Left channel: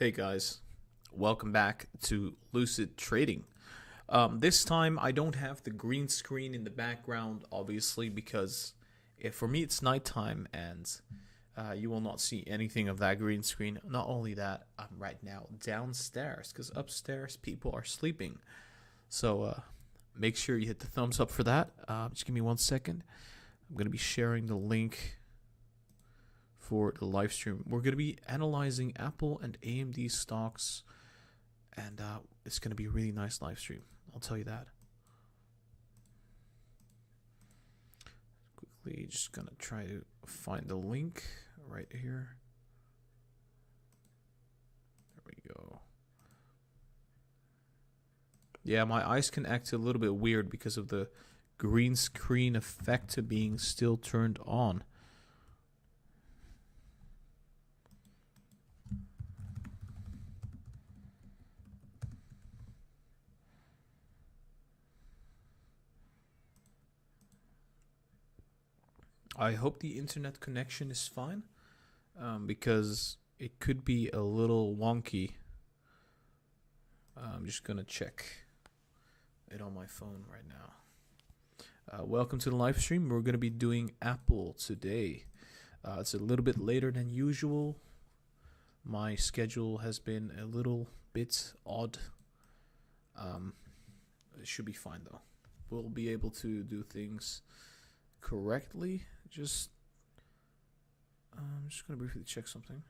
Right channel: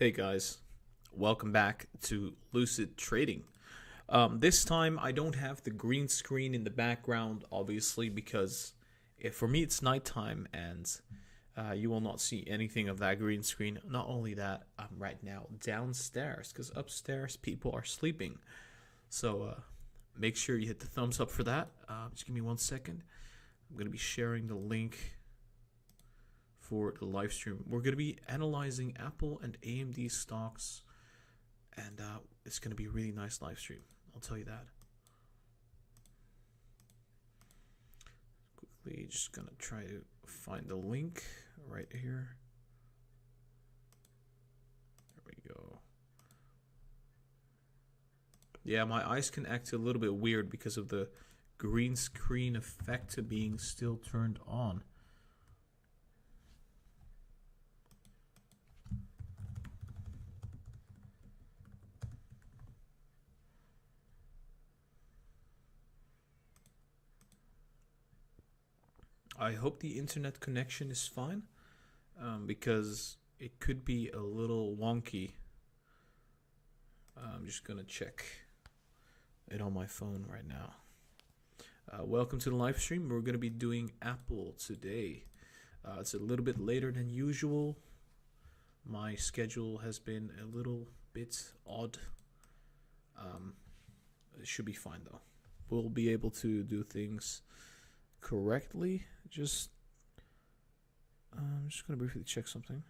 Hey guys, welcome back to Lucid Trading. This time I don't have the green screen in the background, obviously, because for me it's nighttime and you will not see anything of that green screen. Not only that, I'm right now downstairs because upstairs people are sleeping. So make sure you hit the thumbs up for that. Just give me 1 second. I'm going to be sharing the link for the live stream. We're going to be analyzing Apple and AMD stocks, and it's going to be a really nice live stream. I'll tell you that. Quickly, just going to try to find the link right here. There we go. Yeah, my eyes can act a little bit weird because of the green screen effect being still turned on. I hope the internet connection is fine, because it could be a little wonky. I'm just gonna check it on my phone right now. Welcome to the live stream. We're gonna be doing Apple today. It's a little bit later than usual. My schedule has been a little bit odd. It should be fine though. We'll be able to do things correctly. I'm just going to briefly check something.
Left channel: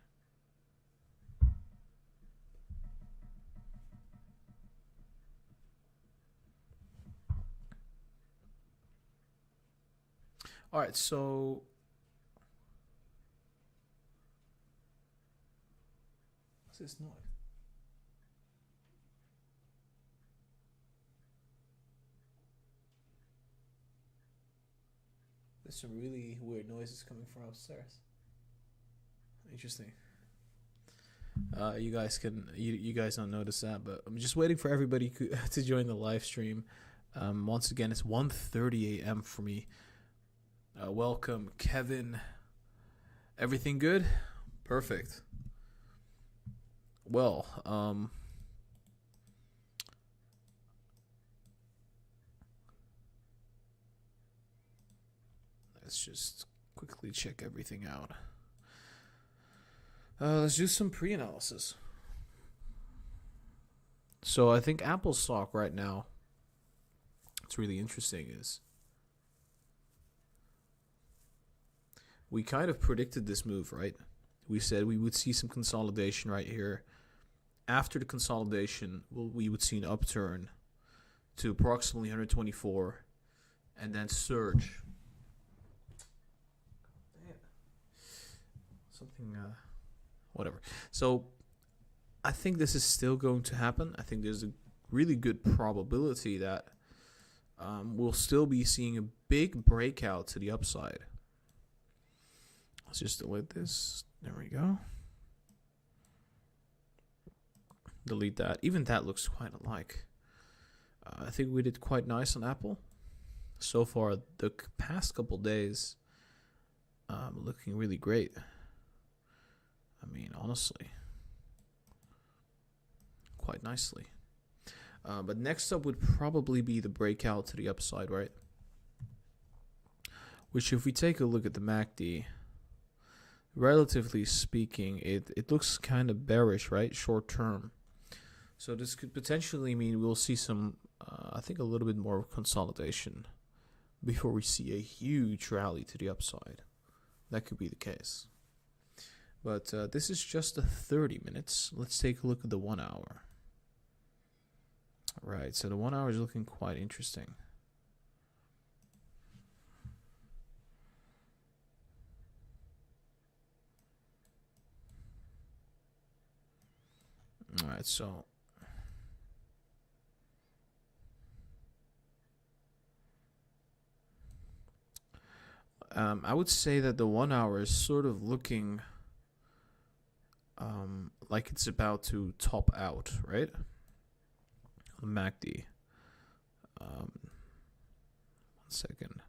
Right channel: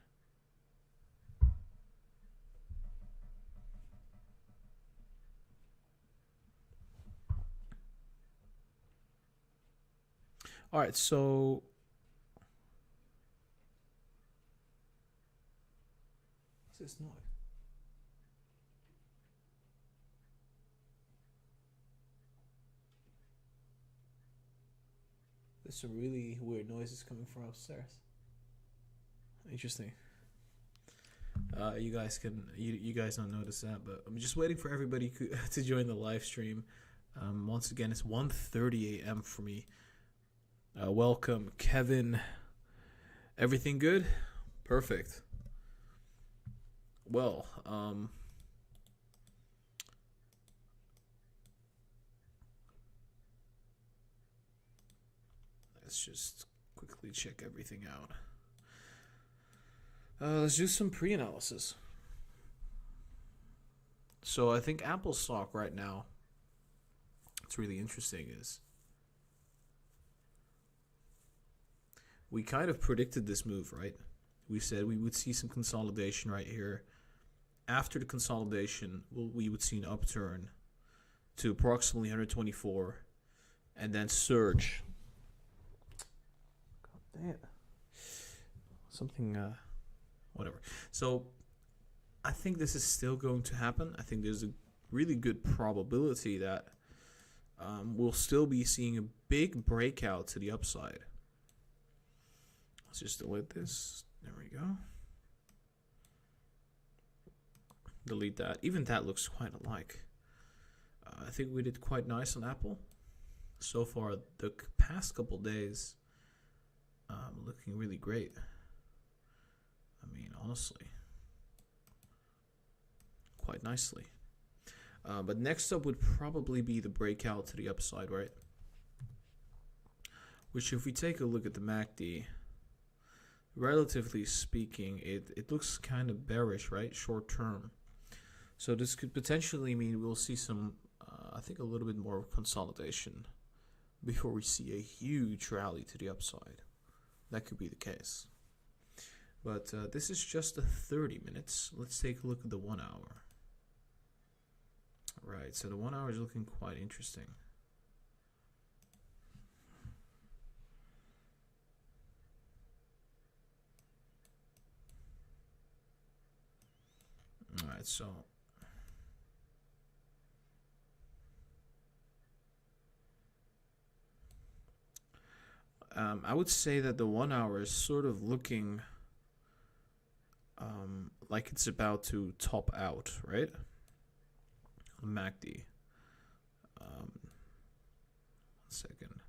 All right, so what's this noise? There's some really weird noises coming from upstairs. Interesting. You guys don't notice that, but I'm just waiting for everybody to join the live stream. Once again, it's 1:30 a.m. for me. Welcome, Kevin. Everything good? Perfect. Well, let's just quickly check everything out. Let's do some pre-analysis. So I think Apple stock right now, what's really interesting is we kind of predicted this move, right? We said we would see some consolidation right here. After the consolidation, we would see an upturn to approximately 124 and then surge. God damn. Something, whatever. So I think this is still going to happen. I think there's a really good probability that we'll still be seeing a big breakout to the upside. Let's just delete this. There we go. Delete that. Even that looks quite alike. I think we did quite nice on Apple. So far, the past couple days, looking really great. I mean, honestly, quite nicely. But next up would probably be the breakout to the upside, right? Which, if we take a look at the MACD, relatively speaking, it looks kind of bearish, right? Short term. So this could potentially mean we'll see some, I think, a little bit more consolidation before we see a huge rally to the upside. That could be the case. But this is just the 30 minutes. Let's take a look at the 1 hour. Right, so the 1 hour is looking quite interesting. All right, so I would say that the 1 hour is sort of looking like it's about to top out, right? On MACD. 1 second.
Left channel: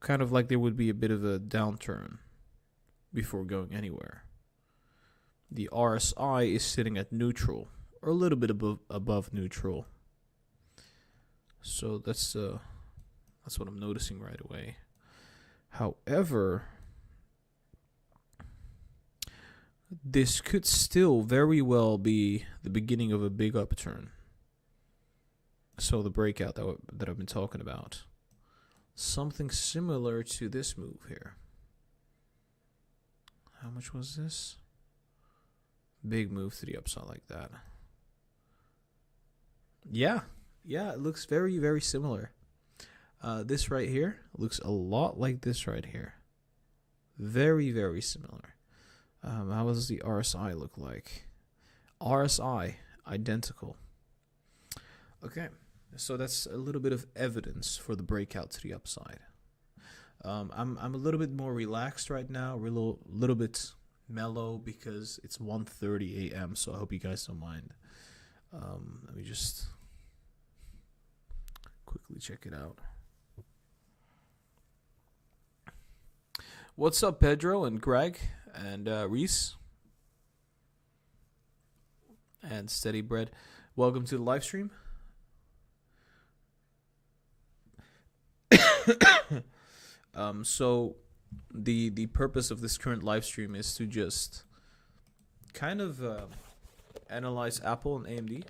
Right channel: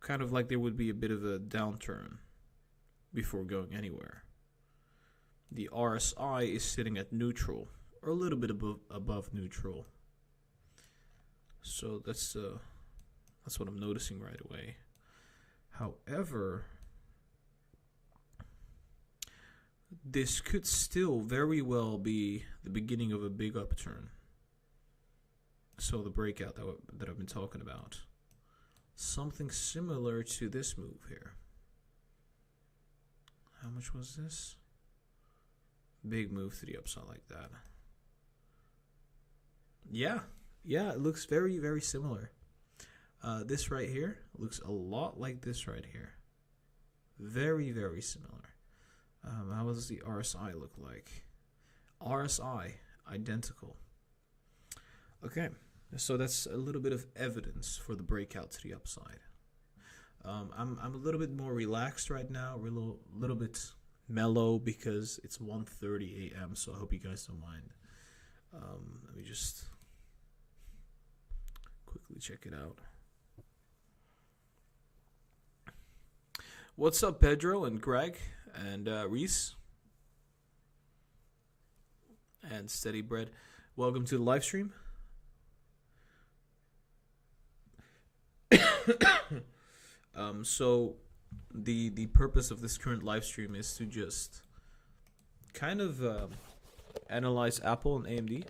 Kind of like there would be a bit of a downturn. before going anywhere. The RSI is sitting at neutral, or a little bit above neutral. So that's what I'm noticing right away. However, this could still very well be the beginning of a big upturn. So the breakout that I've been talking about. Something similar to this move here. How much was this? Big move to the upside like that. Yeah, it looks very, very similar. This right here looks a lot like this right here. Very, very similar. How does the RSI look like? RSI, identical. Okay, so that's a little bit of evidence for the breakout to the upside. I'm a little bit more relaxed right now, a little bit mellow because it's 1:30 a.m. So I hope you guys don't mind. Let me just quickly check it out. What's up, Pedro and Greg and Reese and Steady Bread? Welcome to the live stream. So the purpose of this current live stream is to just kind of analyze Apple and AMD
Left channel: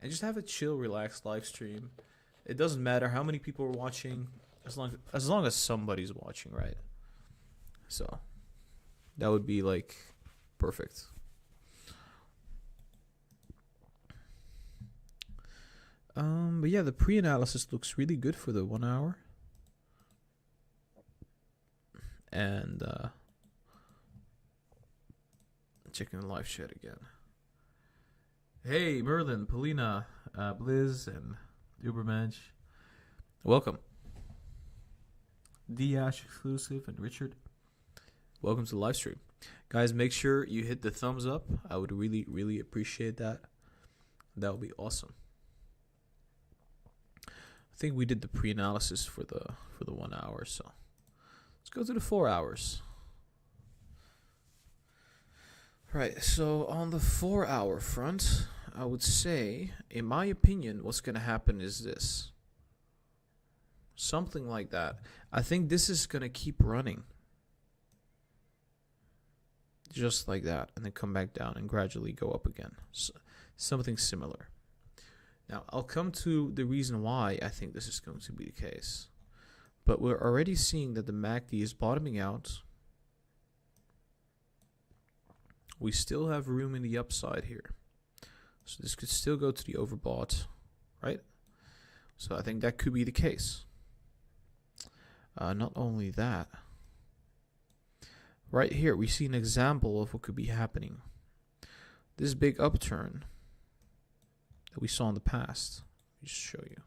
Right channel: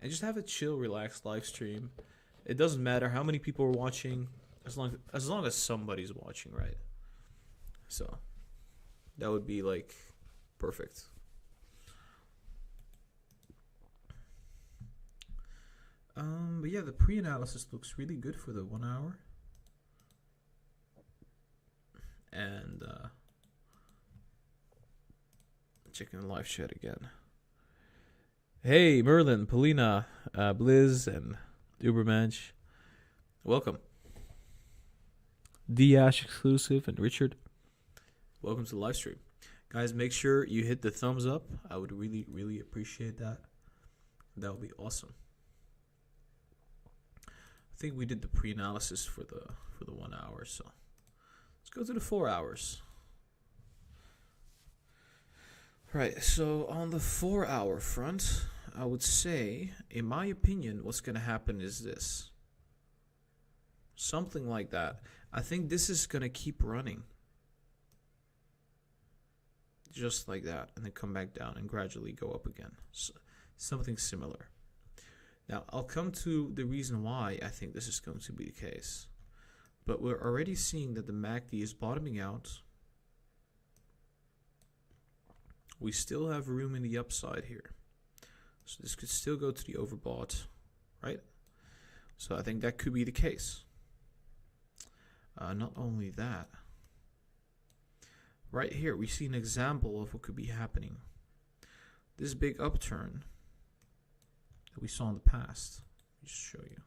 and just have a chill, relaxed live stream. It doesn't matter how many people are watching, as long as somebody's watching, right? So that would be like perfect. But yeah, the pre-analysis looks really good for the 1 hour. And checking the live chat again. Hey, Merlin, Polina, Blizz, and Ubermensch. Welcome. D-Ash exclusive and Richard. Welcome to the live stream. Guys, make sure you hit the thumbs up. I would really, really appreciate that. That would be awesome. I think we did the pre-analysis for the 1 hour, so let's go to the 4 hours. Right, so on the 4 hour front, I would say, in my opinion, what's going to happen is this. Something like that. I think this is going to keep running. Just like that, and then come back down and gradually go up again. So, something similar. Now, I'll come to the reason why I think this is going to be the case. But we're already seeing that the MACD is bottoming out. We still have room in the upside here. So this could still go to the overbought, right? So I think that could be the case. Not only that. Right here, we see an example of what could be happening. This big upturn that we saw in the past. Let me just show you.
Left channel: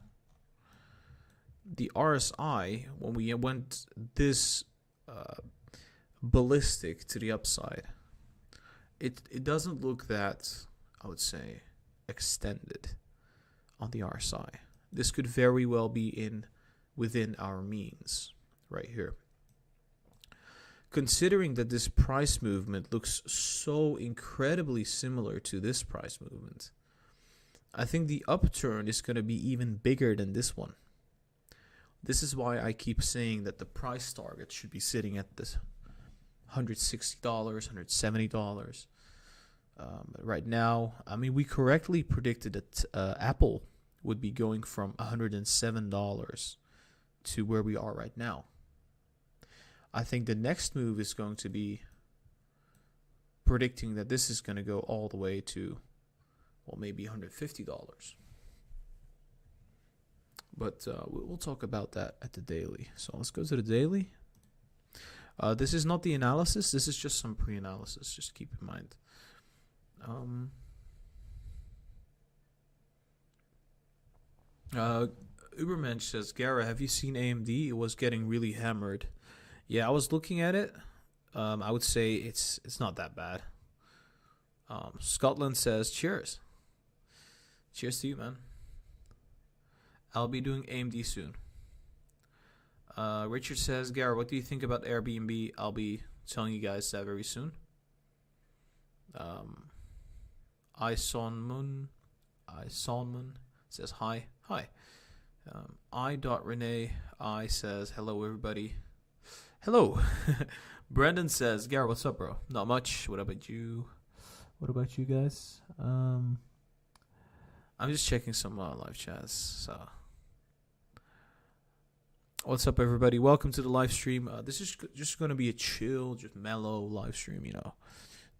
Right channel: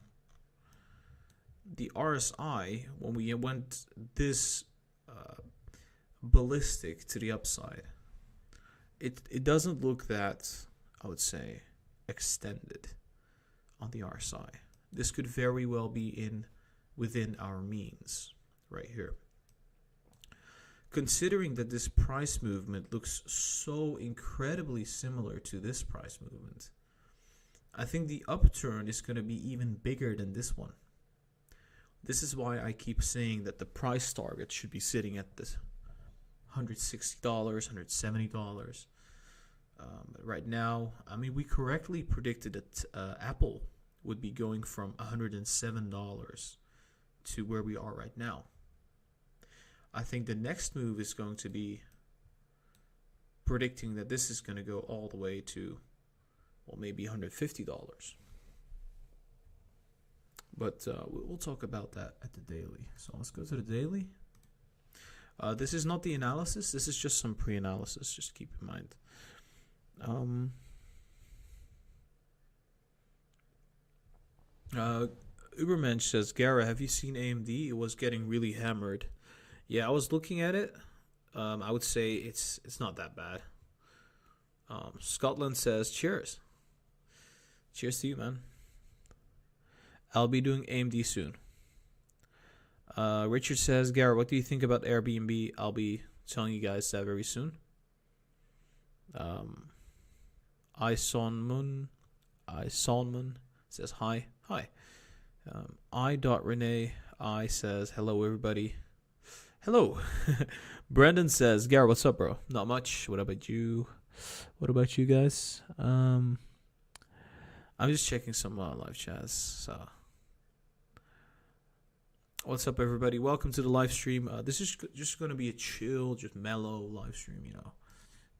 The RSI, when we went this ballistic to the upside, it doesn't look that, I would say, extended on the RSI. This could very well be within our means right here. Considering that this price movement looks so incredibly similar to this price movement, I think the upturn is going to be even bigger than this one. This is why I keep saying that the price target should be sitting at this $160, $170. Right now, I mean, we correctly predicted that Apple would be going from $107 to where we are right now. I think the next move is going to be predicting that this is going to go all the way to, well, maybe $150. But we'll talk about that at the daily. So let's go to the daily. This is not the analysis. This is just some pre-analysis. Just keep in mind. Ubermensch says, Gara, have you seen AMD? It was getting really hammered. Yeah, I was looking at it. I would say it's not that bad. Scotland says, cheers. Cheers to you, man. I'll be doing AMD soon. Richard says, Gara, what do you think about Airbnb? I'll be telling you guys that very soon. I Sonmun says hi. I.Renee I says hello everybody. Hello. Brendan says, Garrett, what's up, bro? Not much. What about you? What about you guys? I'm just checking some live chats. So, what's up, everybody? Welcome to the live stream. This is just going to be a chill, just mellow live stream.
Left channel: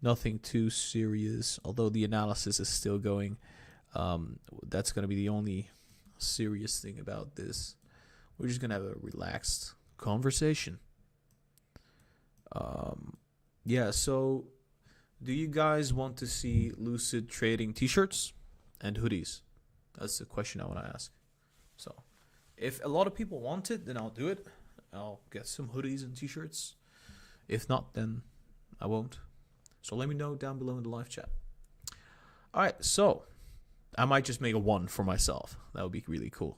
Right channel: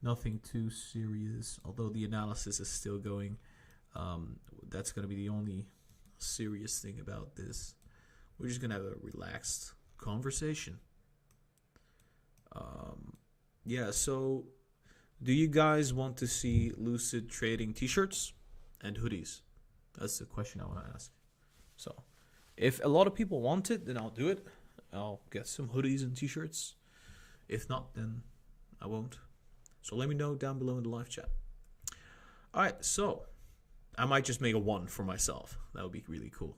Nothing too serious. Although the analysis is still going. That's going to be the only serious thing about this. We're just going to have a relaxed conversation. Yeah, so do you guys want to see Lucid Trading t-shirts and hoodies? That's the question I want to ask. So if a lot of people want it, then I'll do it. I'll get some hoodies and t-shirts. If not, then I won't. So let me know down below in the live chat. All right, so I might just make a one for myself. That would be really cool.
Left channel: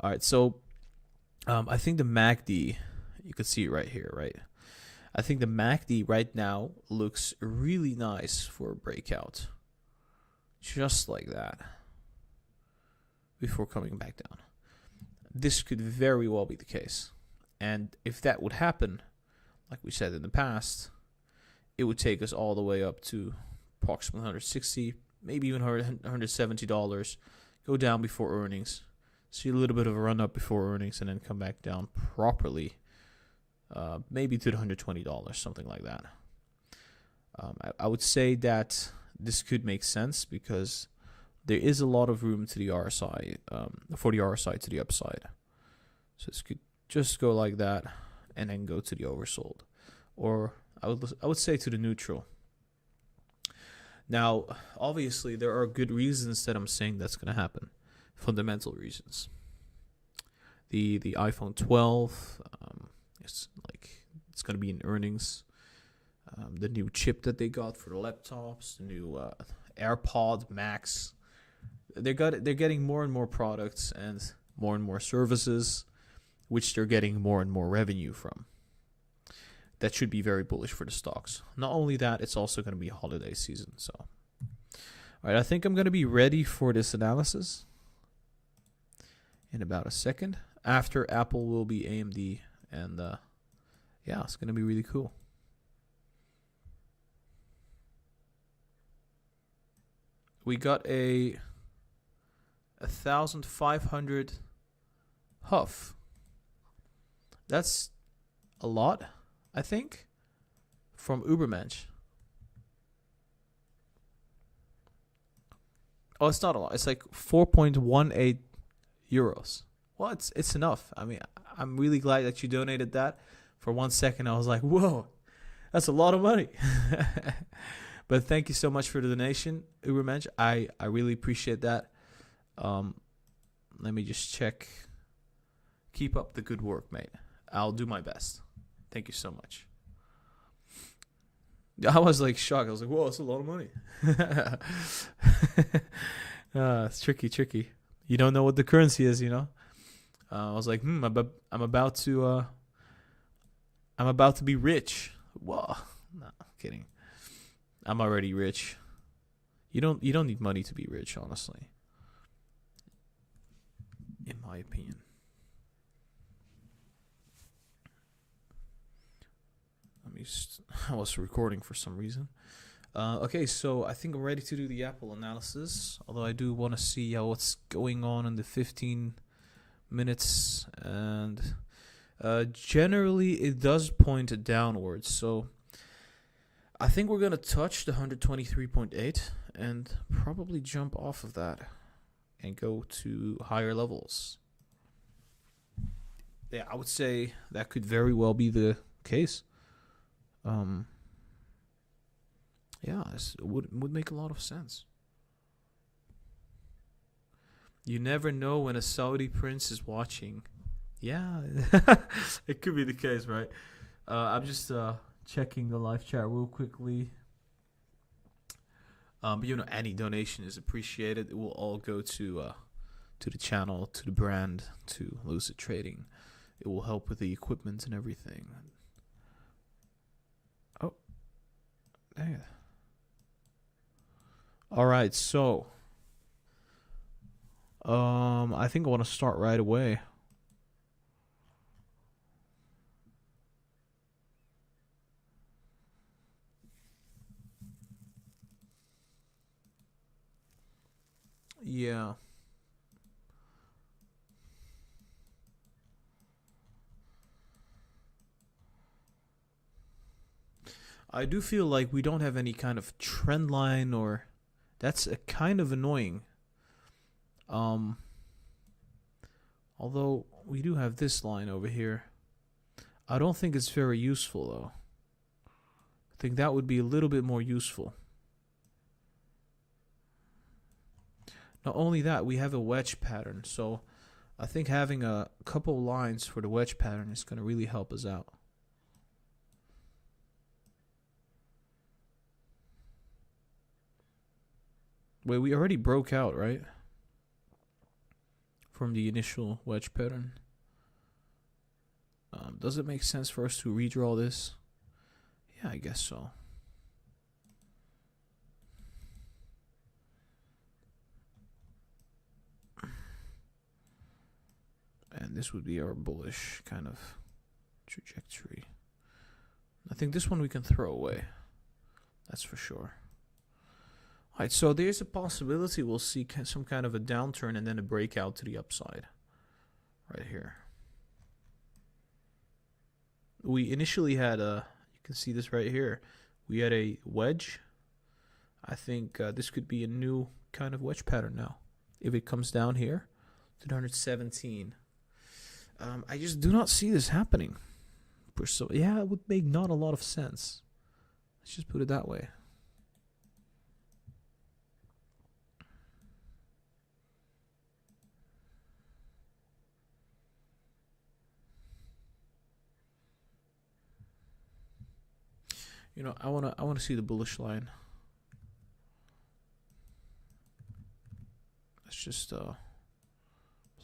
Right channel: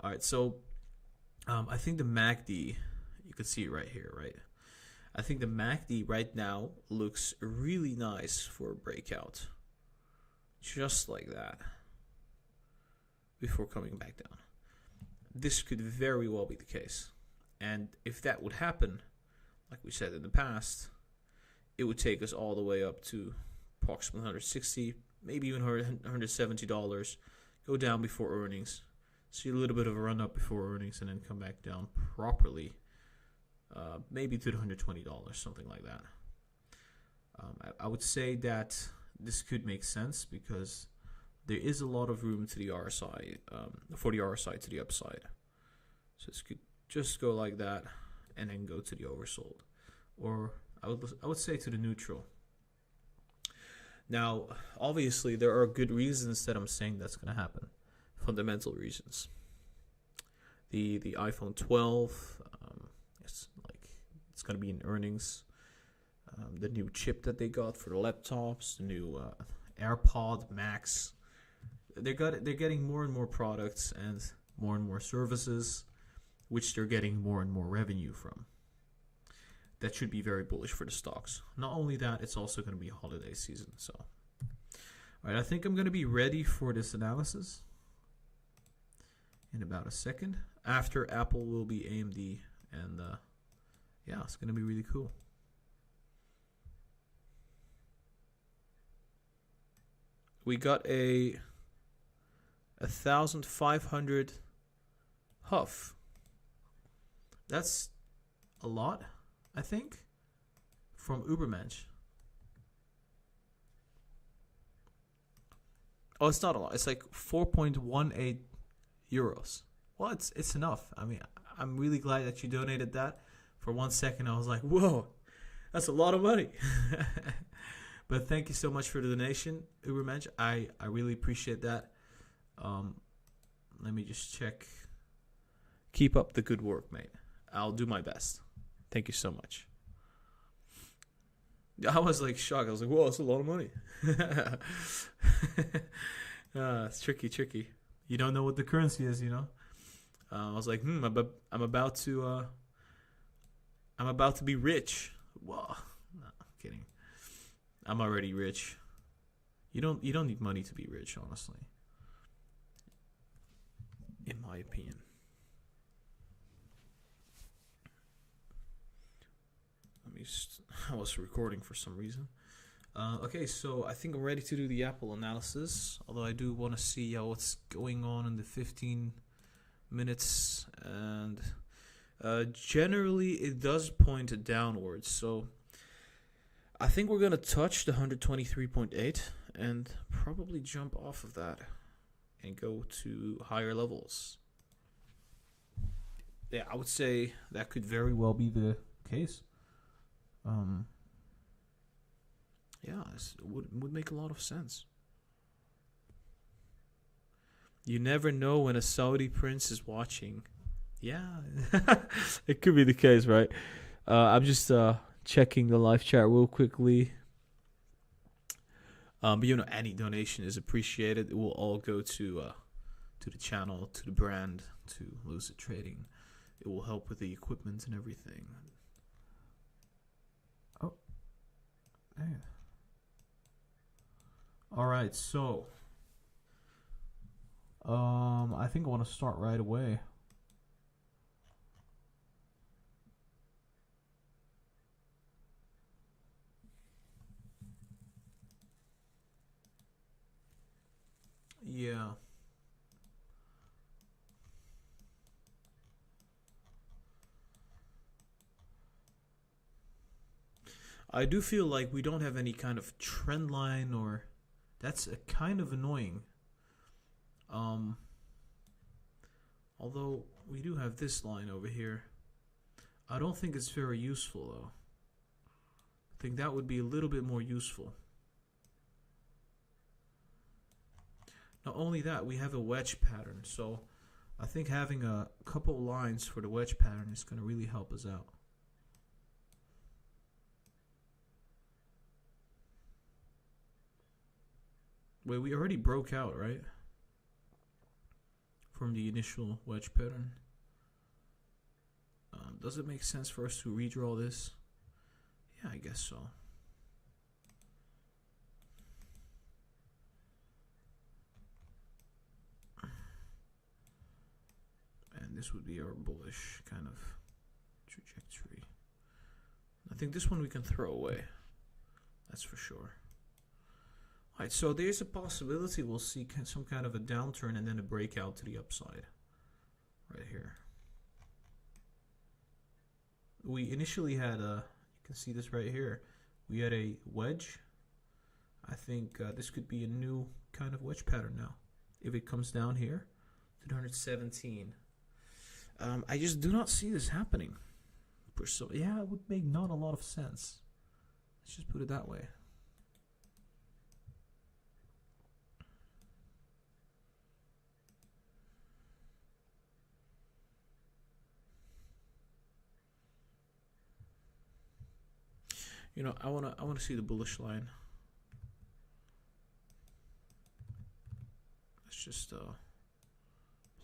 All right, so I think the MACD, you can see it right here, right? I think the MACD right now looks really nice for a breakout. Just like that. Before coming back down. This could very well be the case. And if that would happen, like we said in the past, it would take us all the way up to approximately $160, maybe even $170. Go down before earnings. See a little bit of a run up before earnings and then come back down properly. Maybe to the $120, something like that. I would say that this could make sense because there is a lot of room to the RSI, for the RSI to the upside. So this could just go like that and then go to the oversold. Or I would say to the neutral. Now, obviously, there are good reasons that I'm saying that's going to happen. Fundamental reasons. The iPhone 12, it's going to be in earnings. The new chip that they got for the laptops, the new AirPod Max. They're getting more and more products and more services, which they're getting more and more revenue from. That should be very bullish for the stocks. Not only that, it's also going to be holiday season. So, all right, I think I'm going to be ready for this analysis in about a second. After Apple will be AMD, and yeah, it's going to be really cool. We got a 1,500 huff. That's a lot, I think, from Ubermensch. Oh, it's not a lot. It's like 4.18 euros. Well, it's enough. I mean, I'm really glad that you donated that. For 1 second, I was like, whoa, that's a lot of money. But thank you so much for the donation, Ubermensch. I really appreciate that. Let me just check. Keep up the good work, mate. I'll do my best. Thank you so much. I was like shocked. I was like, whoa, that's a lot of money. It's tricky. You don't know what the currency is, I was like, I'm about to be rich. Whoa, no, I'm kidding. I'm already rich. You don't need money to be rich, honestly. In my opinion. I was recording for some reason. Okay, so I think I'm ready to do the Apple analysis. Although I do want to see what's going on in the 15 minutes. And generally, it does point downwards. So I think we're going to touch the 123.8 and probably jump off of that and go to higher levels. Yeah, I would say that could very well be the case. Yeah, it would make a lot of sense. You never know when a Saudi prince is watching. Yeah, it could be the case, right? I'm just checking the live chat real quickly. But any donation is appreciated. It will all go to the channel, to the brand, to Lucid Trading. It will help with the equipment and everything. Dang it. All right, so I think I want to start right away. Yeah. I do feel like we don't have any kind of trend line, or that's a kind of annoying. Um, although we do have this line over here. I don't think it's very useful though. I think that would be a little bit more useful. Not only that, we have a wedge pattern, so I think having a couple lines for the wedge pattern is going to really help us out. Wait, we already broke out, right? From the initial wedge pattern. Does it make sense for us to redraw this? Yeah, I guess so. And this would be our bullish kind of trajectory. I think this one we can throw away. That's for sure. Alright, so there's a possibility we'll see some kind of a downturn and then a breakout to the upside. Right here. We initially had a, you can see this right here. We had a wedge. I think this could be a new kind of wedge pattern now. If it comes down here to 117. I just do not see this happening. So yeah, it would make not a lot of sense. Let's just put it that way. You know, I wanna see the bullish line. Let's just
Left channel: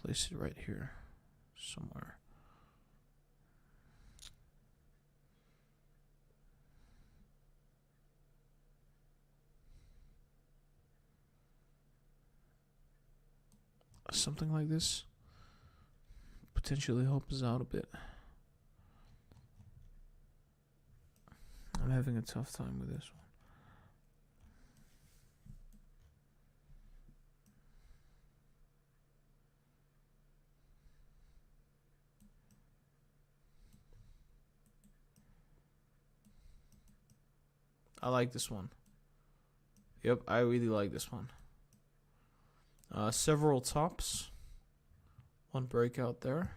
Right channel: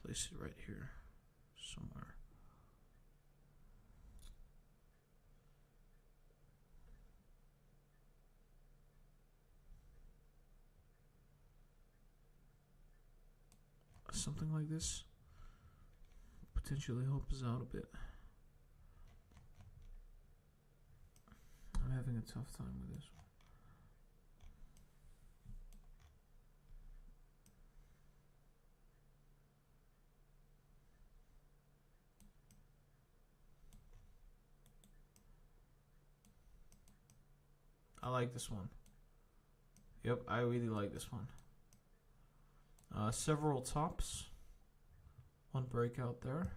place it right here somewhere. Something like this potentially help us out a bit. I'm having a tough time with this one. I like this one. Yep, I really like this one. Several tops. One breakout there.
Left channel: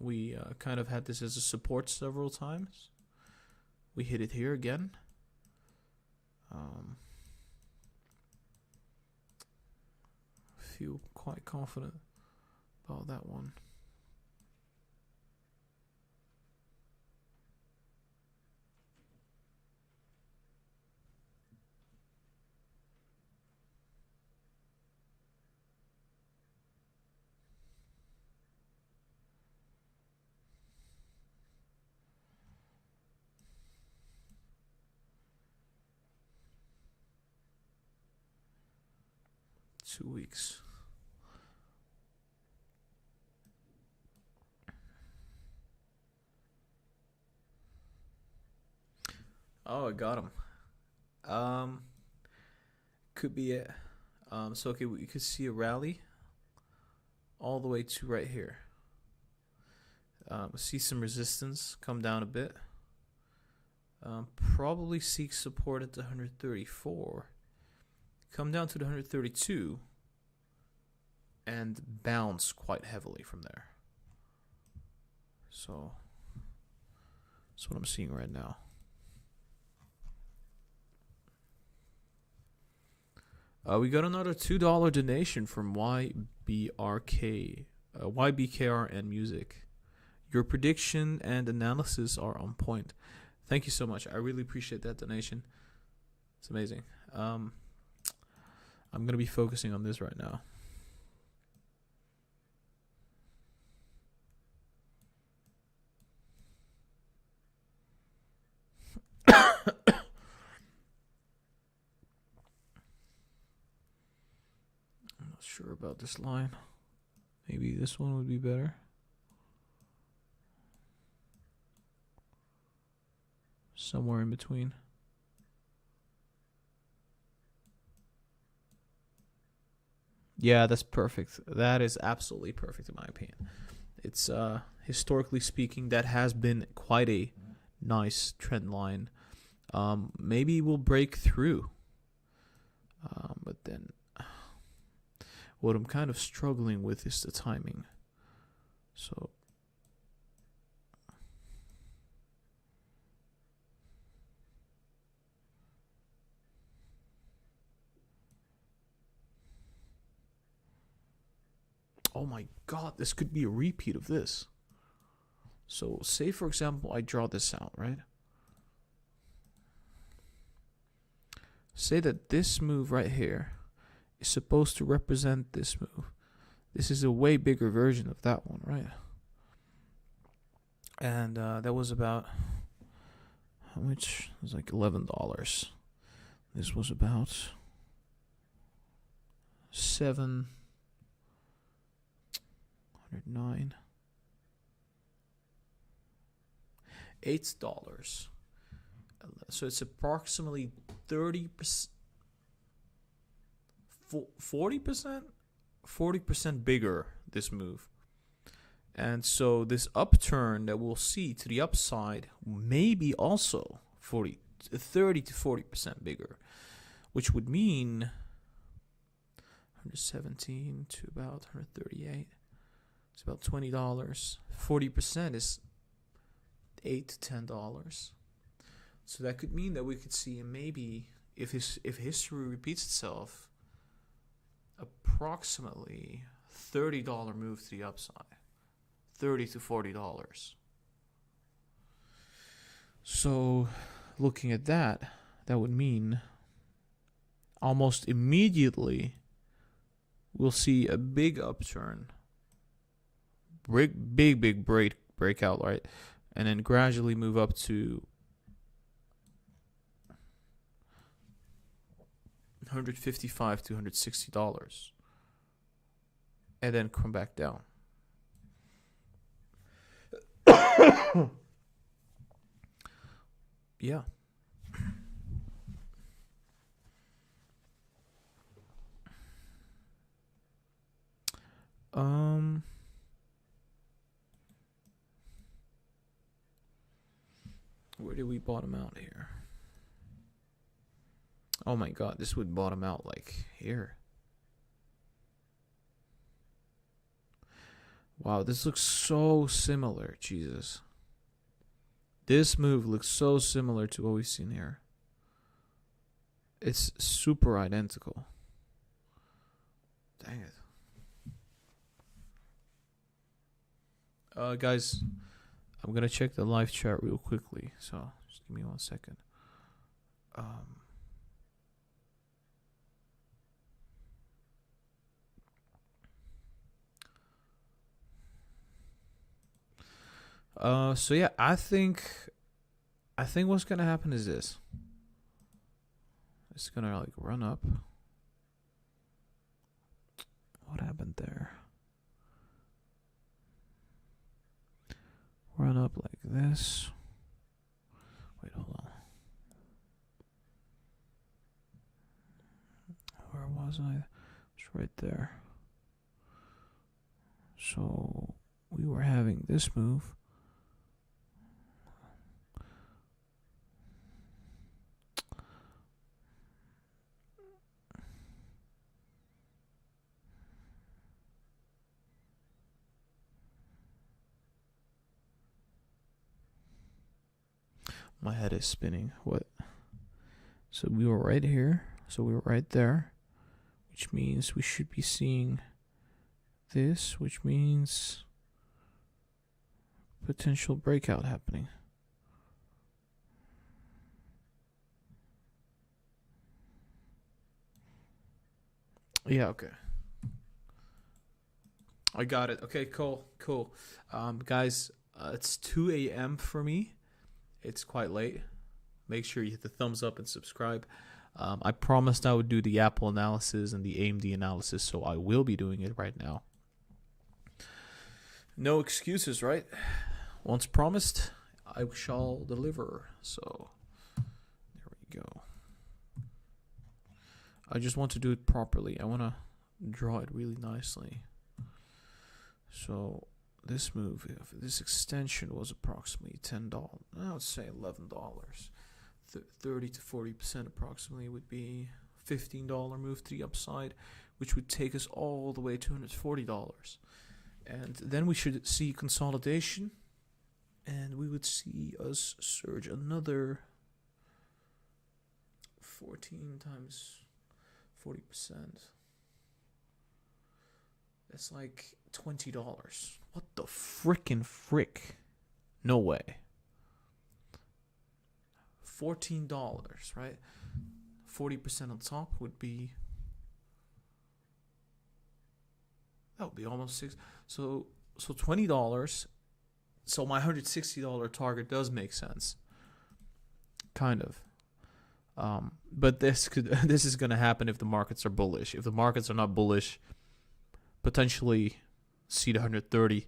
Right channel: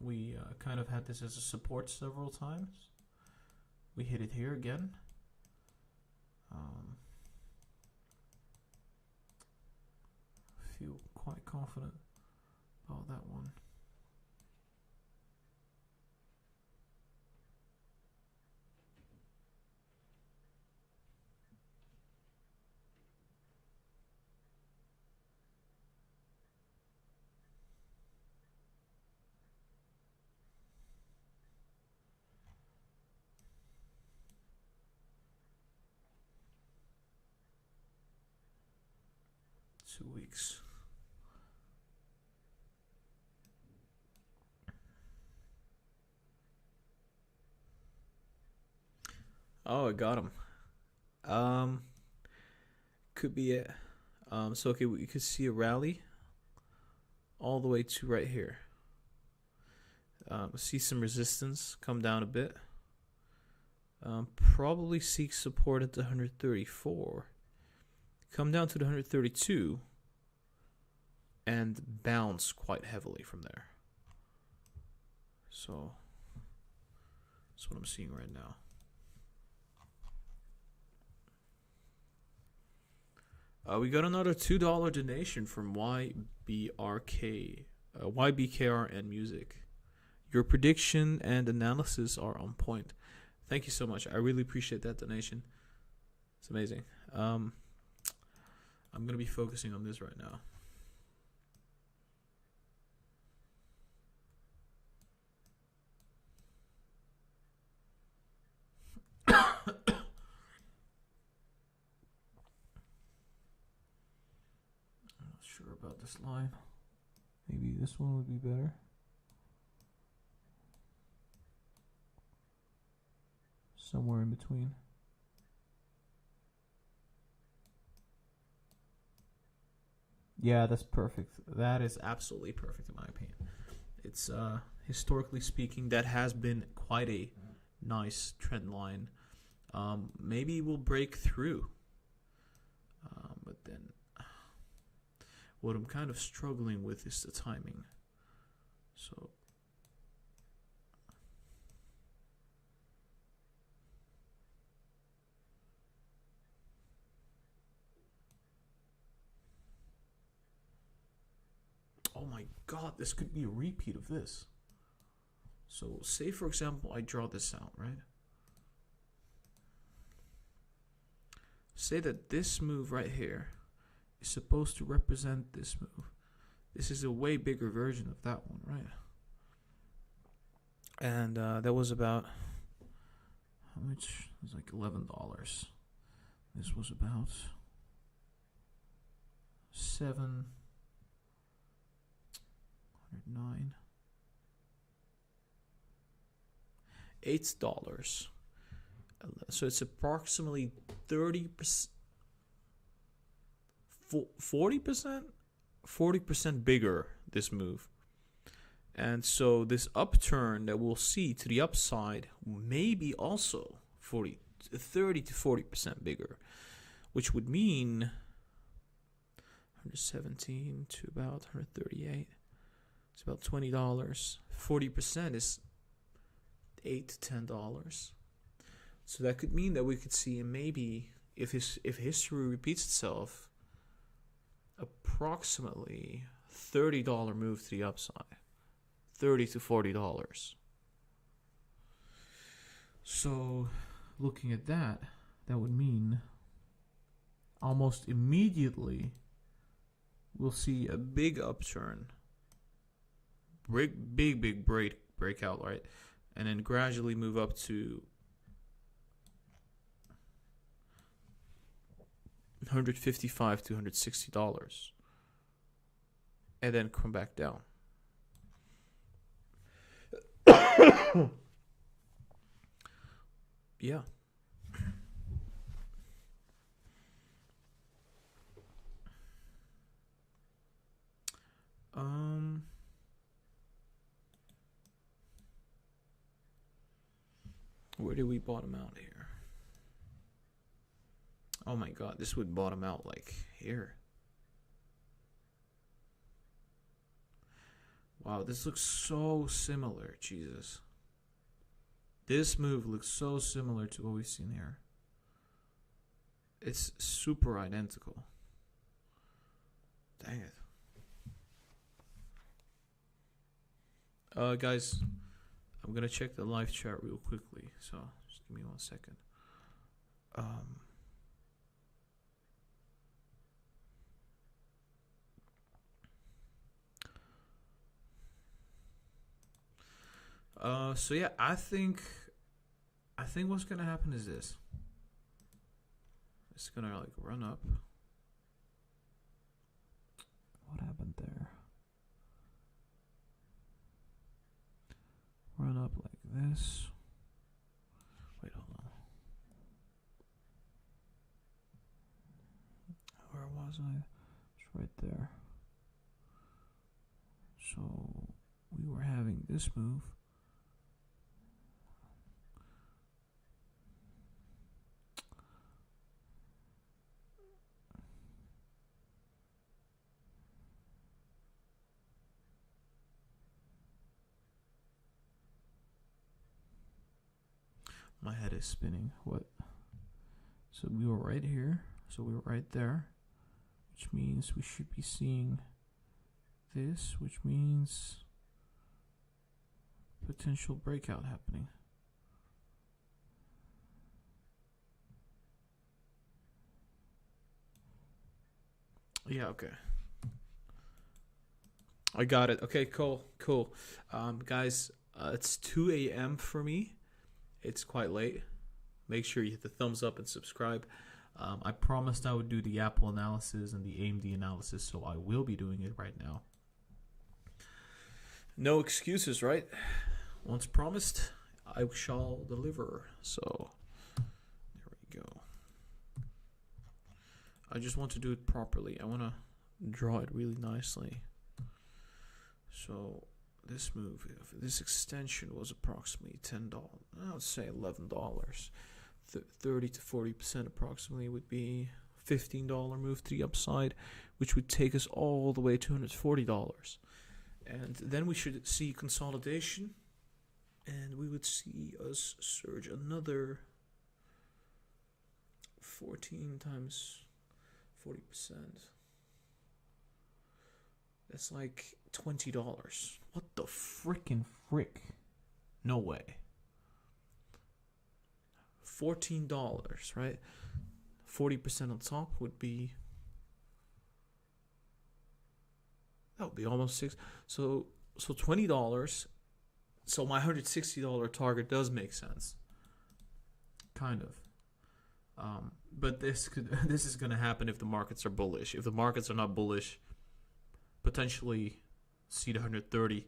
We kind of had this as a support several times. We hit it here again. Feel quite confident about that one. Two weeks. Oh, I got him. Could be it. So okay, we could see a rally all the way to right here. See some resistance come down a bit. Probably seek support at the 134. Come down to the 132 and bounce quite heavily from there. So that's what I'm seeing right now. We got another $2 donation from YBKR and Music. Your prediction and analysis are on point. Thank you so much. I really appreciate that donation. It's amazing. I'm going to be focusing on this right now. not sure about this line. Maybe this one would be better. Somewhere in between. Yeah, that's perfect. That is absolutely perfect in my opinion. It's historically speaking, that has been quite a nice trend line. Maybe we'll break through. But then what I'm kind of struggling with is the timing. So oh my god, this could be a repeat of this. So say for example I draw this out, right? Say that this move right here is supposed to represent this move. This is a way bigger version of that one, right? And that was about, how much? It was like $11. This was about 709, $8. So it's approximately 30%, 40%, 40% bigger, this move. And so this upturn that we'll see to the upside may be also 30 to 40% bigger, which would mean 117 to about 138. It's about $20. 40% is $8 to $10. So that could mean that we could see maybe, if history repeats itself, approximately $30 move to the upside, $30 to $40. So looking at that, that would mean almost immediately we'll see a big upturn, big breakout, right? And then gradually move up to $155 to $160, and then come back down. Yeah. Where did we bottom out here? Oh my god, this would bottom out like here. Wow, this looks so similar. Jesus. This move looks so similar to what we've seen here. It's super identical. Dang it. Guys, I'm gonna check the live chat real quickly, so just give me 1 second. So yeah, I think what's gonna happen is this. It's gonna like run up. What happened there? Run up like this. Wait, hold on. Where was I? It's right there. So we were having this move. My head is spinning. What? So we were right here. So we were right there, which means we should be seeing this, which means potential breakout happening. Yeah, okay. I got it. Okay, cool. Guys, it's 2 a.m. for me. It's quite late. make sure you hit the thumbs up and subscribe. I promised I would do the Apple analysis and the AMD analysis, so I will be doing it right now. No excuses, right? Once promised, I shall deliver. So, there we go. I just want to do it properly. I want to draw it really nicely. So, this move, this extension was approximately $10. I would say $11. 30 to 40% approximately would be $15 move to the upside, which would take us all the way to $140. And then we should see consolidation, and we would see us surge another 14 times 40%. That's like $20. What the frickin' frick? No way. $14, right? 40% on top would be, that would be almost $6. So $20. So my $160 target does make sense, kind of. But this is going to happen if the markets are bullish. If the markets are not bullish, potentially see the 130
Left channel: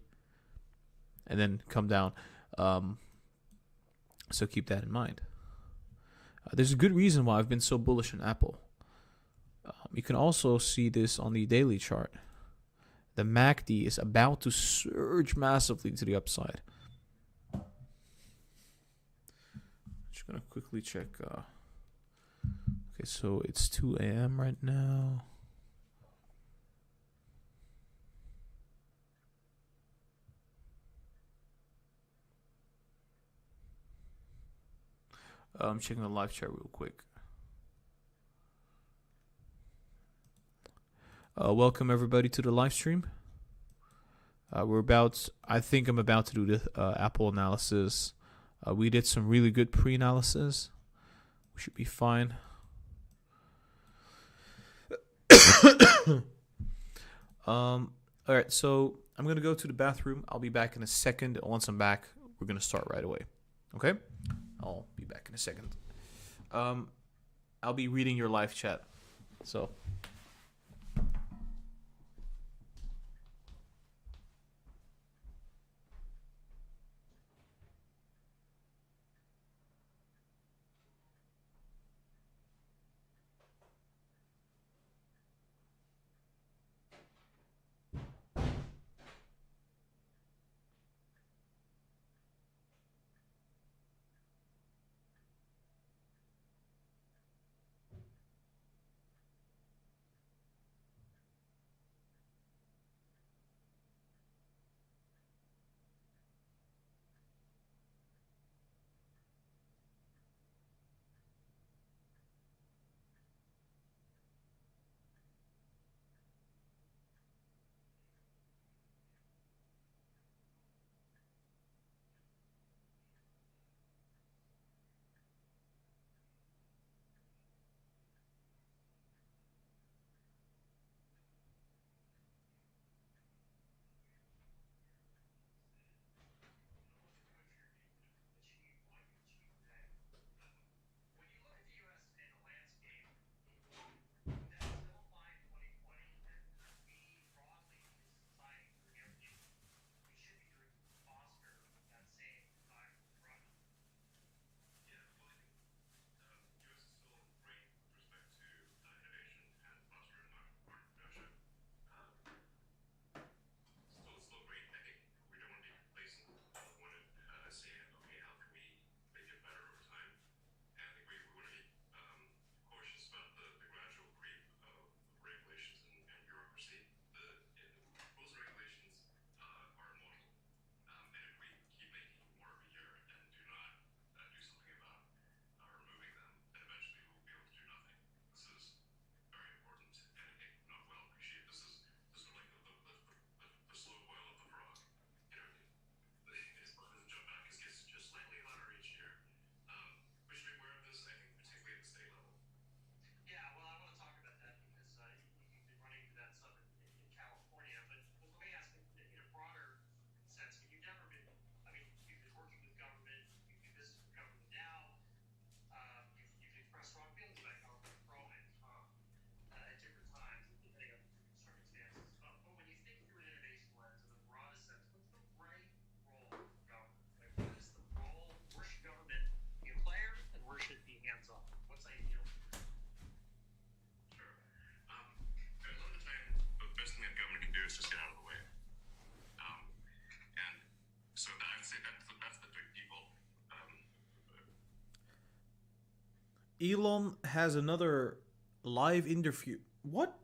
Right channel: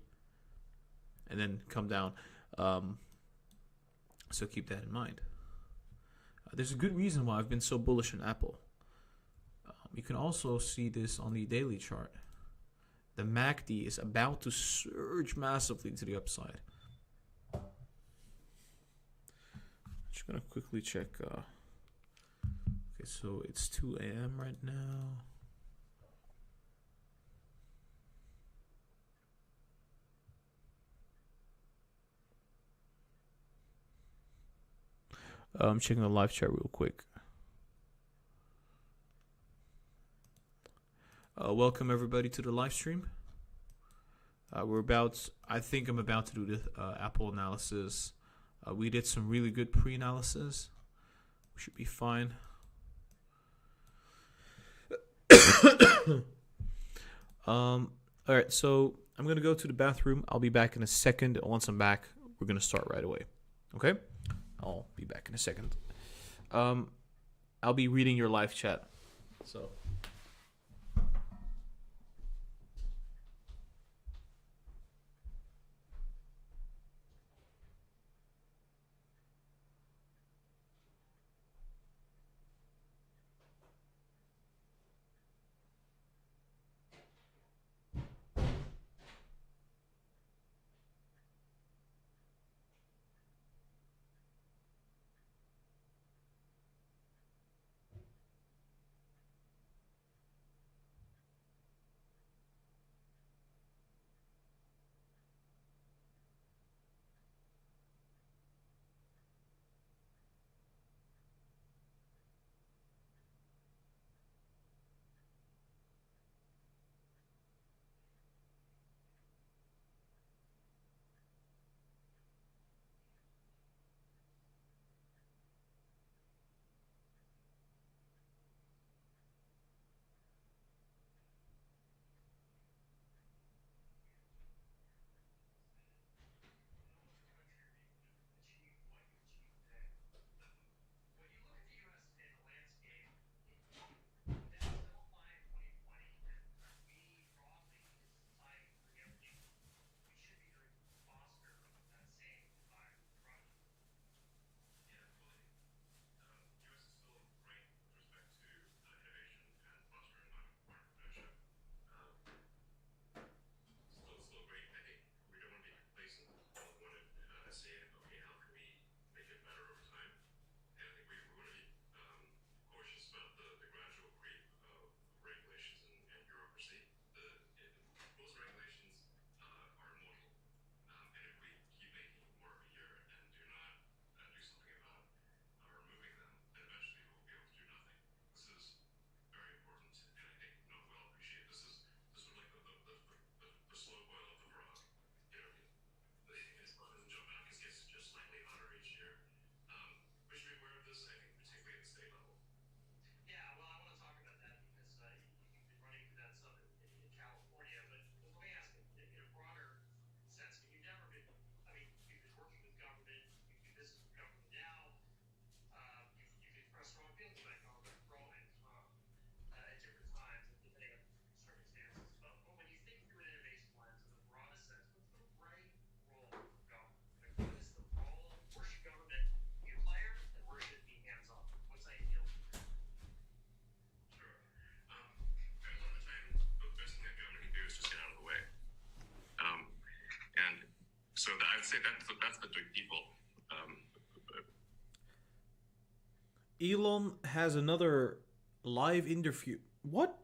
and then come down. So keep that in mind. There's a good reason why I've been so bullish on Apple. You can also see this on the daily chart. The MACD is about to surge massively to the upside. Just going to quickly check. Okay, so it's 2 a.m. right now. I'm checking the live chat real quick. Welcome everybody to the live stream. I think I'm about to do the Apple analysis. We did some really good pre-analysis. We should be fine. All right, so I'm gonna go to the bathroom. I'll be back in a second. Once I'm back, we're gonna start right away. Okay? I'll be back in a second. I'll be reading your live chat. So. big people. Elon has another live interview. What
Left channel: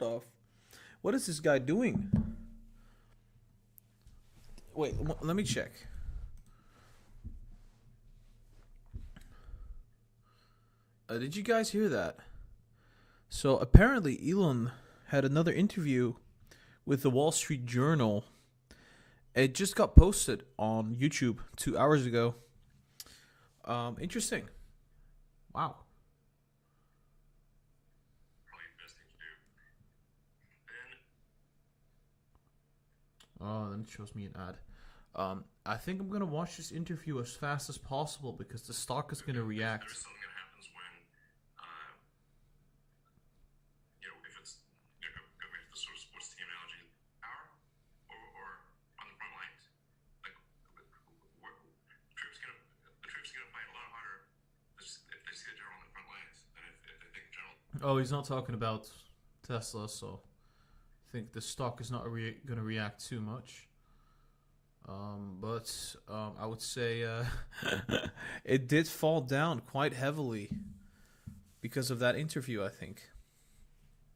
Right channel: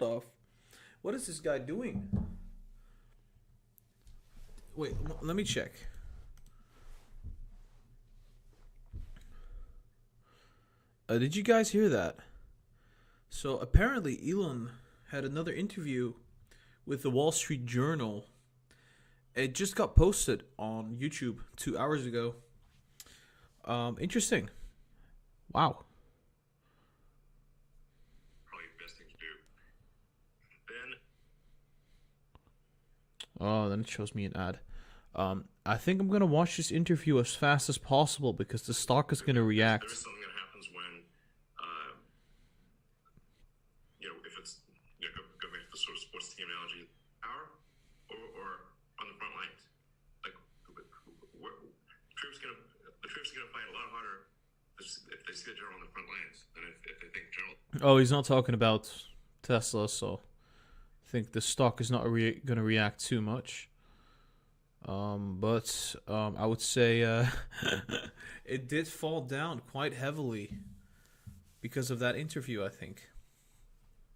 is this guy doing? Wait, let me check. Did you guys hear that? So apparently Elon had another interview with the Wall Street Journal. It just got posted on YouTube 2 hours ago. Interesting. Wow. Probably the best thing to do. Then. Oh, then it shows me an ad. I think I'm gonna watch this interview as fast as possible because the stock is gonna react. There is something that happens when, if it's go back to the sort of sports team analogy, power or on the front lines. Like, the troops gonna fight a lot harder if they see the general on the front lines than if they think general. Oh, he's not talking about Tesla, so I think the stock is not gonna react too much. But I would say it did fall down quite heavily because of that interview, I think.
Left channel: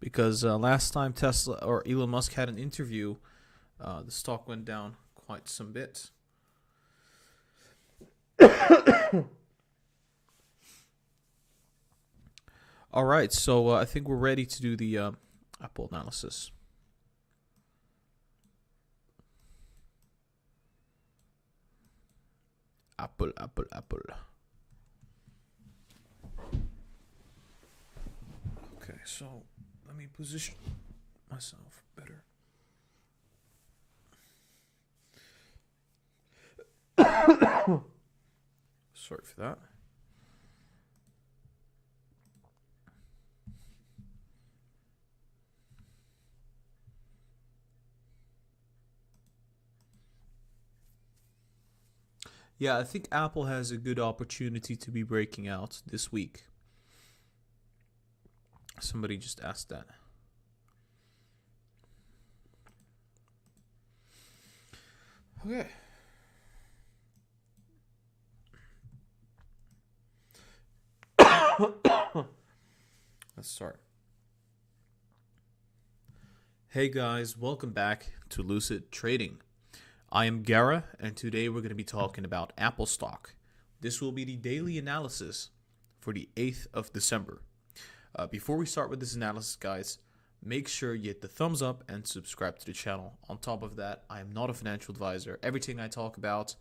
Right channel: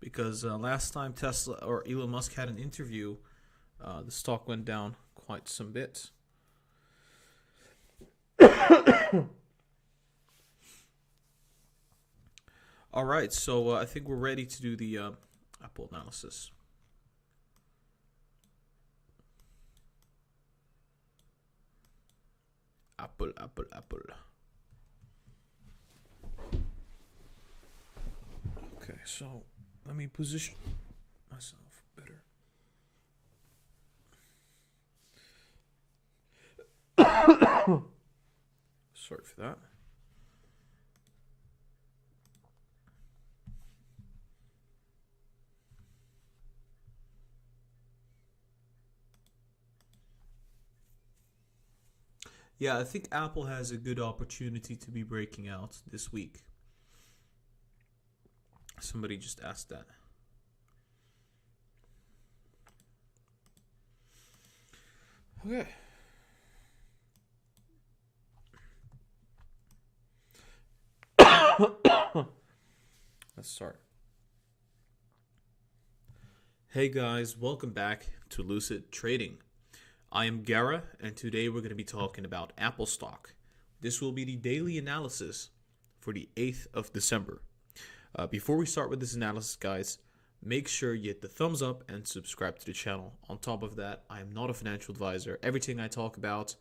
Because last time Tesla or Elon Musk had an interview, the stock went down quite some bit. All right, so I think we're ready to do the Apple analysis. Apple. Okay, so let me position myself better. Sorry for that. Yeah, I think Apple has a good opportunity to be breaking out this week. Somebody just asked that. Okay. Let's start. Hey guys, welcome back to Lucid Trading. I am Gara, and today we're going to be talking about Apple stock. This will be the daily analysis for the 8th of December. Before we start with this analysis, guys, make sure you hit the thumbs up and subscribe to the channel. On top of that, I am not a financial advisor. Everything I talk about,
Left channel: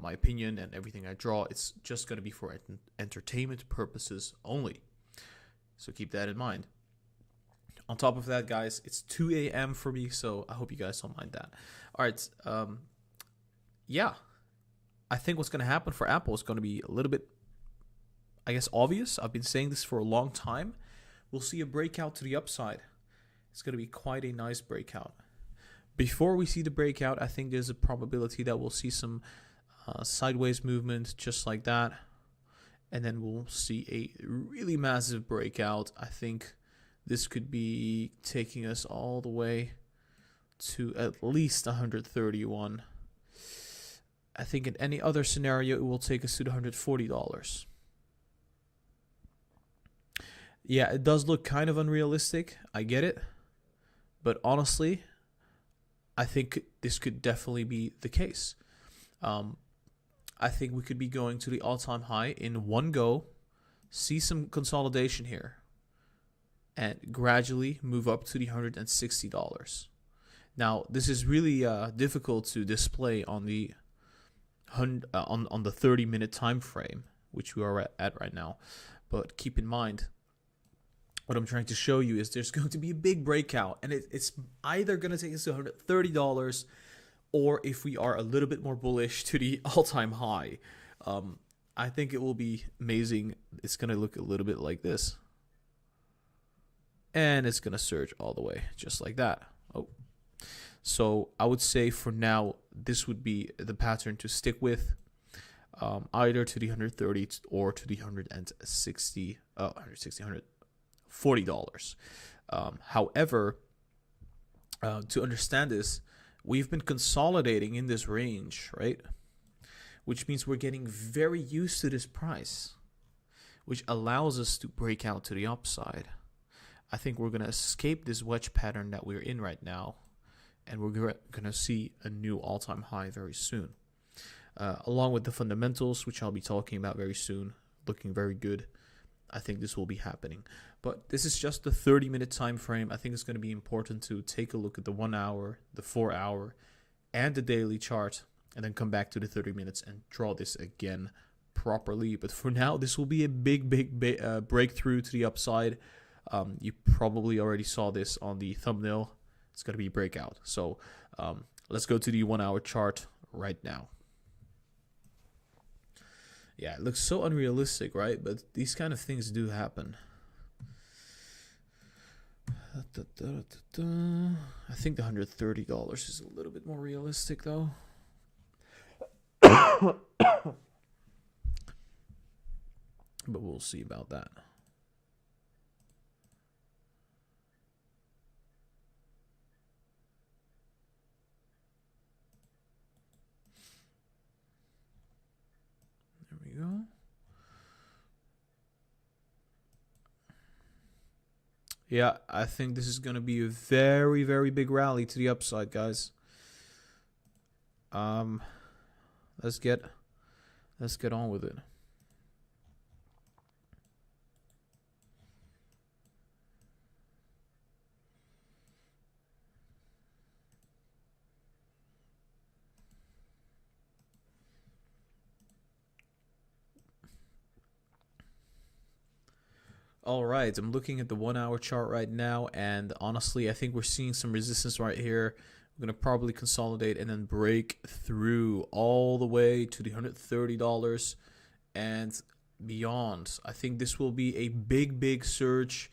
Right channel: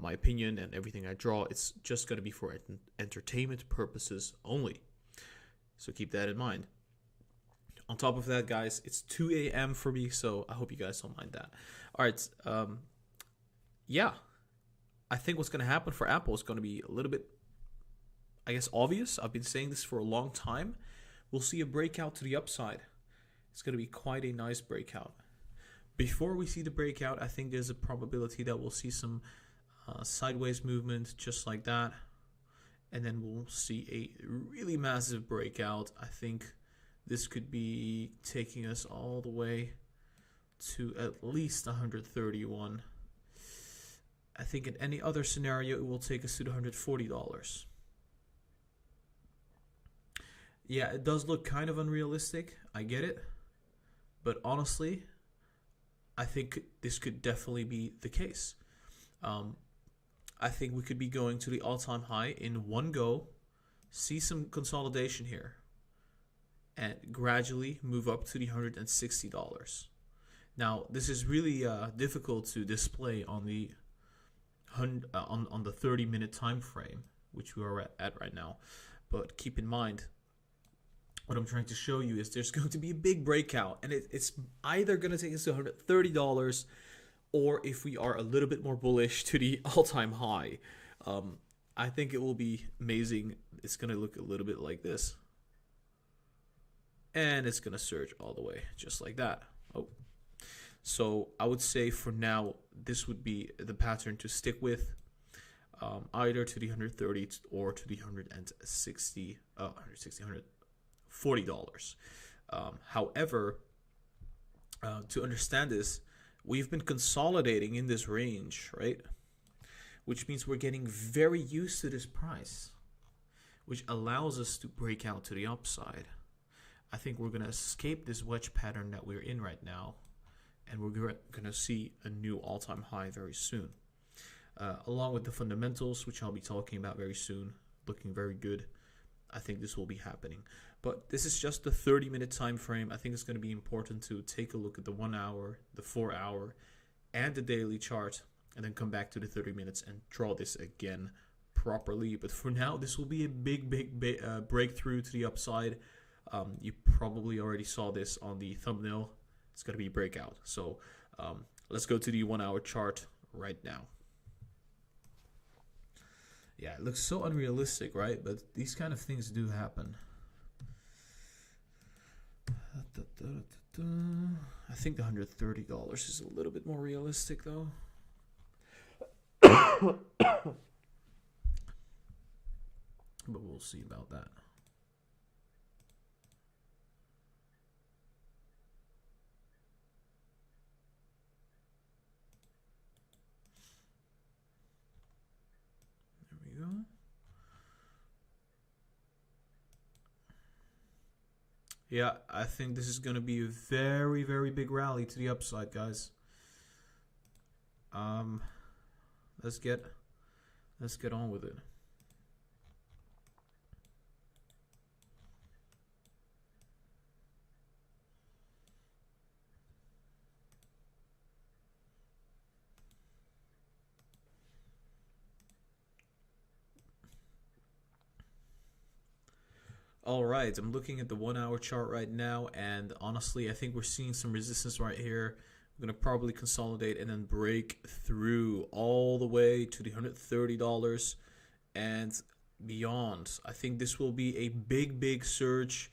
my opinion and everything I draw, it's just going to be for entertainment purposes only. So keep that in mind. On top of that, guys, it's 2 a.m. for me, so I hope you guys don't mind that. All right, yeah, I think what's going to happen for Apple is going to be a little bit, I guess, obvious. I've been saying this for a long time. We'll see a breakout to the upside. It's going to be quite a nice breakout. Before we see the breakout, I think there's a probability that we'll see some sideways movement just like that. And then we'll see a really massive breakout. I think this could be taking us all the way to at least 131. I think in any other scenario, it will take us to the $140. Yeah, it does look kind of unrealistic. I get it. But honestly, I think this could definitely be the case. I think we could be going to the all-time high in one go, see some consolidation here, and gradually move up to the $160. Now, this is really difficult to display on the 30-minute time frame, which we are at right now. But keep in mind, what I'm trying to show you is there's going to be a big breakout, and it's either going to take us to $130, or if we are a little bit more bullish, to the all-time high. I think it will be amazing. It's going to look a little bit like this. And it's going to surge all the way, just like that. Oh. So I would say for now, this would be the pattern to stick with, either to the 130 or to the $140. However, to understand this, we've been consolidating in this range, right? which means we're getting very used to this price, which allows us to break out to the upside. I think we're going to escape this wedge pattern that we're in right now, and we're going to see a new all-time high very soon. Along with the fundamentals, which I'll be talking about very soon, looking very good. I think this will be happening. But this is just the 30-minute time frame. I think it's going to be important to take a look at the 1 hour, the 4 hour, and the daily chart, and then come back to the 30 minutes and draw this again properly. But for now, this will be a big breakthrough to the upside. You probably already saw this on the thumbnail. It's going to be breakout. So let's go to the 1 hour chart right now. Yeah, it looks so unrealistic, right? But these kind of things do happen. I think the $130 is a little bit more realistic, though. But we'll see about that. There we go. Yeah, I think this is going to be a very big rally to the upside, guys. Let's get on with it. All right, I'm looking at the 1 hour chart right now, and honestly, I think we're seeing some resistance right here. We're going to probably consolidate and then break through all the way to the $130 and beyond. I think this will be a big surge,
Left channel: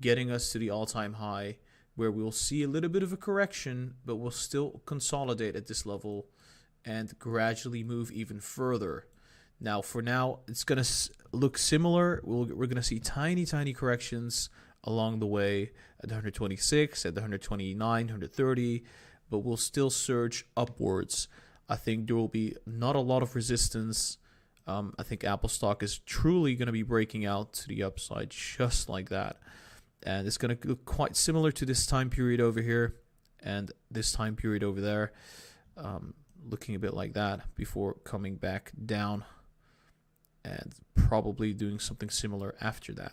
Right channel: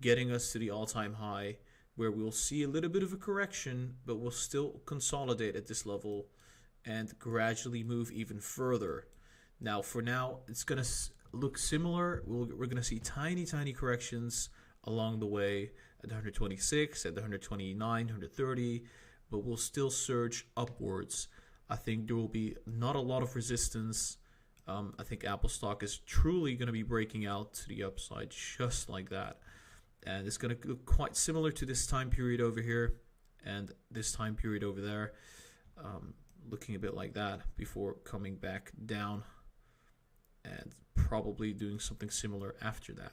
getting us to the all-time high, where we'll see a little bit of a correction, but we'll still consolidate at this level and gradually move even further. Now, for now, it's going to look similar. We're going to see tiny corrections along the way at the 126, at the 129, 130, but we'll still surge upwards. I think there will be not a lot of resistance. I think Apple stock is truly going to be breaking out to the upside just like that. And it's going to look quite similar to this time period over here and this time period over there. Looking a bit like that before coming back down and probably doing something similar after that.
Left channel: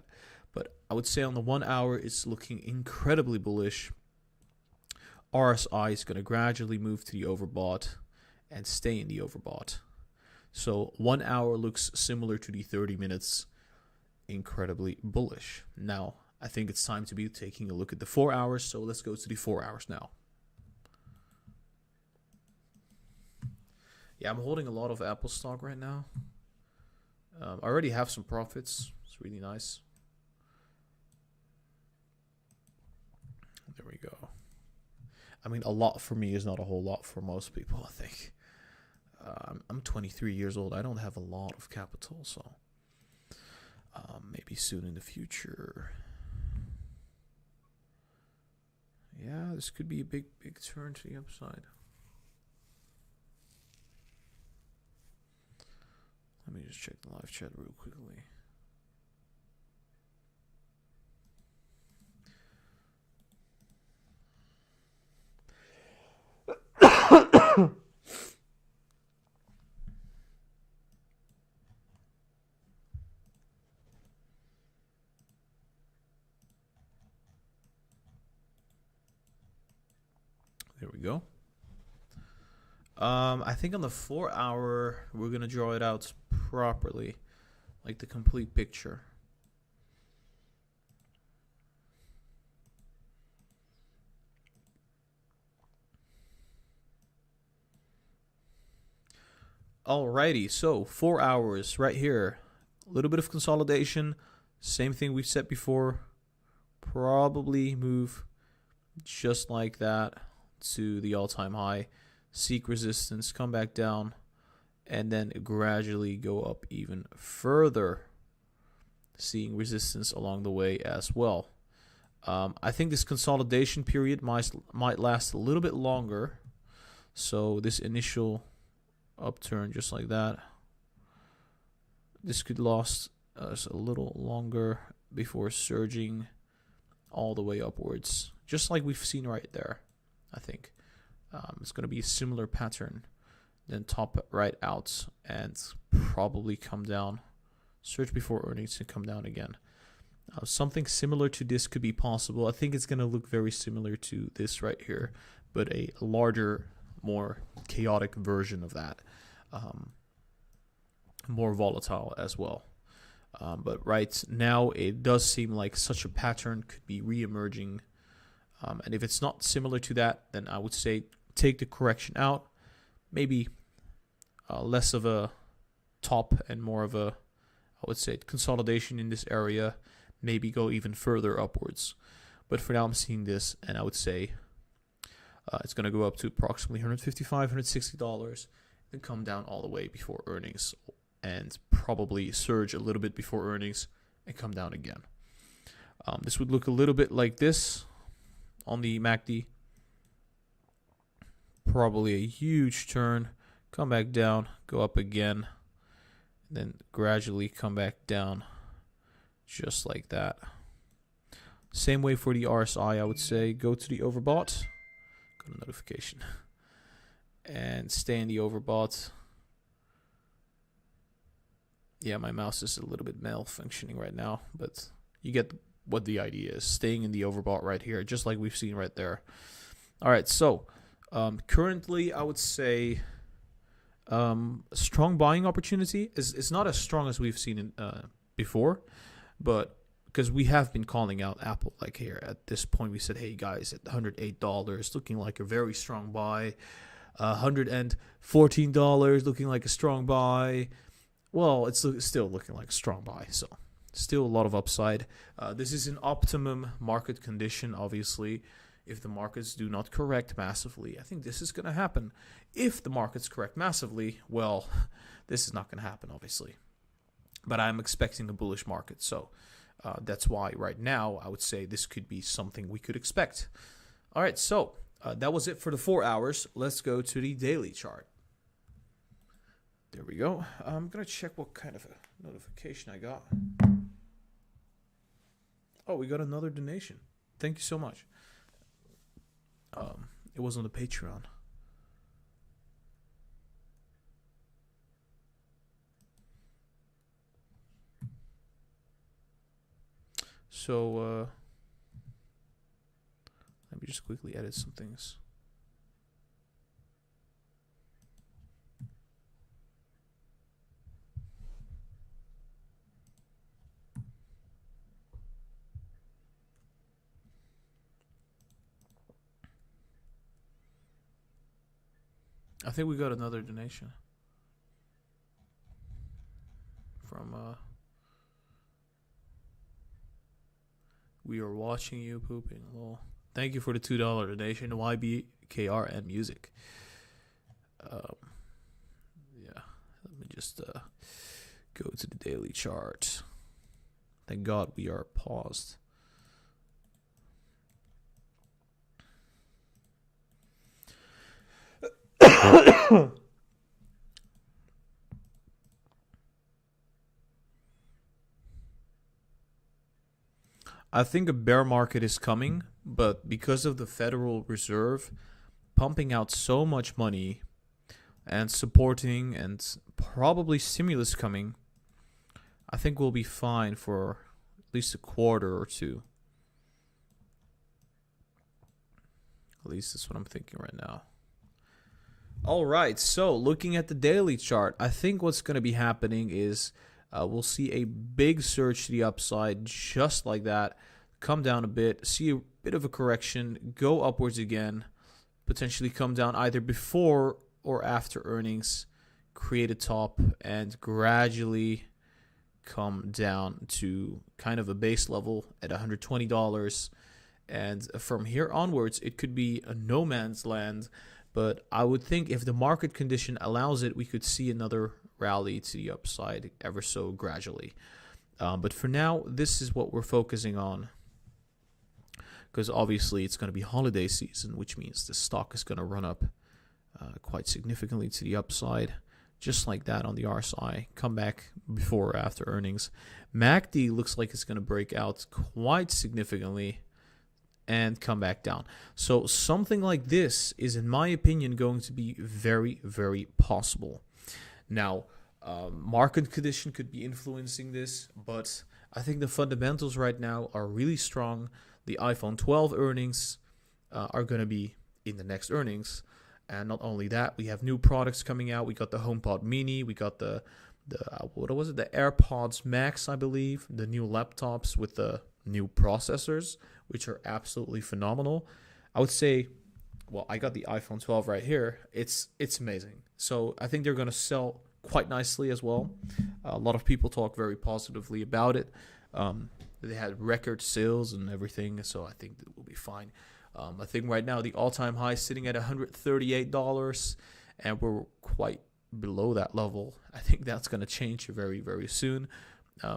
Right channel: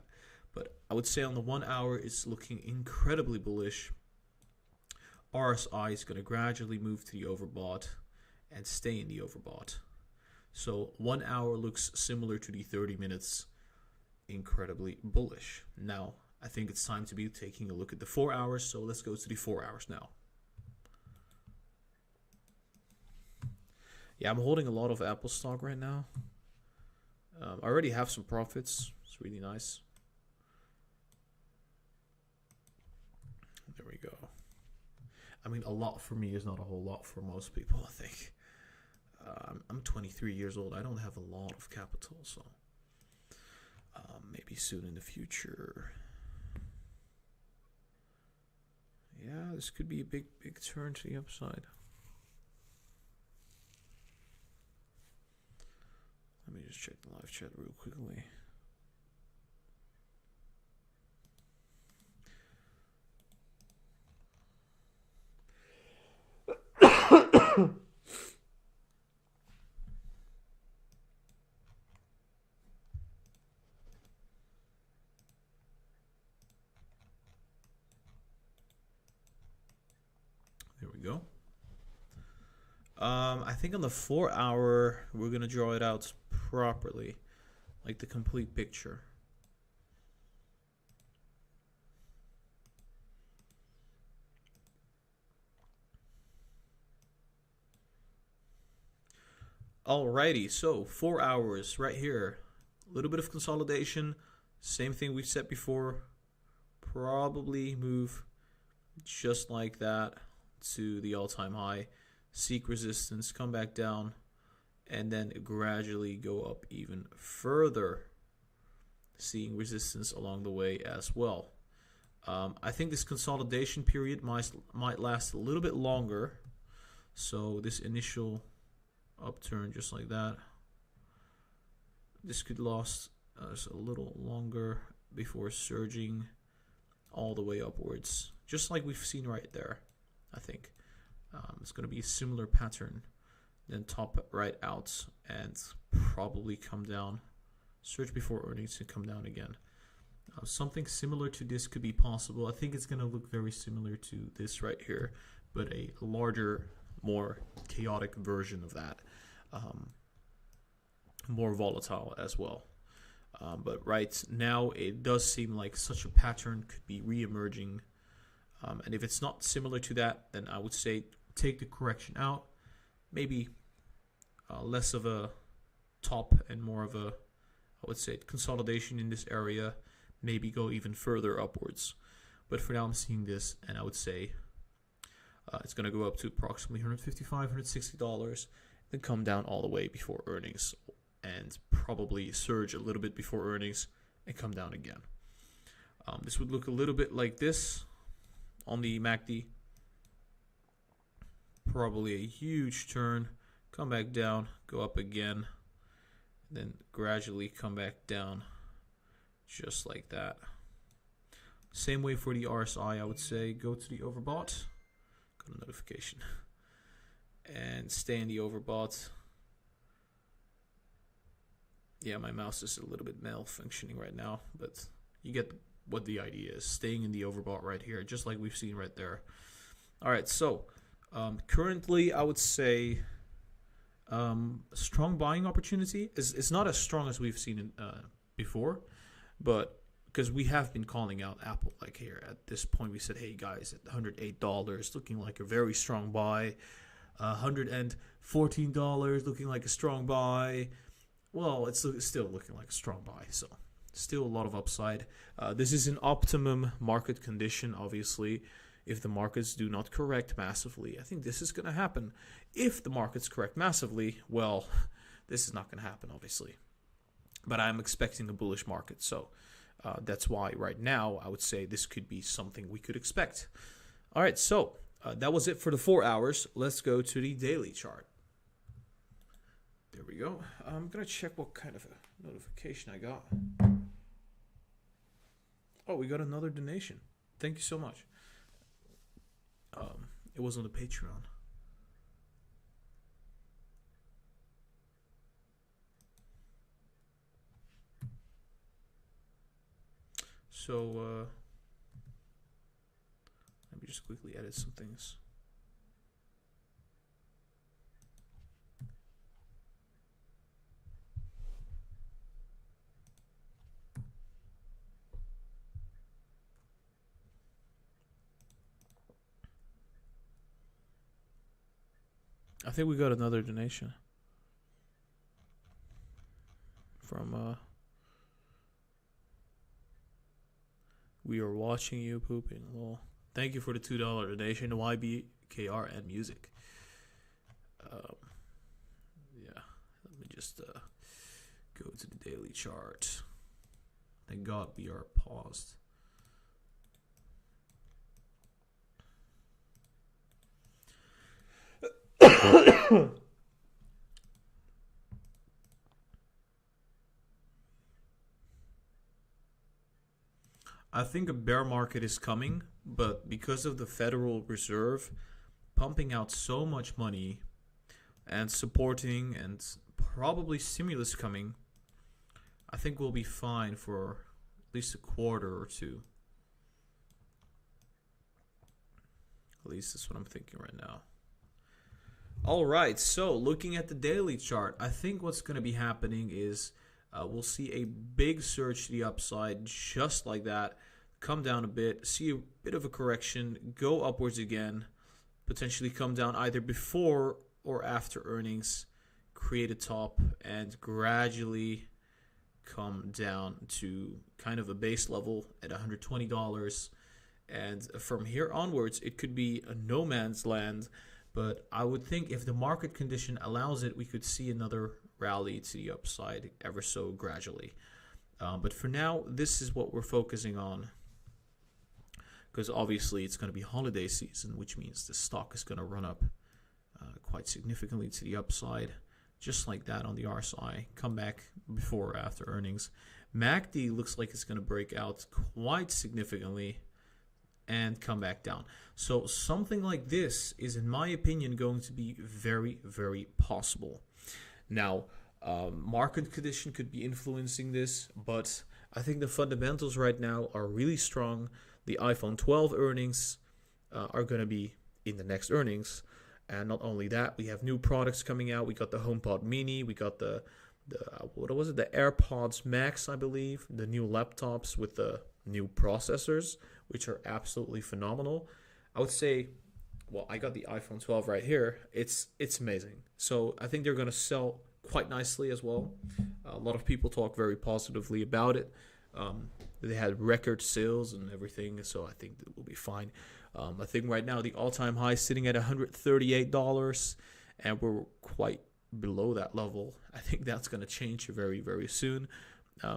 But I would say on the 1 hour, it's looking incredibly bullish. RSI is going to gradually move to the overbought and stay in the overbought. So 1 hour looks similar to the 30 minutes, incredibly bullish. Now, I think it's time to be taking a look at the 4 hours, so let's go to the 4 hours now. Yeah, I'm holding a lot of Apple stock right now. I already have some profits. It's really nice. There we go. I mean, a lot for me is not a whole lot for most people, I think. I'm 23 years old. I don't have a lot of capital, so maybe soon in the future. Yeah, this could be a big turn to the upside. Let me just check the live chat real quickly. There we go. I think on the 4 hour, we're going to draw it out properly, like the complete picture. Alrighty, so 4 hours right here. A little bit of consolidation. Same thing we've said before. Probably move just like that to the all-time high. Seek resistance, come back down, and then gradually go up even further, seeing resistance along the way as well. I think this consolidation period might last a little bit longer. So this initial upturn just like that. This could last us a little longer before surging all the way upwards, just like we've seen right there. I think it's going to be a similar pattern, then top right out and probably come down, surge before earnings and come down again. Something similar to this could be possible. I think it's going to look very similar to this right here, but a larger, more chaotic version of that. More volatile as well. But right now, it does seem like such a pattern could be re-emerging. And if it's not similar to that, then I would say take the correction out. Maybe less of a top and more of a, I would say, consolidation in this area. Maybe go even further upwards. But for now, I'm seeing this, and I would say it's going to go up to approximately $155, $160, then come down all the way before earnings, and probably surge a little bit before earnings and come down again. This would look a little bit like this on the MACD. Probably a huge turn, come back down, go up again, then gradually come back down just like that. Same way for the RSI, I would say. Go to the overbought. Got a notification. And stay in the overbought. Yeah, my mouse is a little bit malfunctioning right now, but you get what the idea is. Staying in the overbought right here, just like we've seen right there. All right, so currently I would say strong buying opportunity is not as strong as we've seen before, but because we have been calling out Apple, like here at this point, we said, hey guys, at $108, looking like a very strong buy. $114 looking like a strong buy. Well, it's still looking like a strong buy, so still a lot of upside. This is an optimum market condition, obviously. If the markets do not correct massively, I think this is going to happen. If the markets correct massively, well, this is not going to happen, obviously. But I'm expecting a bullish market, so that's why right now I would say this could be something we could expect. All right, so that was it for the 4 hours. Let's go to the daily chart. There we go. I'm going to check what kind of a notification I got. Oh, we got another donation. Thank you so much. It was on the Patreon. So, let me just quickly edit some things. I think we got another donation from We Are Watching You Pooping. Well, thank you for the $2 donation, YBKR and music. Yeah, let me just go to the daily chart. Thank God we are paused. I think a bear market is coming, but because of the Federal Reserve pumping out so much money and supporting and probably stimulus coming, I think we'll be fine for at least a quarter or two. At least that's what I'm thinking right now. All right, so looking at the daily chart, I think what's going to be happening is we'll see a big surge to the upside just like that, come down a bit, see a bit of a correction, go upwards again, potentially come down either before or after earnings, create a top, and gradually come down to kind of a base level at $120. And from here onwards, it could be a no man's land. But I would think if the market condition allows it, we could see another rally to the upside ever so gradually. But for now, this is what we're focusing on. Because obviously it's going to be holiday season, which means the stock is going to run up quite significantly to the upside. just like that on the RSI, come back before or after earnings. MACD looks like it's going to break out quite significantly and come back down. So something like this is, in my opinion, going to be very, very possible. Now, market condition could be influencing this, but I think the fundamentals right now are really strong. The iPhone 12 earnings are going to be in the next earnings. And not only that, we have new products coming out. We got the HomePod Mini. We got the what was it? The AirPods Max, I believe. The new laptops with the new processors, which are absolutely phenomenal. I would say, well, I got the iPhone 12 right here. It's amazing. So I think they're going to sell quite nicely as well. A lot of people talk very positively about it. They had record sales and everything, so I think it will be fine. I think right now the all-time high is sitting at $138, and we're quite below that level. I think that's going to change very, very soon.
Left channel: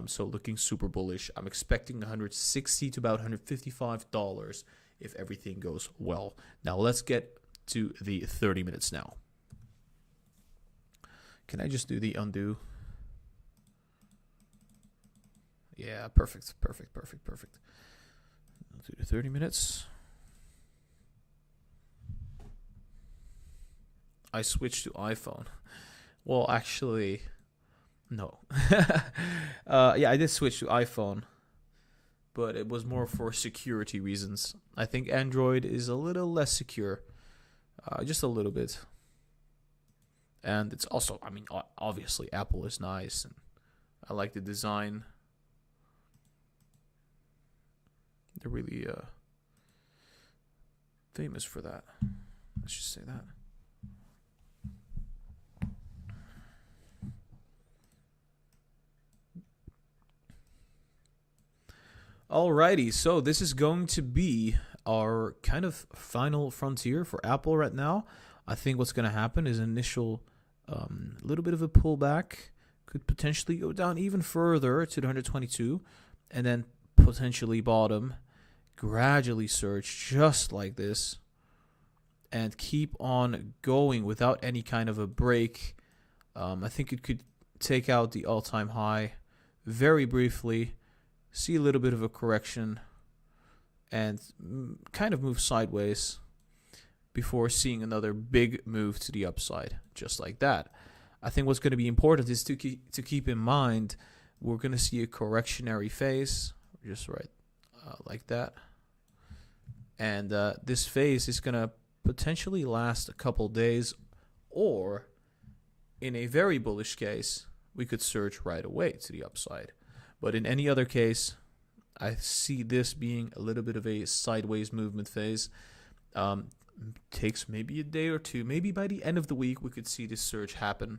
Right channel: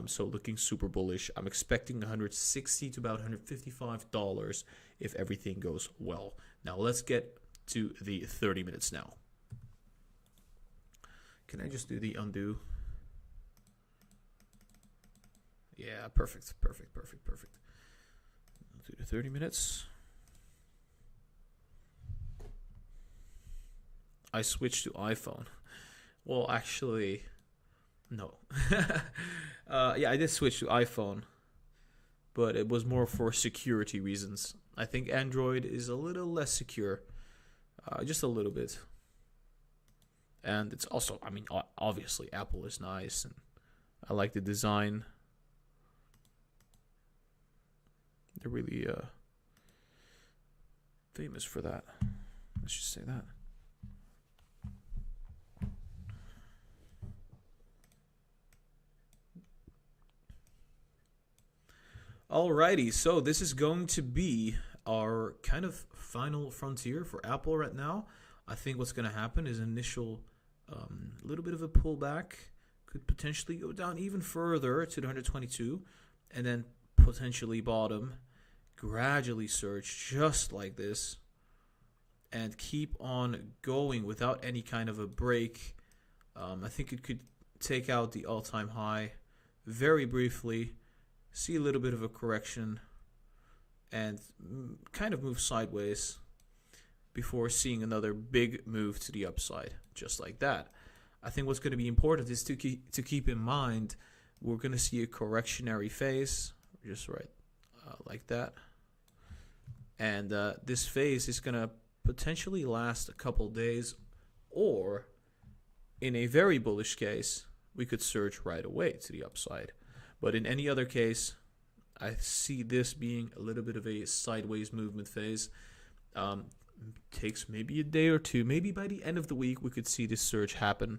So looking super bullish. I'm expecting $160 to about $155 if everything goes well. Now let's get to the 30 minutes now. Can I just do the undo? Yeah, perfect. I'll do the 30 minutes. I switched to iPhone. Well, actually, no. Yeah, I did switch to iPhone, but it was more for security reasons. I think Android is a little less secure, just a little bit. And it's also, I mean, obviously Apple is nice, and I like the design. They're really famous for that. Let's just say that. Alrighty, so this is going to be our kind of final frontier for Apple right now. I think what's going to happen is initial little bit of a pullback, could potentially go down even further to the 122, and then potentially bottom, gradually surge just like this, and keep on going without any kind of a break. I think it could take out the all-time high very briefly, see a little bit of a correction, and kind of move sideways before seeing another big move to the upside, just like that. I think what's going to be important is to keep in mind we're going to see a correctionary phase, just right like that. And this phase is going to potentially last a couple days, or in a very bullish case, we could surge right away to the upside. But in any other case, I see this being a little bit of a sideways movement phase. Takes maybe a day or two. Maybe by the end of the week, we could see this surge happen.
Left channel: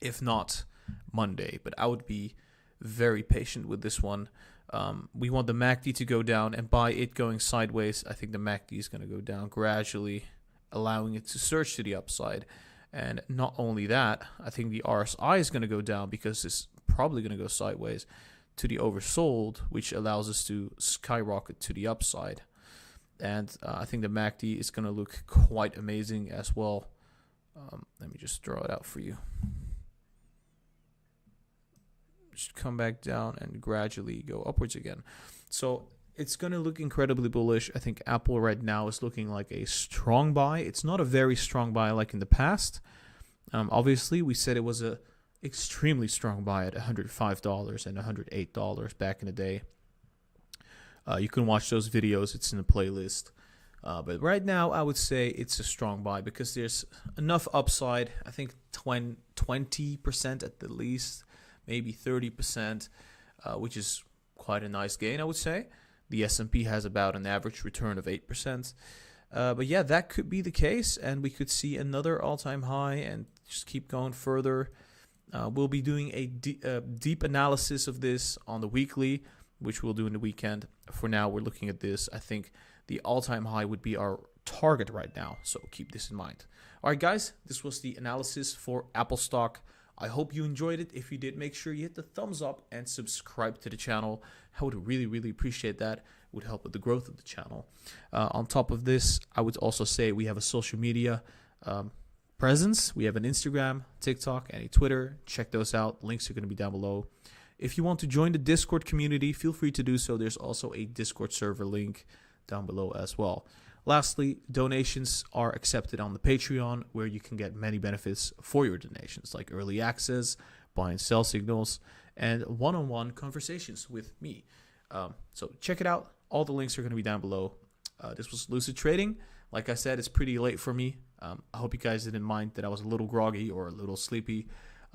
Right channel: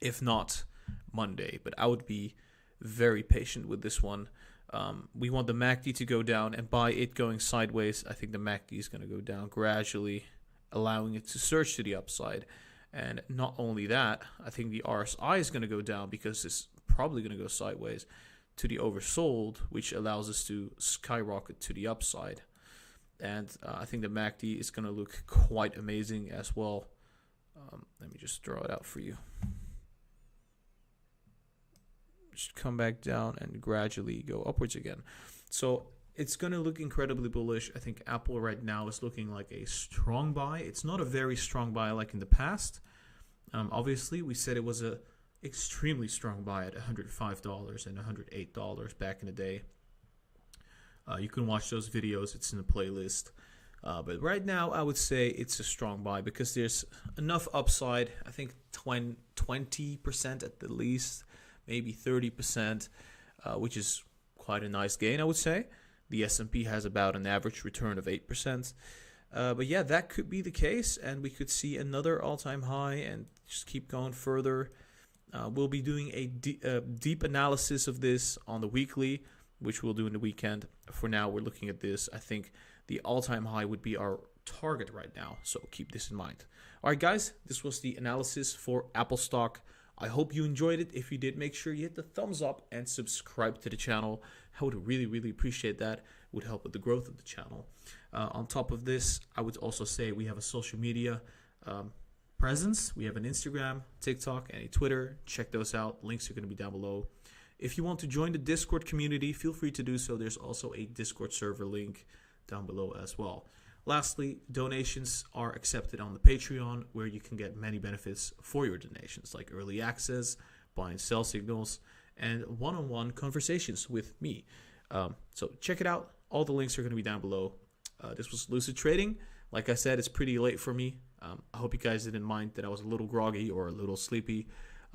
If not, Monday. But I would be very patient with this one. We want the MACD to go down, and by it going sideways, I think the MACD is going to go down gradually, allowing it to surge to the upside. And not only that, I think the RSI is going to go down because it's probably going to go sideways to the oversold, which allows us to skyrocket to the upside. And I think the MACD is going to look quite amazing as well. Let me just draw it out for you. Just come back down and gradually go upwards again. So it's going to look incredibly bullish. I think Apple right now is looking like a strong buy. It's not a very strong buy like in the past. Obviously, we said it was a extremely strong buy at $105 and $108 back in the day. You can watch those videos. It's in the playlist. But right now, I would say it's a strong buy because there's enough upside. I think 20% at the least, maybe 30%, which is quite a nice gain, I would say. The S&P has about an average return of 8%. But yeah, that could be the case, and we could see another all-time high and just keep going further. We'll be doing a deep analysis of this on the weekly, which we'll do in the weekend. For now, we're looking at this. I think the all-time high would be our target right now, so keep this in mind. All right, guys, this was the analysis for Apple stock. I hope you enjoyed it. If you did, make sure you hit the thumbs up and subscribe to the channel. I would really, really appreciate that. It would help with the growth of the channel. On top of this, I would also say we have a social media presence. We have an Instagram, TikTok, and a Twitter. Check those out. Links are going to be down below. If you want to join the Discord community, feel free to do so. There's also a Discord server link down below as well. Lastly, donations are accepted on the Patreon, where you can get many benefits for your donations, like early access, buy and sell signals, and one-on-one conversations with me. So check it out. All the links are going to be down below. This was Lucid Trading. Like I said, it's pretty late for me. I hope you guys didn't mind that I was a little groggy or a little sleepy.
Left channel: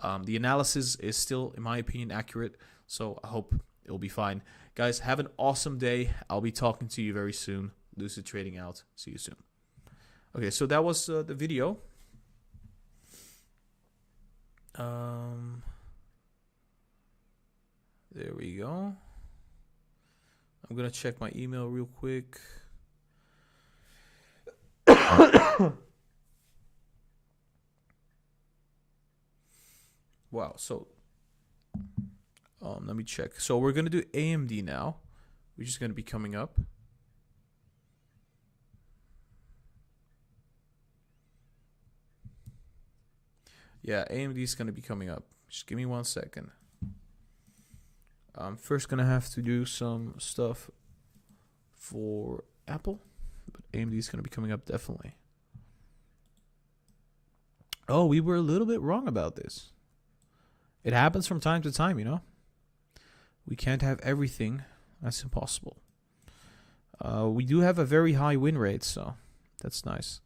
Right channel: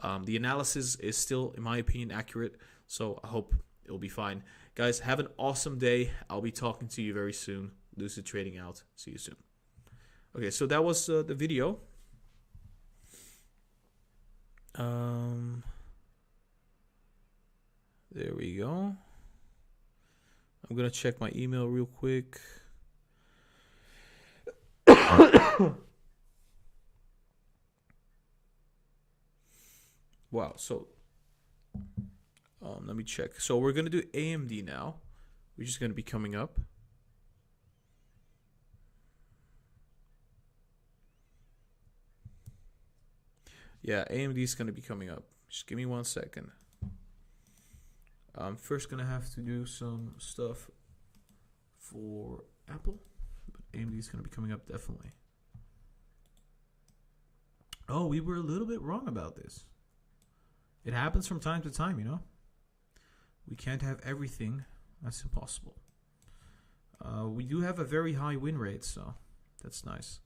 The analysis is still, in my opinion, accurate, so I hope it'll be fine. Guys, have an awesome day. I'll be talking to you very soon. Lucid Trading out. See you soon. Okay, so that was the video. There we go. I'm going to check my email real quick. Wow, so let me check. So we're going to do AMD now, which is going to be coming up. Yeah, AMD is going to be coming up. Just give me 1 second. I'm first going to have to do some stuff for Apple, but AMD is going to be coming up definitely. Oh, we were a little bit wrong about this. It happens from time to time, you know. We can't have everything. That's impossible. We do have a very high win rate, so that's nice.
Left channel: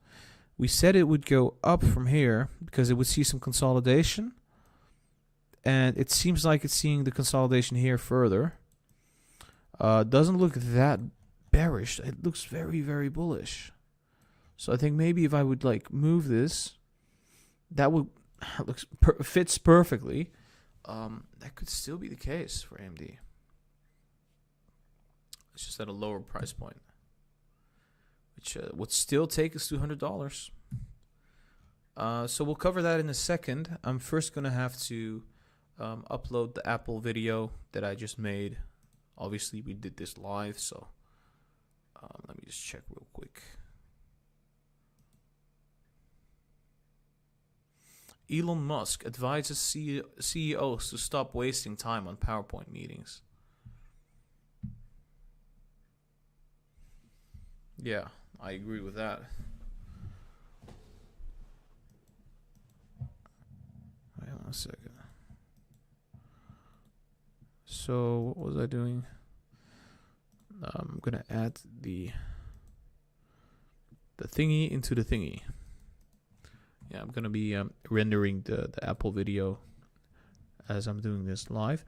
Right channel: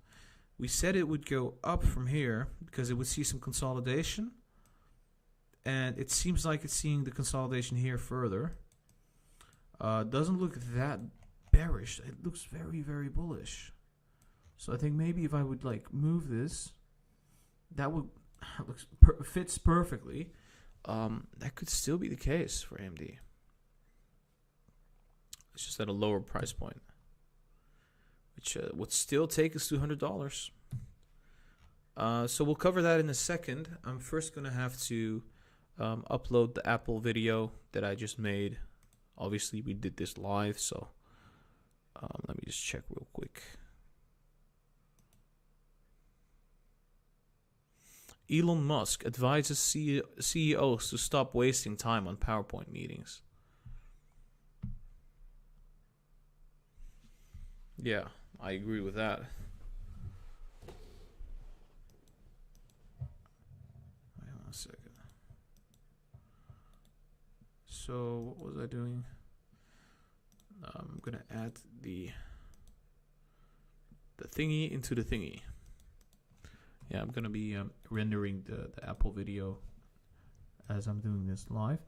We said it would go up from here because it would see some consolidation. And it seems like it's seeing the consolidation here further. Doesn't look that bearish. It looks very, very bullish. So I think maybe if I would like move this, that would fits perfectly. That could still be the case for AMD. It's just at a lower price point, which would still take us $200. So we'll cover that in a second. I'm first going to have to upload the Apple video that I just made. Obviously, we did this live, so let me just check real quick. Elon Musk advises CEOs to stop wasting time on PowerPoint meetings. Yeah, I agree with that. Wait 1 second. So, what was I doing? I'm going to add the thingy into the thingy. Yeah, I'm going to be rendering the Apple video as I'm doing this live.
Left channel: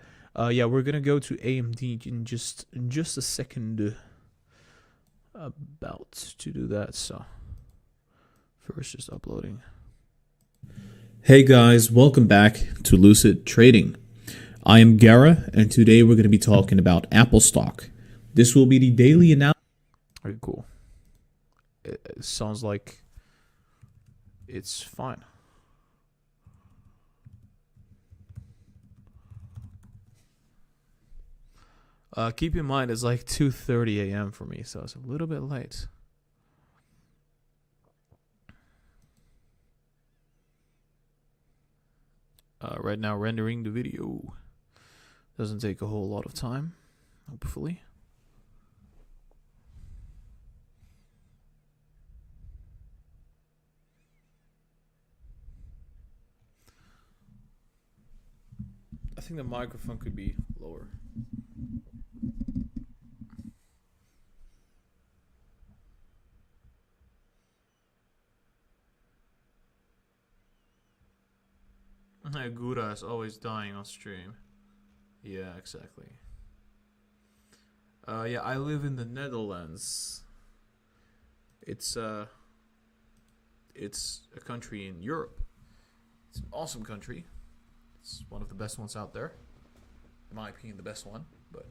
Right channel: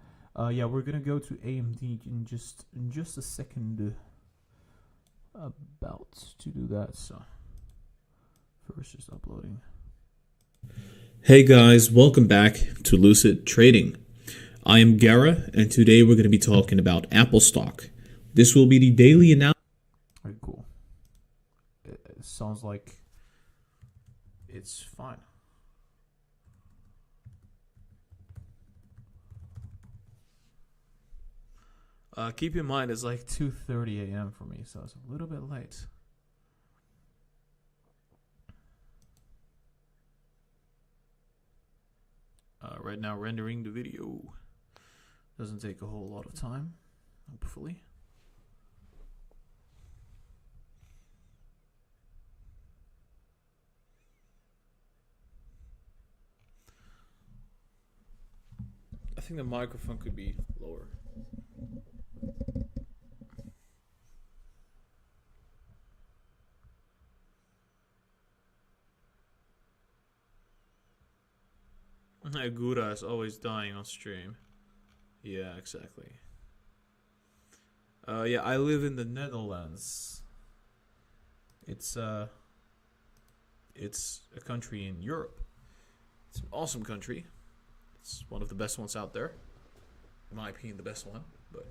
Yeah, we're going to go to AMD in just a second. About to do that, so first just uploading. Hey guys, welcome back to Lucid Trading. I am Gara, and today we're going to be talking about Apple stock. This will be the daily analysis. Very cool. It sounds like it's fine. Keep in mind it's like 2:30 a.m. for me, so it's a little bit late. Right now rendering the video. Doesn't take a whole lot of time, hopefully. I think the microphone could be lower. Gura is always dying on stream. Yeah, exactly. Yeah, I live in the Netherlands. It's a country in Europe. It's an awesome country. It's one of the best ones out there. In my opinion, the best one. But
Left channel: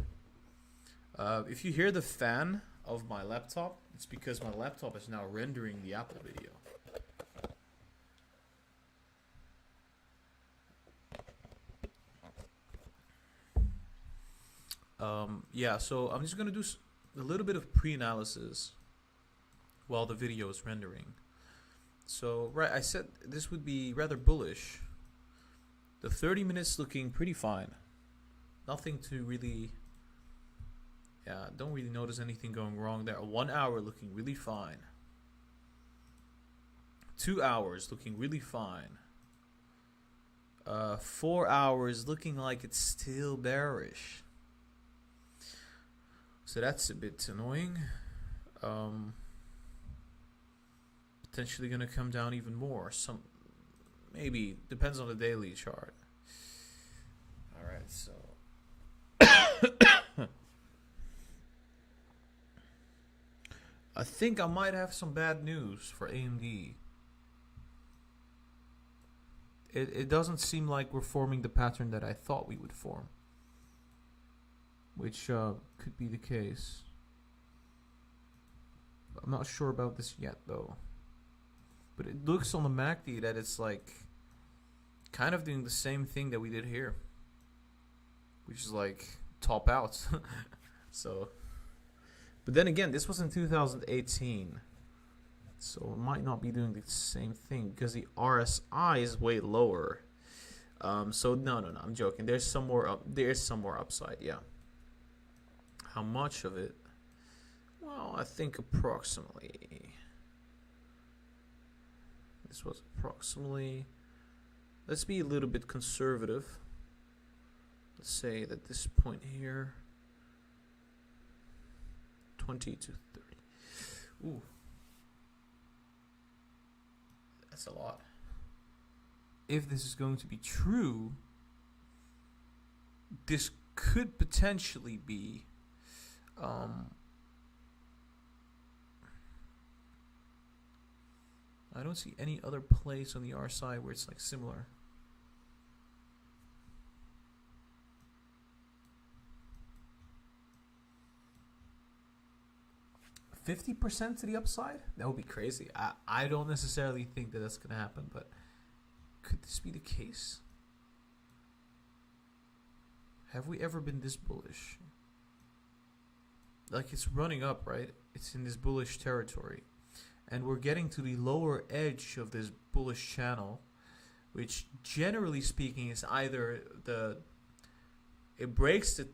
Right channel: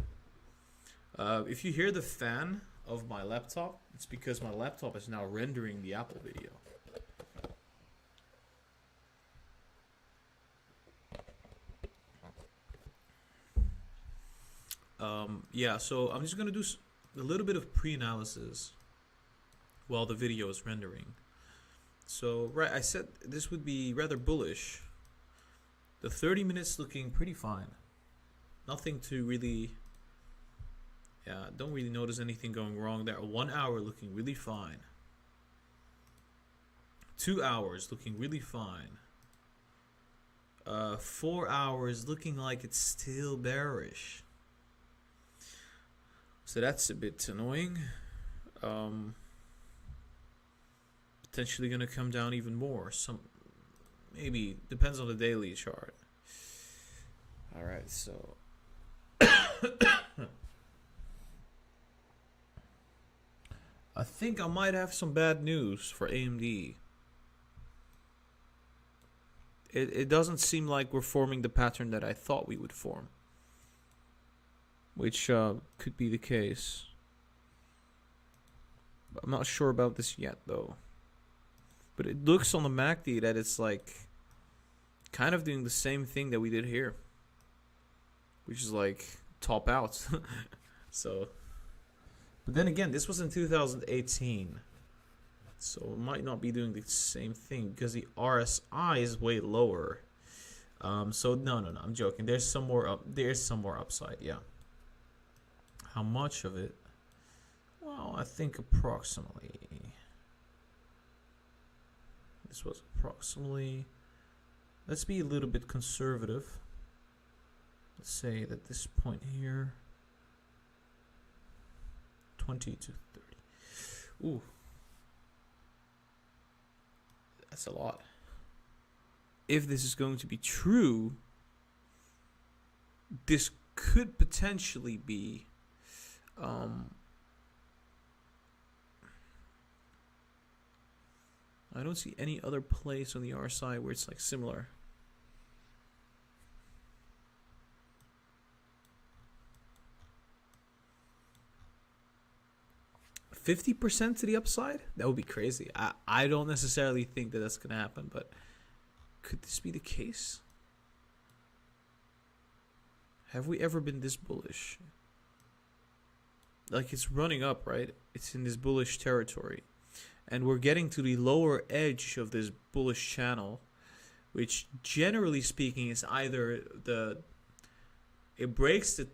if you hear the fan of my laptop, it's because my laptop is now rendering the Apple video. Yeah, so I'm just going to do a little bit of pre-analysis while the video is rendering. So, right, I said this would be rather bullish. The 30 minutes looking pretty fine. Nothing to really... Yeah, don't really notice anything going wrong there. 1 hour looking really fine. 2 hours looking really fine. 4 hours looking like it's still bearish. So that's a bit annoying. Potentially going to come down even more. Maybe depends on the daily chart. All right, so I think I might have some bad news for AMD. It doesn't seem like we're forming the pattern that I thought we would form, which could be the case. I'm not sure about this yet, though. But it looks on the MACD that it's like kind of doing the same thing that we did here, which is like top out. So, but then again, this was in 2018, so it might not be doing the same thing because the RSI is way lower. So no, I'm joking. There's some more upside. Yeah. How much of it? Well, I think approximately. This was approximately. Let's be a little bit conservative. Let's say that this point here, 20 to 30. Ooh. That's a lot. If this is going to be true, this could potentially be I don't see any other place on the RSI where it's like similar. %50 to the upside? That would be crazy. I don't necessarily think that that's going to happen, but could this be the case? Have we ever been this bullish? Like, it's running up, right? It's in this bullish territory. And we're getting to the lower edge of this bullish channel, which generally speaking is either it breaks the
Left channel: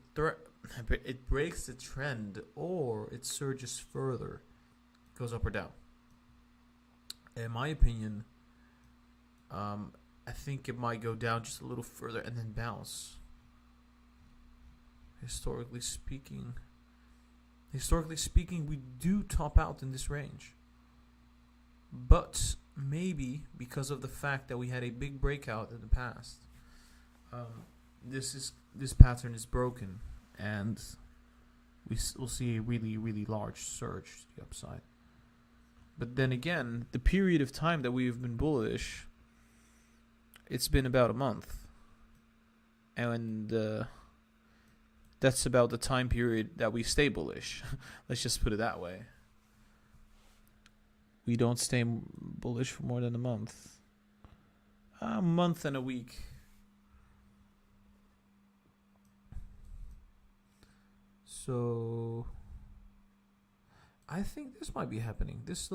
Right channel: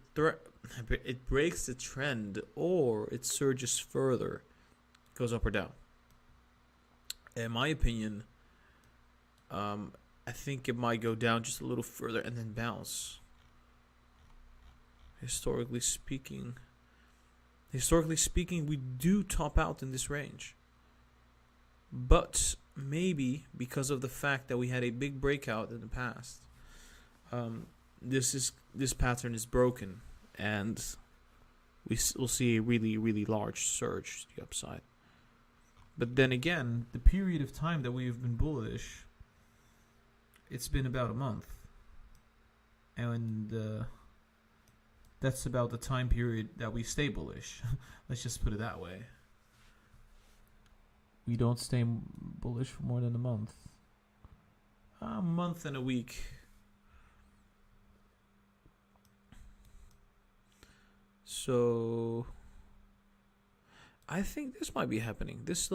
trend or it surges further, goes up or down. In my opinion, I think it might go down just a little further and then bounce. Historically speaking, we do top out in this range. But maybe because of the fact that we had a big breakout in the past, this pattern is broken, and we'll see a really, really large surge to the upside. But then again, the period of time that we've been bullish, it's been about a month, and that's about the time period that we stay bullish. Let's just put it that way. We don't stay bullish for more than a month. A month and a week. So I think this might be happening. That's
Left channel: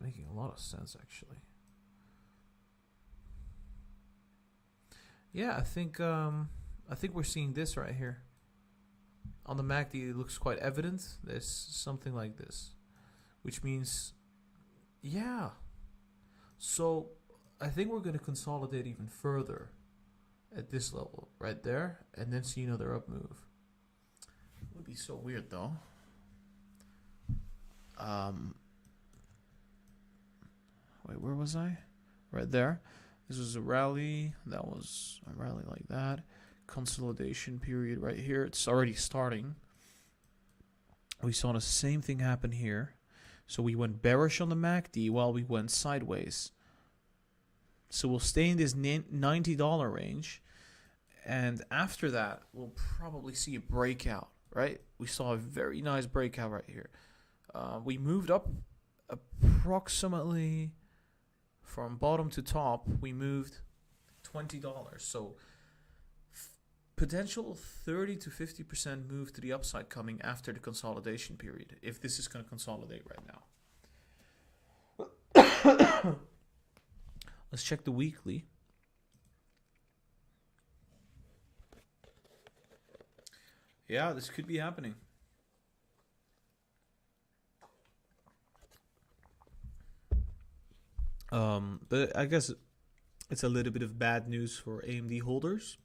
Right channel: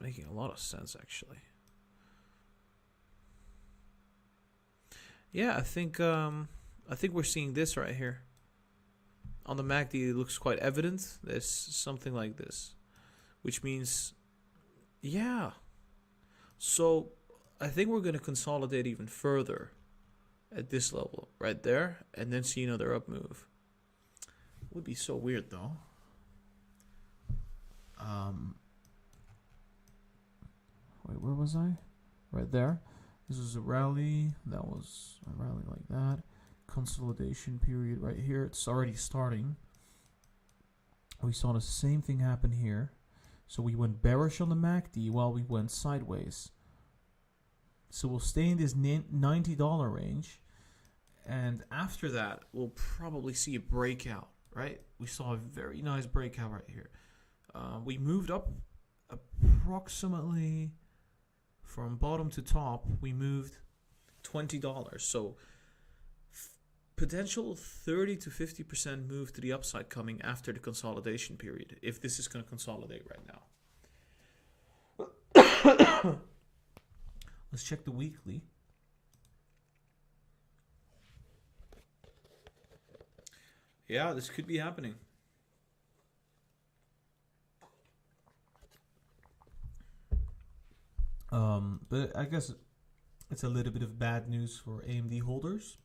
making a lot of sense, actually. Yeah, I think we're seeing this right here. On the MACD, it looks quite evident. There's something like this, which means, yeah. So I think we're going to consolidate even further at this level right there, and then see another up move. Would be so weird though. Wait, where was I? Right there. This was a rally. That was a rally like that. Consolidation period right here. It's already starting. We saw the same thing happen here. So we went bearish on the MACD while we went sideways. So we'll stay in this $90 range. And after that, we'll probably see a breakout, right? We saw a very nice breakout right here. We moved up approximately from bottom to top. We moved $20. So potential 30 to 50% move to the upside coming after the consolidation period, if this is going to consolidate right now. Let's check the weekly. Yeah, this could be happening. But I guess it's a little bit of bad news for AMD holders.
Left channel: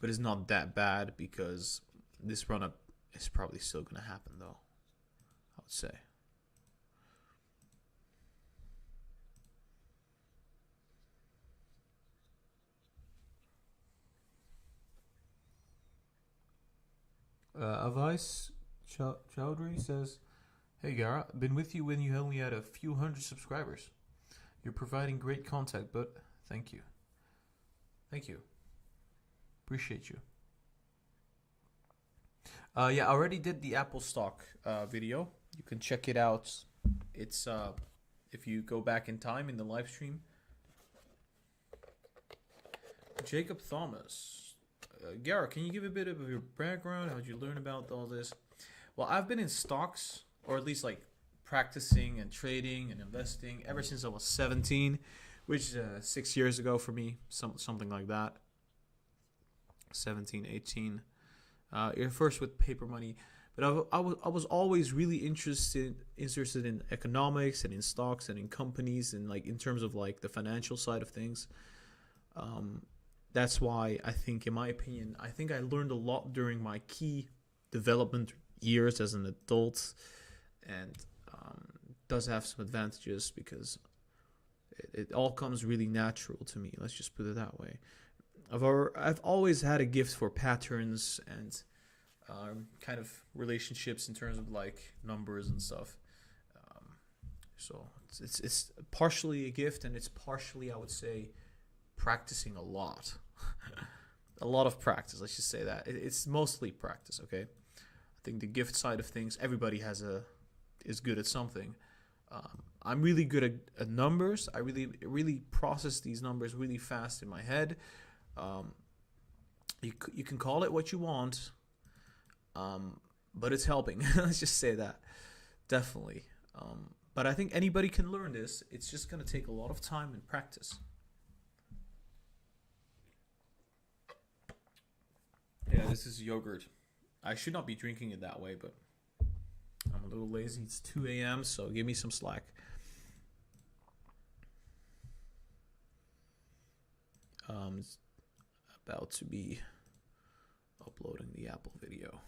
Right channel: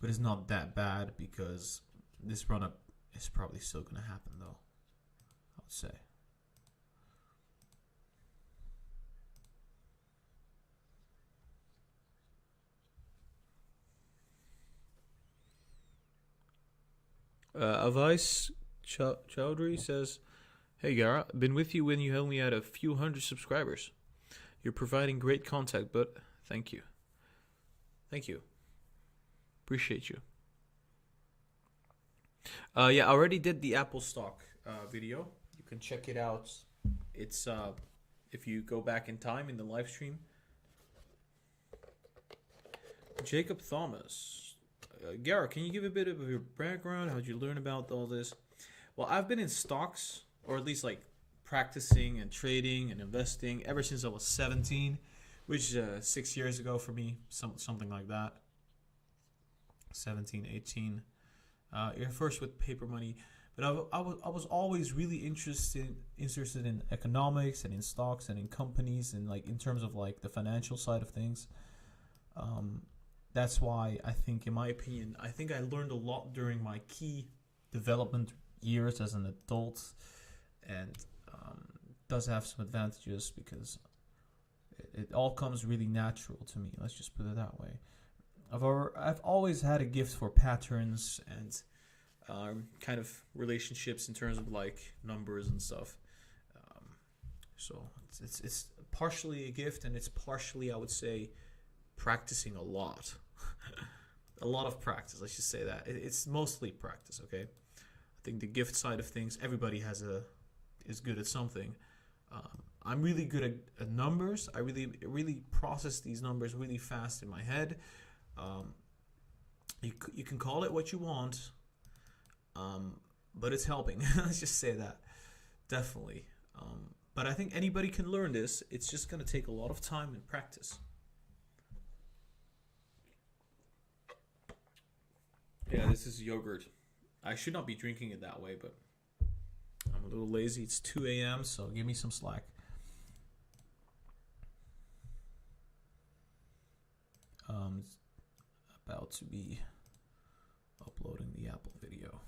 But it's not that bad because this run up is probably still going to happen, though, I would say. Avais Chowdhury says, "Hey Gara, been with you when you only had a few hundred subscribers. You're providing great content, but thank you. Thank you. Appreciate you." Yeah, I already did the Apple stock video. You can check it out. It's if you go back in time in the live stream. Jacob Thomas. Gara, can you give a bit of your background? How did you learn about all this? Well, I've been in stocks, or at least like practicing and trading and investing ever since I was 17, which is 6 years ago for me, something like that. 17, 18. First with paper money, but I was always really interested in economics and in stocks and in companies and like in terms of like the financial side of things. That's why I think, in my opinion, I think I learned a lot during my key development years as an adult, and does have some advantages because it all comes really natural to me. Let's just put it that way. I've always had a gift for patterns and kind of relationships in terms of like numbers and stuff. So it's partially a gift, and it's partially, I would say, practicing a lot. A lot of practice, let's just say that. It's mostly practice, okay? I think the gift side of things, everybody is good at something. I'm really good at numbers. I really process these numbers really fast in my head. You can call it what you want, but it's helping. Let's just say that. Definitely. But I think anybody can learn this. It's just going to take a lot of time and practice. Yeah, this is yogurt. I should not be drinking it that way, but I'm a little lazy. It's 2 a.m., so give me some slack. It's about to be uploading the Apple video.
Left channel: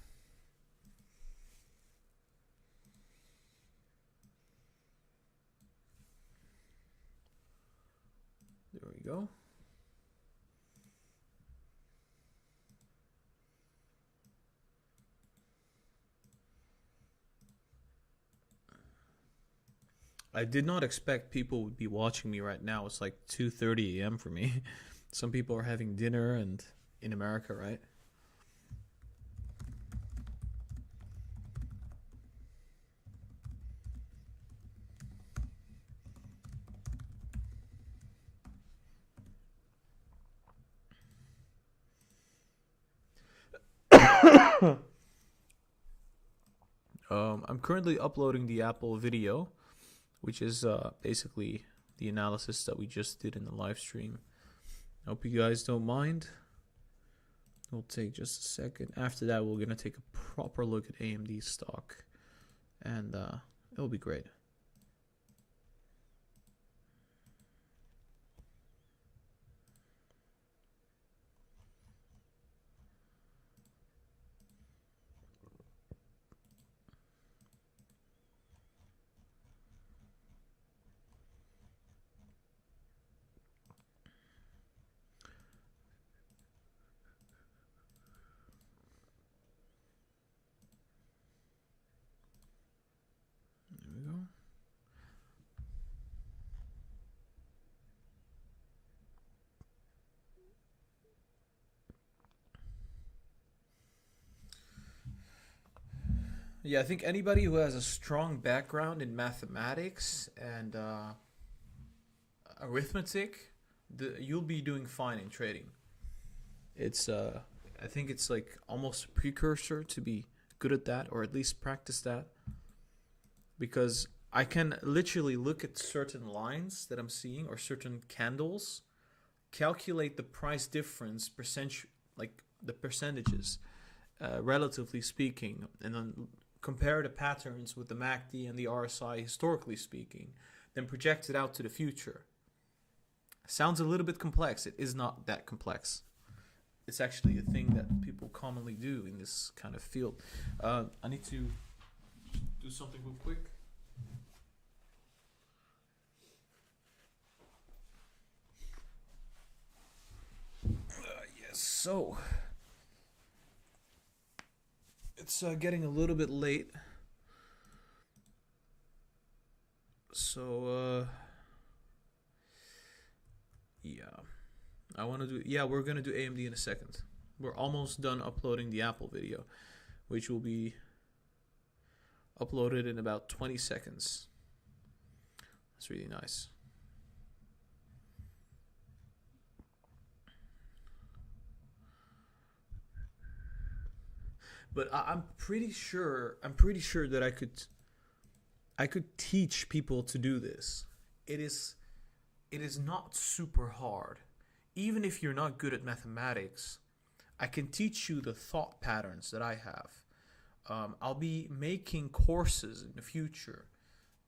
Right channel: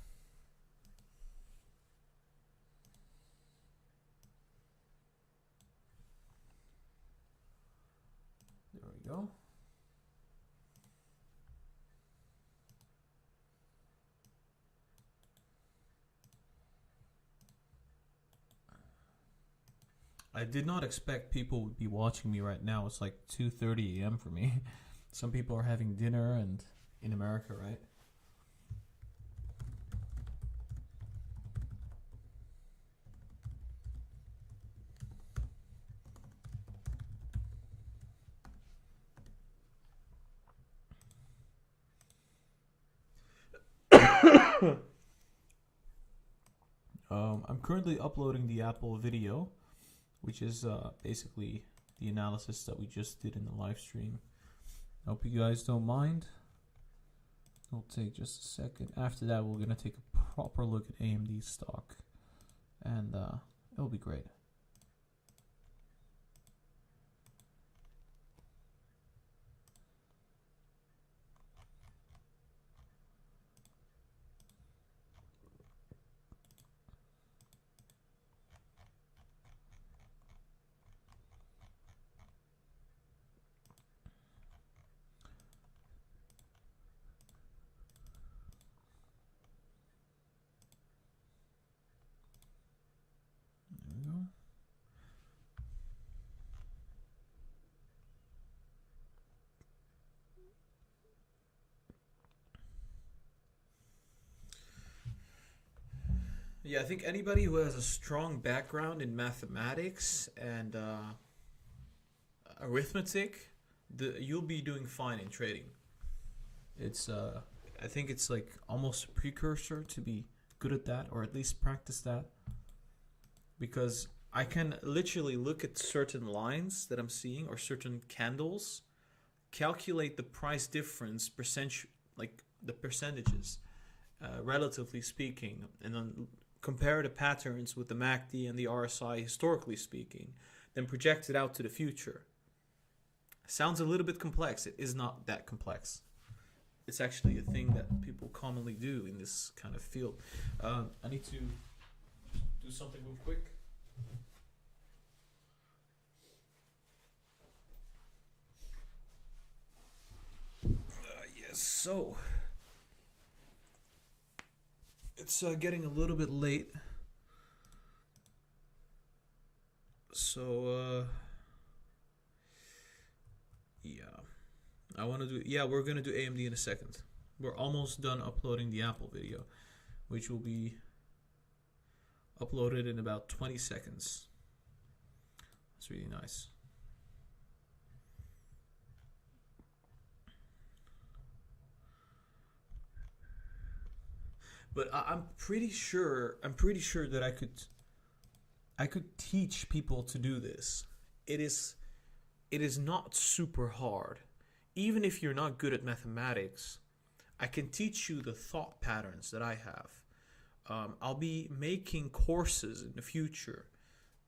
There we go. I did not expect people would be watching me right now. It's like 2:30 a.m. for me. Some people are having dinner, and in America, right? I'm currently uploading the Apple video, which is basically the analysis that we just did in the live stream. I hope you guys don't mind. It'll take just a second. After that, we're going to take a proper look at AMD stock, and it'll be great. Yeah, I think anybody who has a strong background in mathematics and arithmetic, you'll be doing fine in trading. It's I think it's like almost a precursor to be good at that, or at least practice that. Because I can literally look at certain lines that I'm seeing or certain candles, calculate the price difference like the percentages, relatively speaking, and then compare the patterns with the MACD and the RSI historically speaking, then project it out to the future. Sounds a little bit complex. It is not that complex. It's actually a thing that people commonly do in this kind of field. I need to do something real quick. Yes, so it's getting a little bit late. So, yeah. We're going to do AMD in a second. We're almost done uploading the Apple video, which will be uploaded in about 20 seconds. That's really nice. But I'm pretty sure that I could teach people to do this. It is not super hard. Even if you're not good at mathematics, I can teach you the thought patterns that I have. I'll be making courses in the future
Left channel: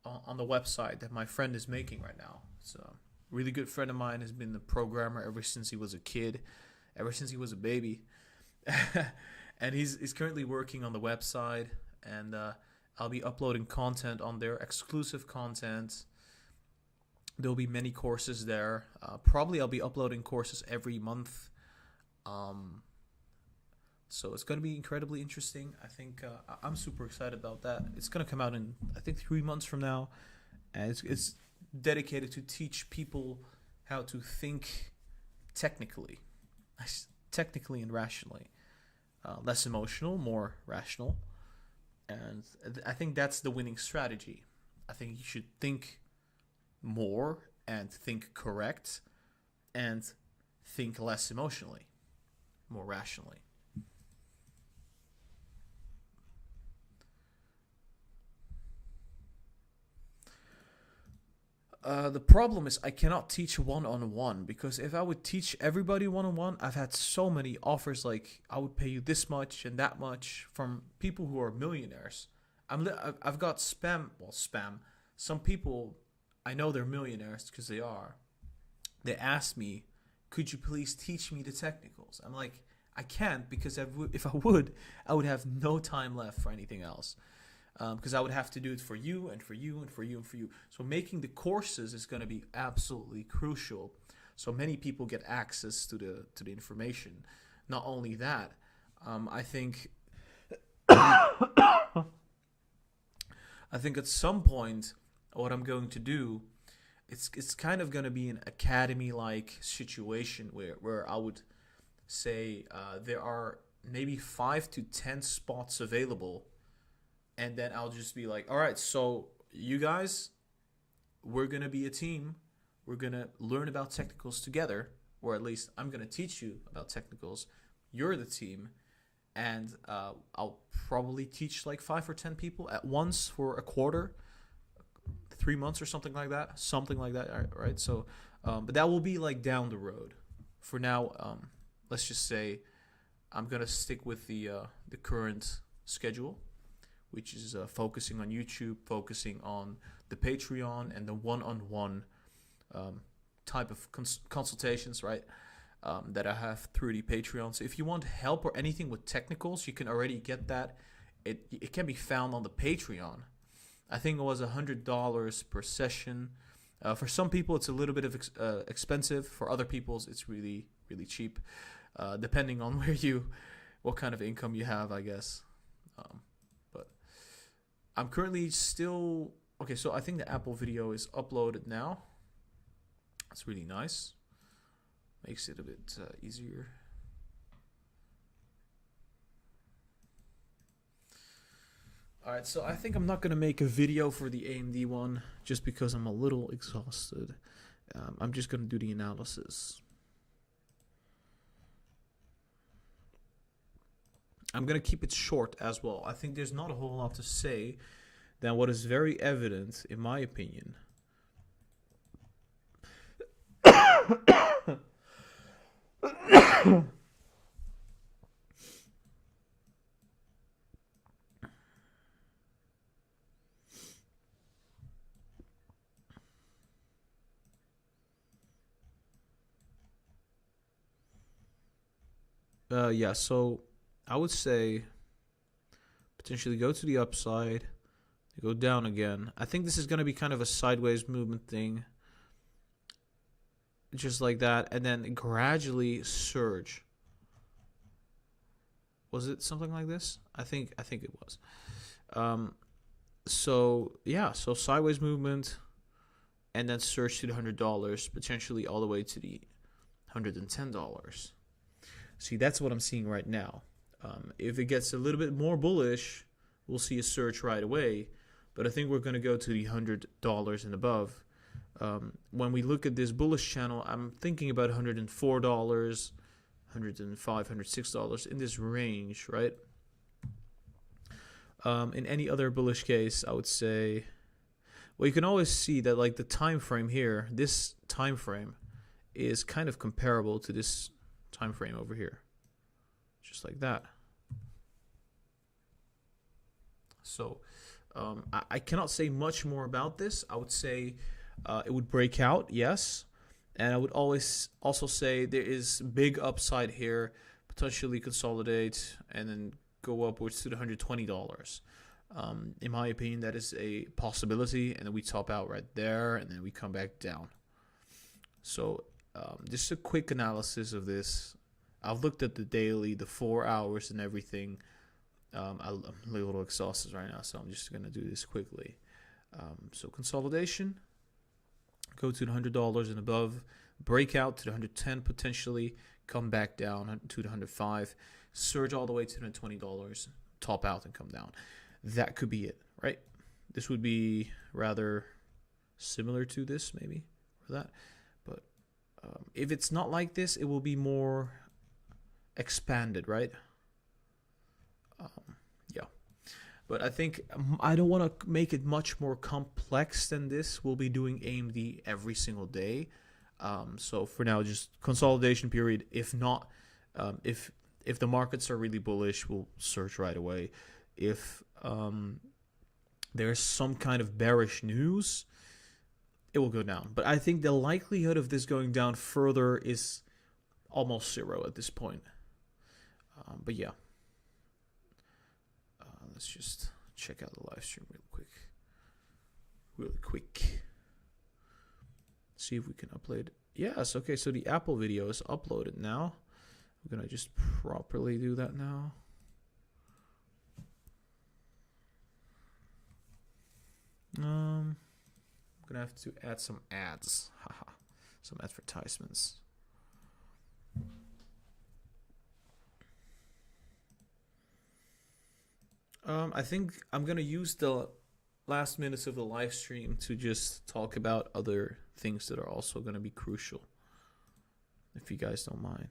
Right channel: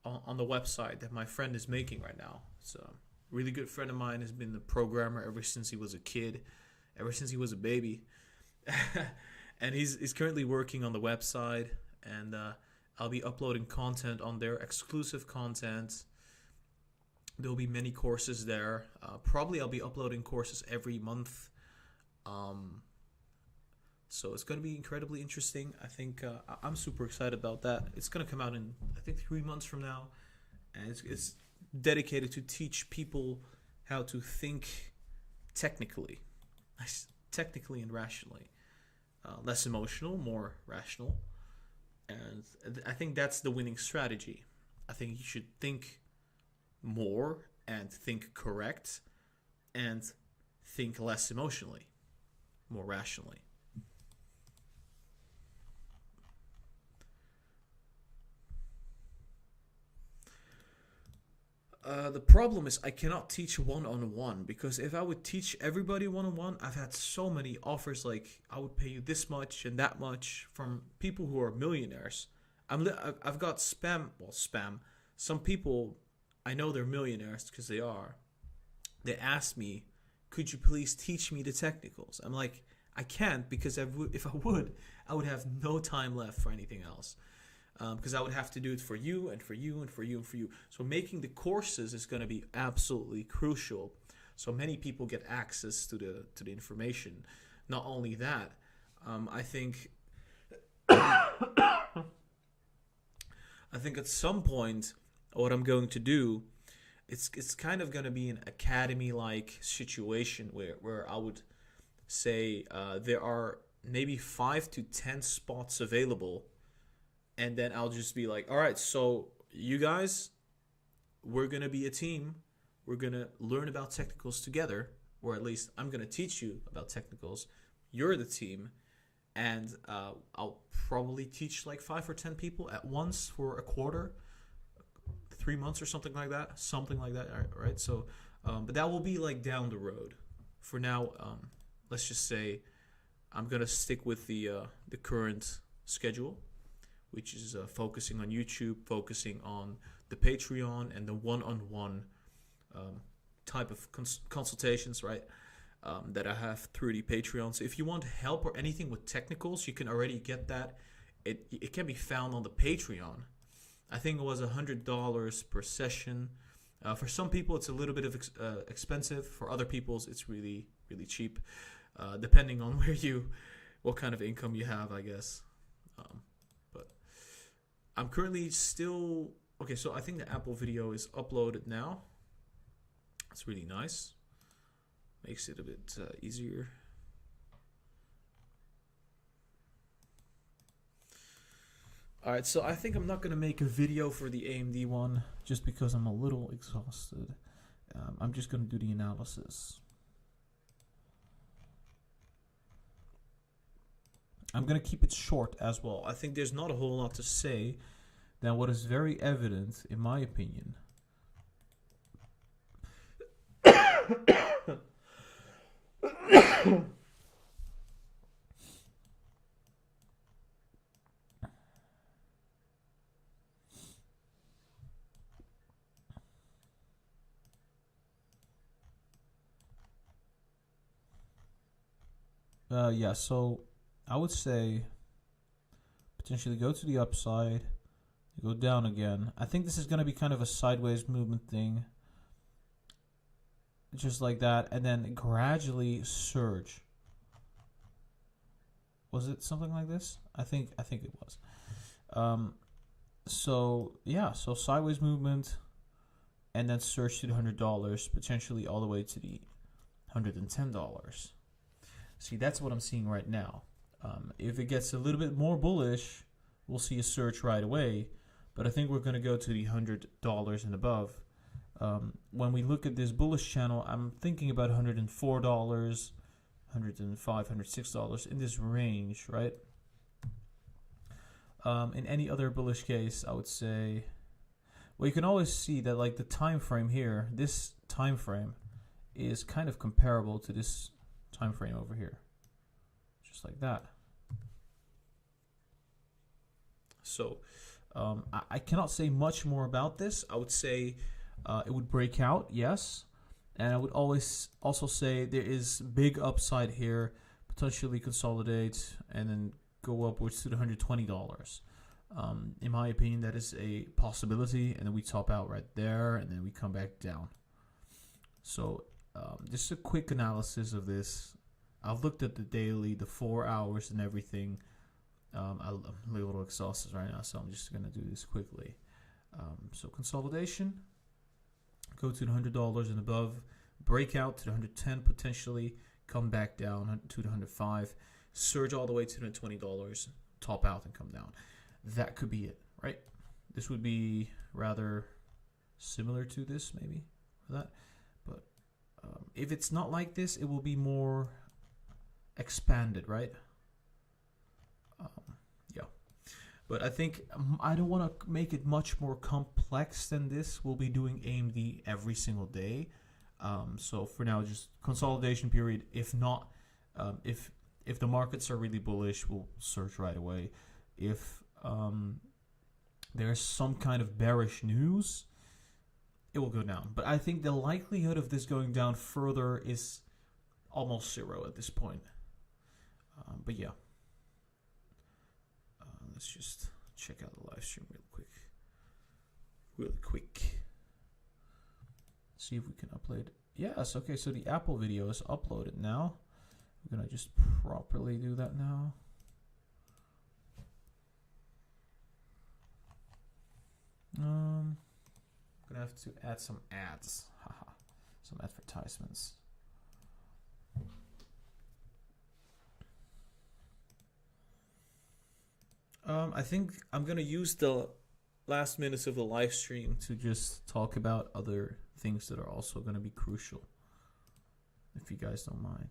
on the website that my friend is making right now. It's a really good friend of mine, has been a programmer ever since he was a kid, ever since he was a baby. And he's currently working on the website, and I'll be uploading content on there, exclusive content. There'll be many courses there. Probably I'll be uploading courses every month. So it's going to be incredibly interesting. I think I'm super excited about that. It's going to come out in, I think, 3 months from now. And it's dedicated to teach people how to think technically and rationally. Less emotional, more rational. And I think that's the winning strategy. I think you should think more and think correct and think less emotionally, more rationally. The problem is I cannot teach one-on-one, because if I would teach everybody one-on-one, I've had so many offers like I would pay you this much and that much from people who are millionaires. I've got spam. Some people, I know they're millionaires because they are. They ask me, could you please teach me the technicals? I'm like, I can't, because if I would have no time left for anything else. Because I would have to do it for you and for you and for you and for you. So making the courses is going to be absolutely crucial. So many people get access to the information. Not only that, I think at some point what I'm going to do, it's kind of going to be an academy-like situation where I would say there are maybe 5 to 10 spots available. And then I'll just be like, all right, so you guys, we're going to be a team. We're going to learn about technicals together, or at least I'm going to teach you about technicals. You're the team. And I'll probably teach like 5 or 10 people at once for a quarter, 3 months or something like that. Right? So, but that will be like down the road. For now, let's just say I'm going to stick with the current schedule, which is focusing on YouTube, focusing on the Patreon and the one-on-one type of consultations, right, that I have through the Patreon. So if you want help or anything with technicals, you can already get that. It can be found on the Patreon. I think it was $100 per session. For some people, it's a little bit of expensive. For other people, it's really, really cheap, depending on what kind of income you have, I guess. I'm currently still... Okay, so I think the Apple video is uploaded now. It's really nice. Makes it a bit easier. Alright, so I think I'm not going to make a video for the AMD one, just because I'm a little exhausted. I'm just going to do the analysis. I'm going to keep it short as well. I think there's not a whole lot to say, then what is very evident, in my opinion, yeah, so I would say potentially go to the upside, go down again. I think this is going to be kind of a sideways movement thing, just like that, and then gradually surge. Was it something like this? I think it was. So yeah, so sideways movement, and then surge to the $100, potentially all the way to the $110. See, that's what I'm seeing right now. If it gets a little bit more bullish, we'll see a surge right away. But I think we're going to go to the $100 and above. When we look at this bullish channel, I'm thinking about $104, $105, $106 in this range, right? In any other bullish case, I would say, well, you can always see that like the time frame here, this time frame is kind of comparable to this time frame over here, just like that. So I cannot say much more about this. I would say it would break out, yes, and I would always also say there is big upside here, potentially consolidate and then go upwards to the $120. In my opinion, that is a possibility, and then we top out right there, and then we come back down. So just a quick analysis of this. I've looked at the daily, the 4 hours, and everything. I'm a little exhausted right now, so I'm just going to do this quickly. So consolidation, go to the $100 and above, breakout to the 110 potentially, come back down to the 105, surge all the way to the $20, top out and come down. That could be it, right? This would be rather similar to this, maybe, for that. But if it's not like this, it will be more expanded, right? Yeah. But I think I don't want to make it much more complex than this. We'll be doing AMD every single day. So for now, just consolidation period. If not, if the markets are really bullish, we'll surge right away. If there's some kind of bearish news, it will go down. But I think the likelihood of this going down further is almost zero at this point. But yeah. Let's just check out the live stream real quick. See if we can upload. Yes, okay, so the Apple video is uploaded now. We're going to just properly do that now. I'm going to have to add some ads. Haha, some advertisements. I think I'm going to use the last minutes of the live stream to just talk about other things that are also going to be crucial, if you guys don't mind.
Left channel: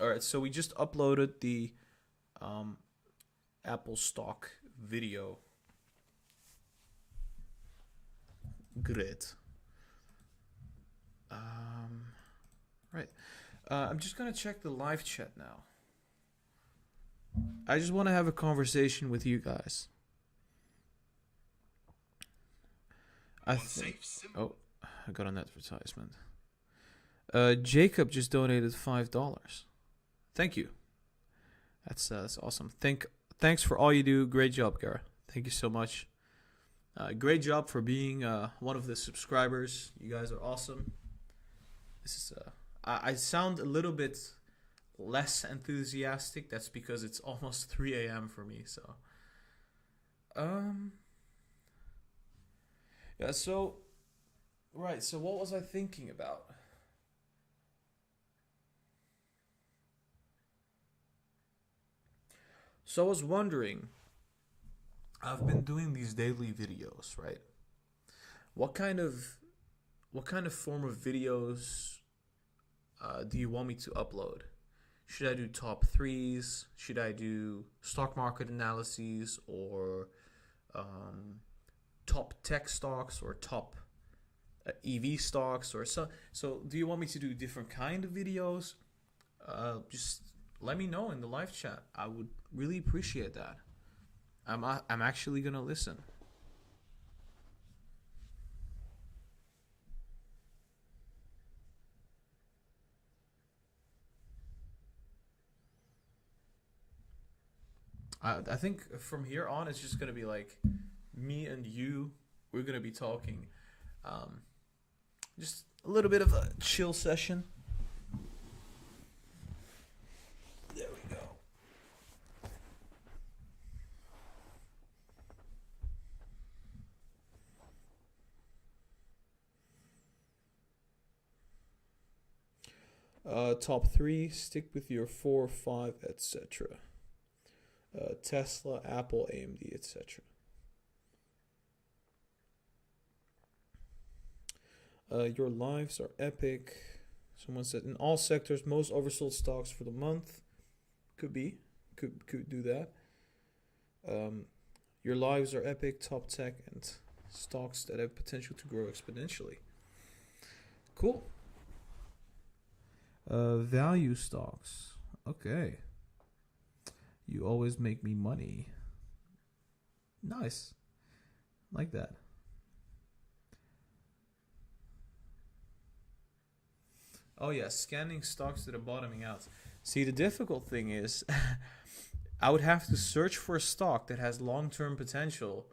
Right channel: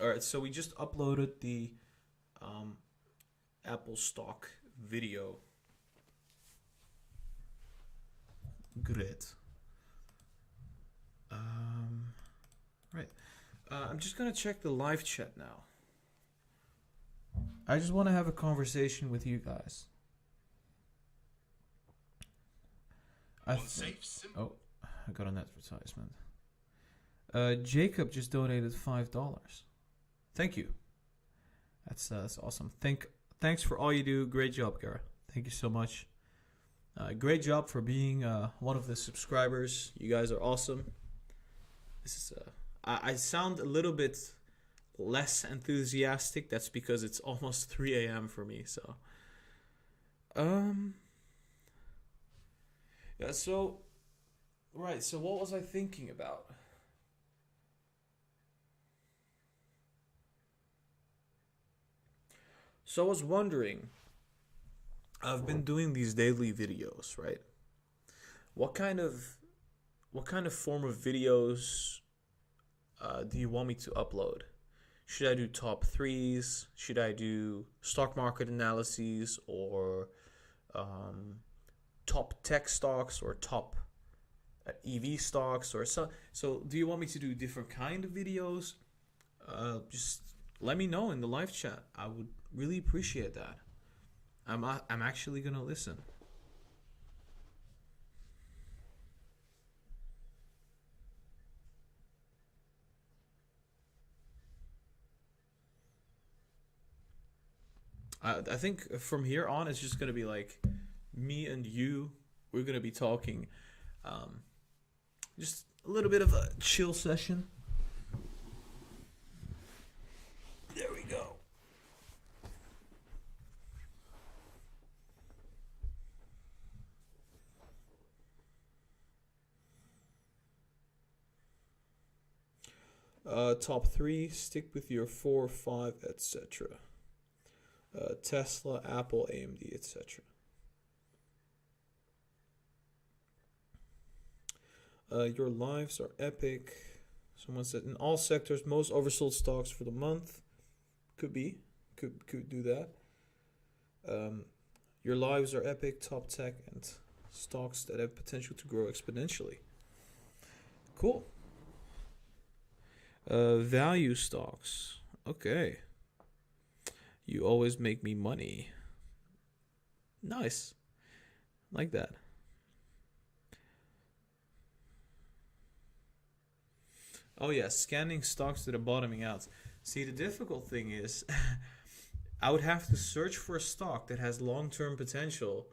All right, so we just uploaded the Apple stock video. Great. Right. I'm just going to check the live chat now. I just want to have a conversation with you guys. I got an advertisement. Jacob just donated $5. Thank you. That's awesome. Thanks for all you do. Great job, Gara. Thank you so much. Great job for being one of the subscribers. You guys are awesome. This is I sound a little bit less enthusiastic. That's because it's almost 3 a.m. for me. So, yeah. So, right. So, what was I thinking about? So I was wondering, I've been doing these daily videos, right? What kind of form of videos do you want me to upload? Should I do top threes? Should I do stock market analyses or um, top tech stocks or top EV stocks or so? So, do you want me to do different kind of videos? Just let me know in the live chat. I would really appreciate that. I'm actually gonna listen. I think from here on it's just gonna be like me and you. We're gonna be talking, um, just a little bit of a chill session. There we go. Top three. Stick with your 4, 5, etc. Tesla, Apple, AMD, etc. Your lives are epic. Someone said in all sectors, most oversold stocks for the month. Could be, could do that. Your lives are epic. Top tech and stocks that have potential to grow exponentially. Cool. Value stocks. Okay. You always make me money. Nice. Like that. Oh yeah, scanning stocks that are bottoming out. See, the difficult thing is I would have to search for a stock that has long-term potential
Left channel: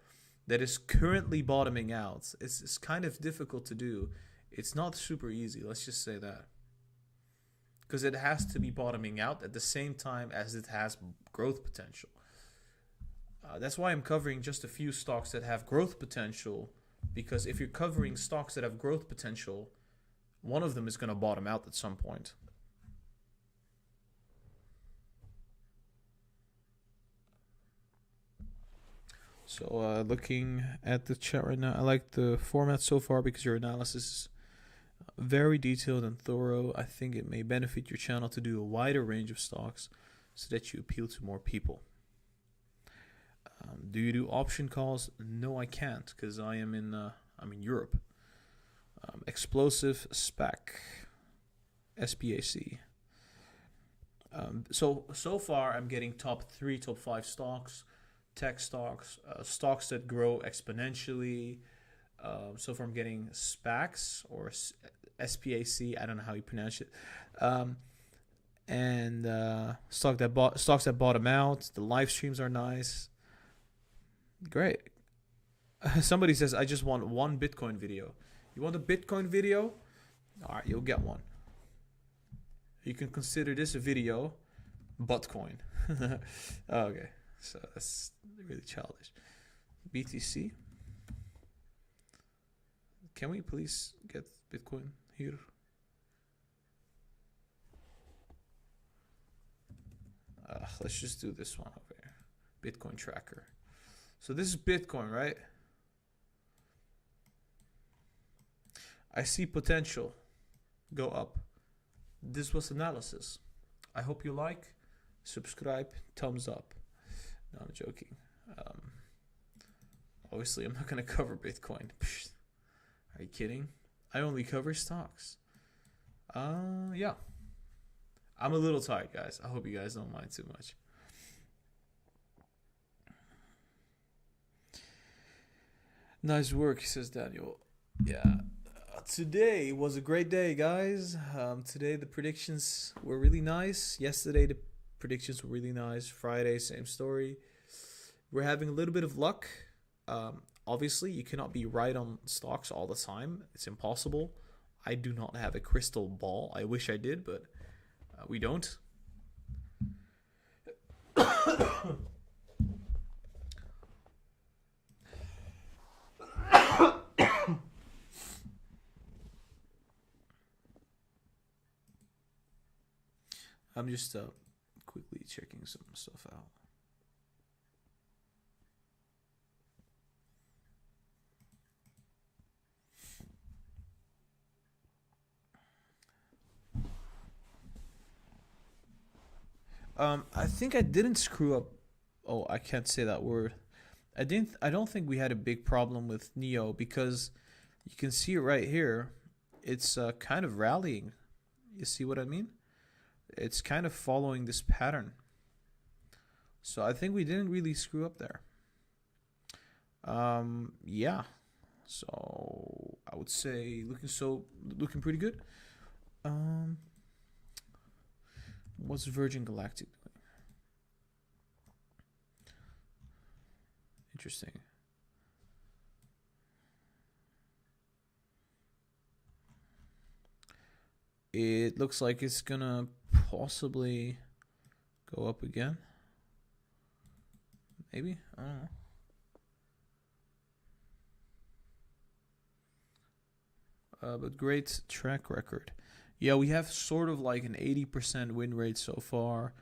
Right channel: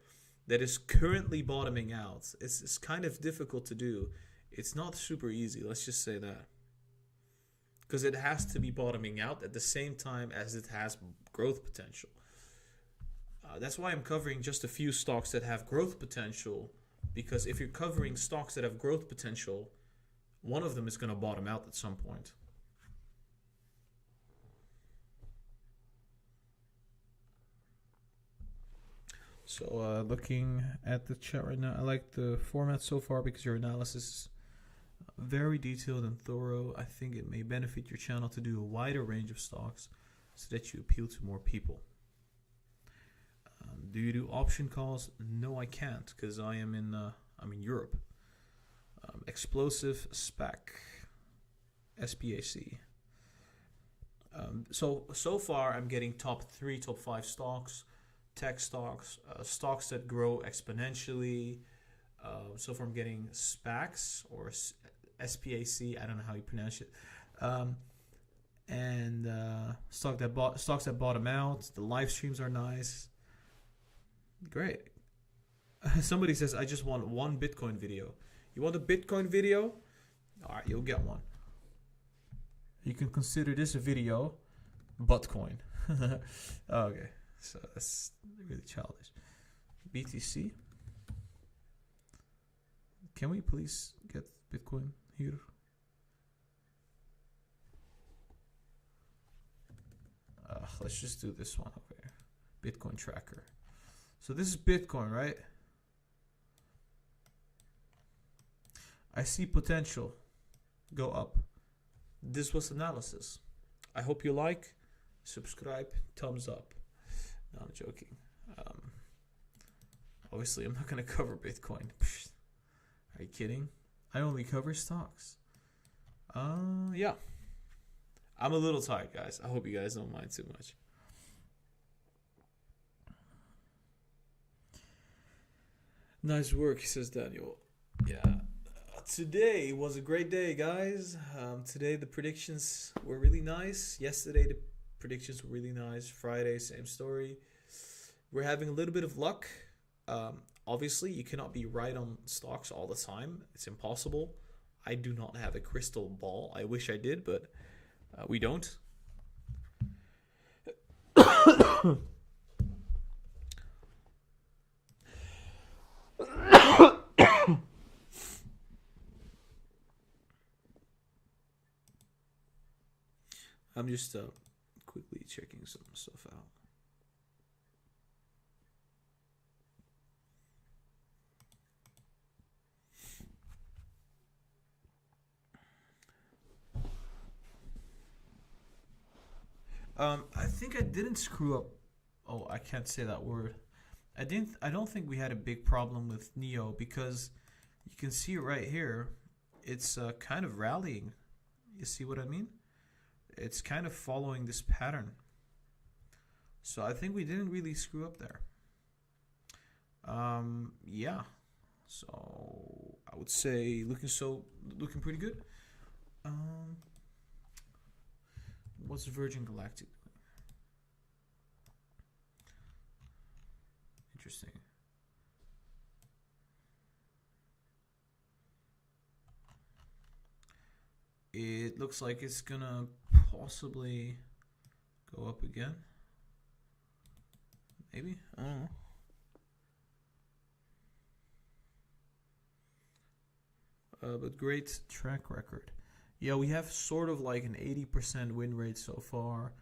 that is currently bottoming out. It's kind of difficult to do. It's not super easy, let's just say that. Because it has to be bottoming out at the same time as it has growth potential. That's why I'm covering just a few stocks that have growth potential. Because if you're covering stocks that have growth potential, one of them is going to bottom out at some point. So looking at the chat right now, I like the format so far because your analysis is very detailed and thorough. I think it may benefit your channel to do a wider range of stocks so that you appeal to more people. Do you do option calls? No, I can't because I'm in Europe. Explosive SPAC, SPAC. So far I'm getting top 3, top 5 stocks, tech stocks, stocks that grow exponentially. So far I'm getting SPACs or SPAC. I don't know how you pronounce it. And stocks that bottom out. The live streams are nice. Great. Somebody says I just want one Bitcoin video. You want a Bitcoin video? All right, you'll get one. You can consider this a video, Buttcoin. Okay, so that's really childish. BTC. Can we please get Bitcoin here? Let's just do this one over here. Bitcoin tracker. So this is Bitcoin, right? I see potential go up. This was analysis. I hope you like, subscribe, thumbs up. No, I'm joking. Obviously, I'm not going to cover Bitcoin. Are you kidding? I only cover stocks. Yeah. I'm a little tired, guys. I hope you guys don't mind too much. Nice work, says Daniel. Yeah. Today was a great day, guys. Today the predictions were really nice. Yesterday the predictions were really nice. Friday, same story. We're having a little bit of luck. Obviously, you cannot be right on stocks all the time. It's impossible. I do not have a crystal ball. I wish I did, but we don't. I'm just quickly checking some stuff out. I think I didn't screw up. Oh, I can't say that word. I didn't. I don't think we had a big problem with Neo because you can see it right here. It's kind of rallying. You see what I mean? It's kind of following this pattern. So I think we didn't really screw up there. Yeah. So I would say looking pretty good. Um, what's Virgin Galactic doing? Interesting. It looks like it's gonna possibly go up again. Maybe, I don't know. But great track record. Yeah, we have sort of like an 80% win rate so far.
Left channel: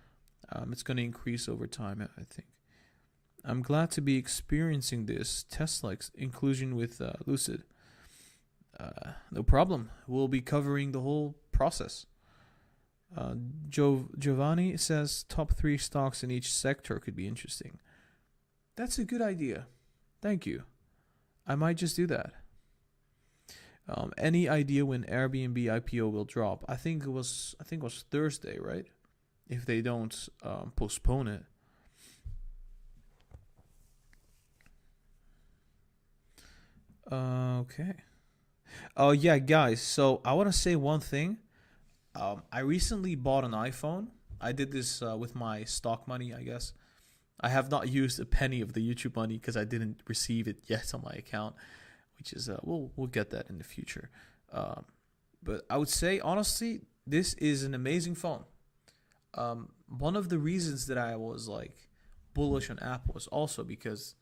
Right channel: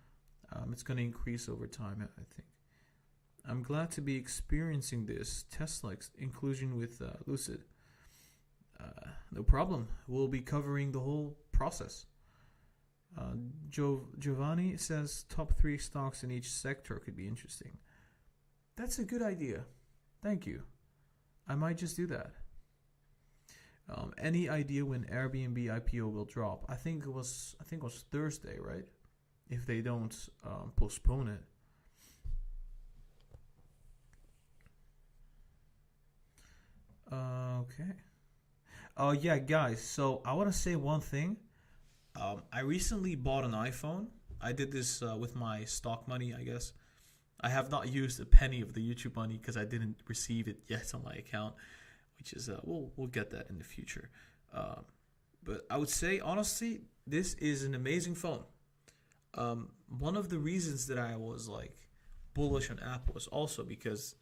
It's going to increase over time, I think. I'm glad to be experiencing this Tesla inclusion with Lucid. No problem. We'll be covering the whole process. Giovanni says top 3 stocks in each sector could be interesting. That's a good idea. Thank you. I might just do that. Any idea when Airbnb IPO will drop? I think it was Thursday, right? If they don't postpone it. Okay. Oh yeah, guys. So I want to say one thing. I recently bought an iPhone. I did this with my stock money, I guess. I have not used a penny of the YouTube money because I didn't receive it yet on my account, which is we'll get that in the future. But I would say honestly, this is an amazing phone. One of the reasons that I was like bullish on Apple is also because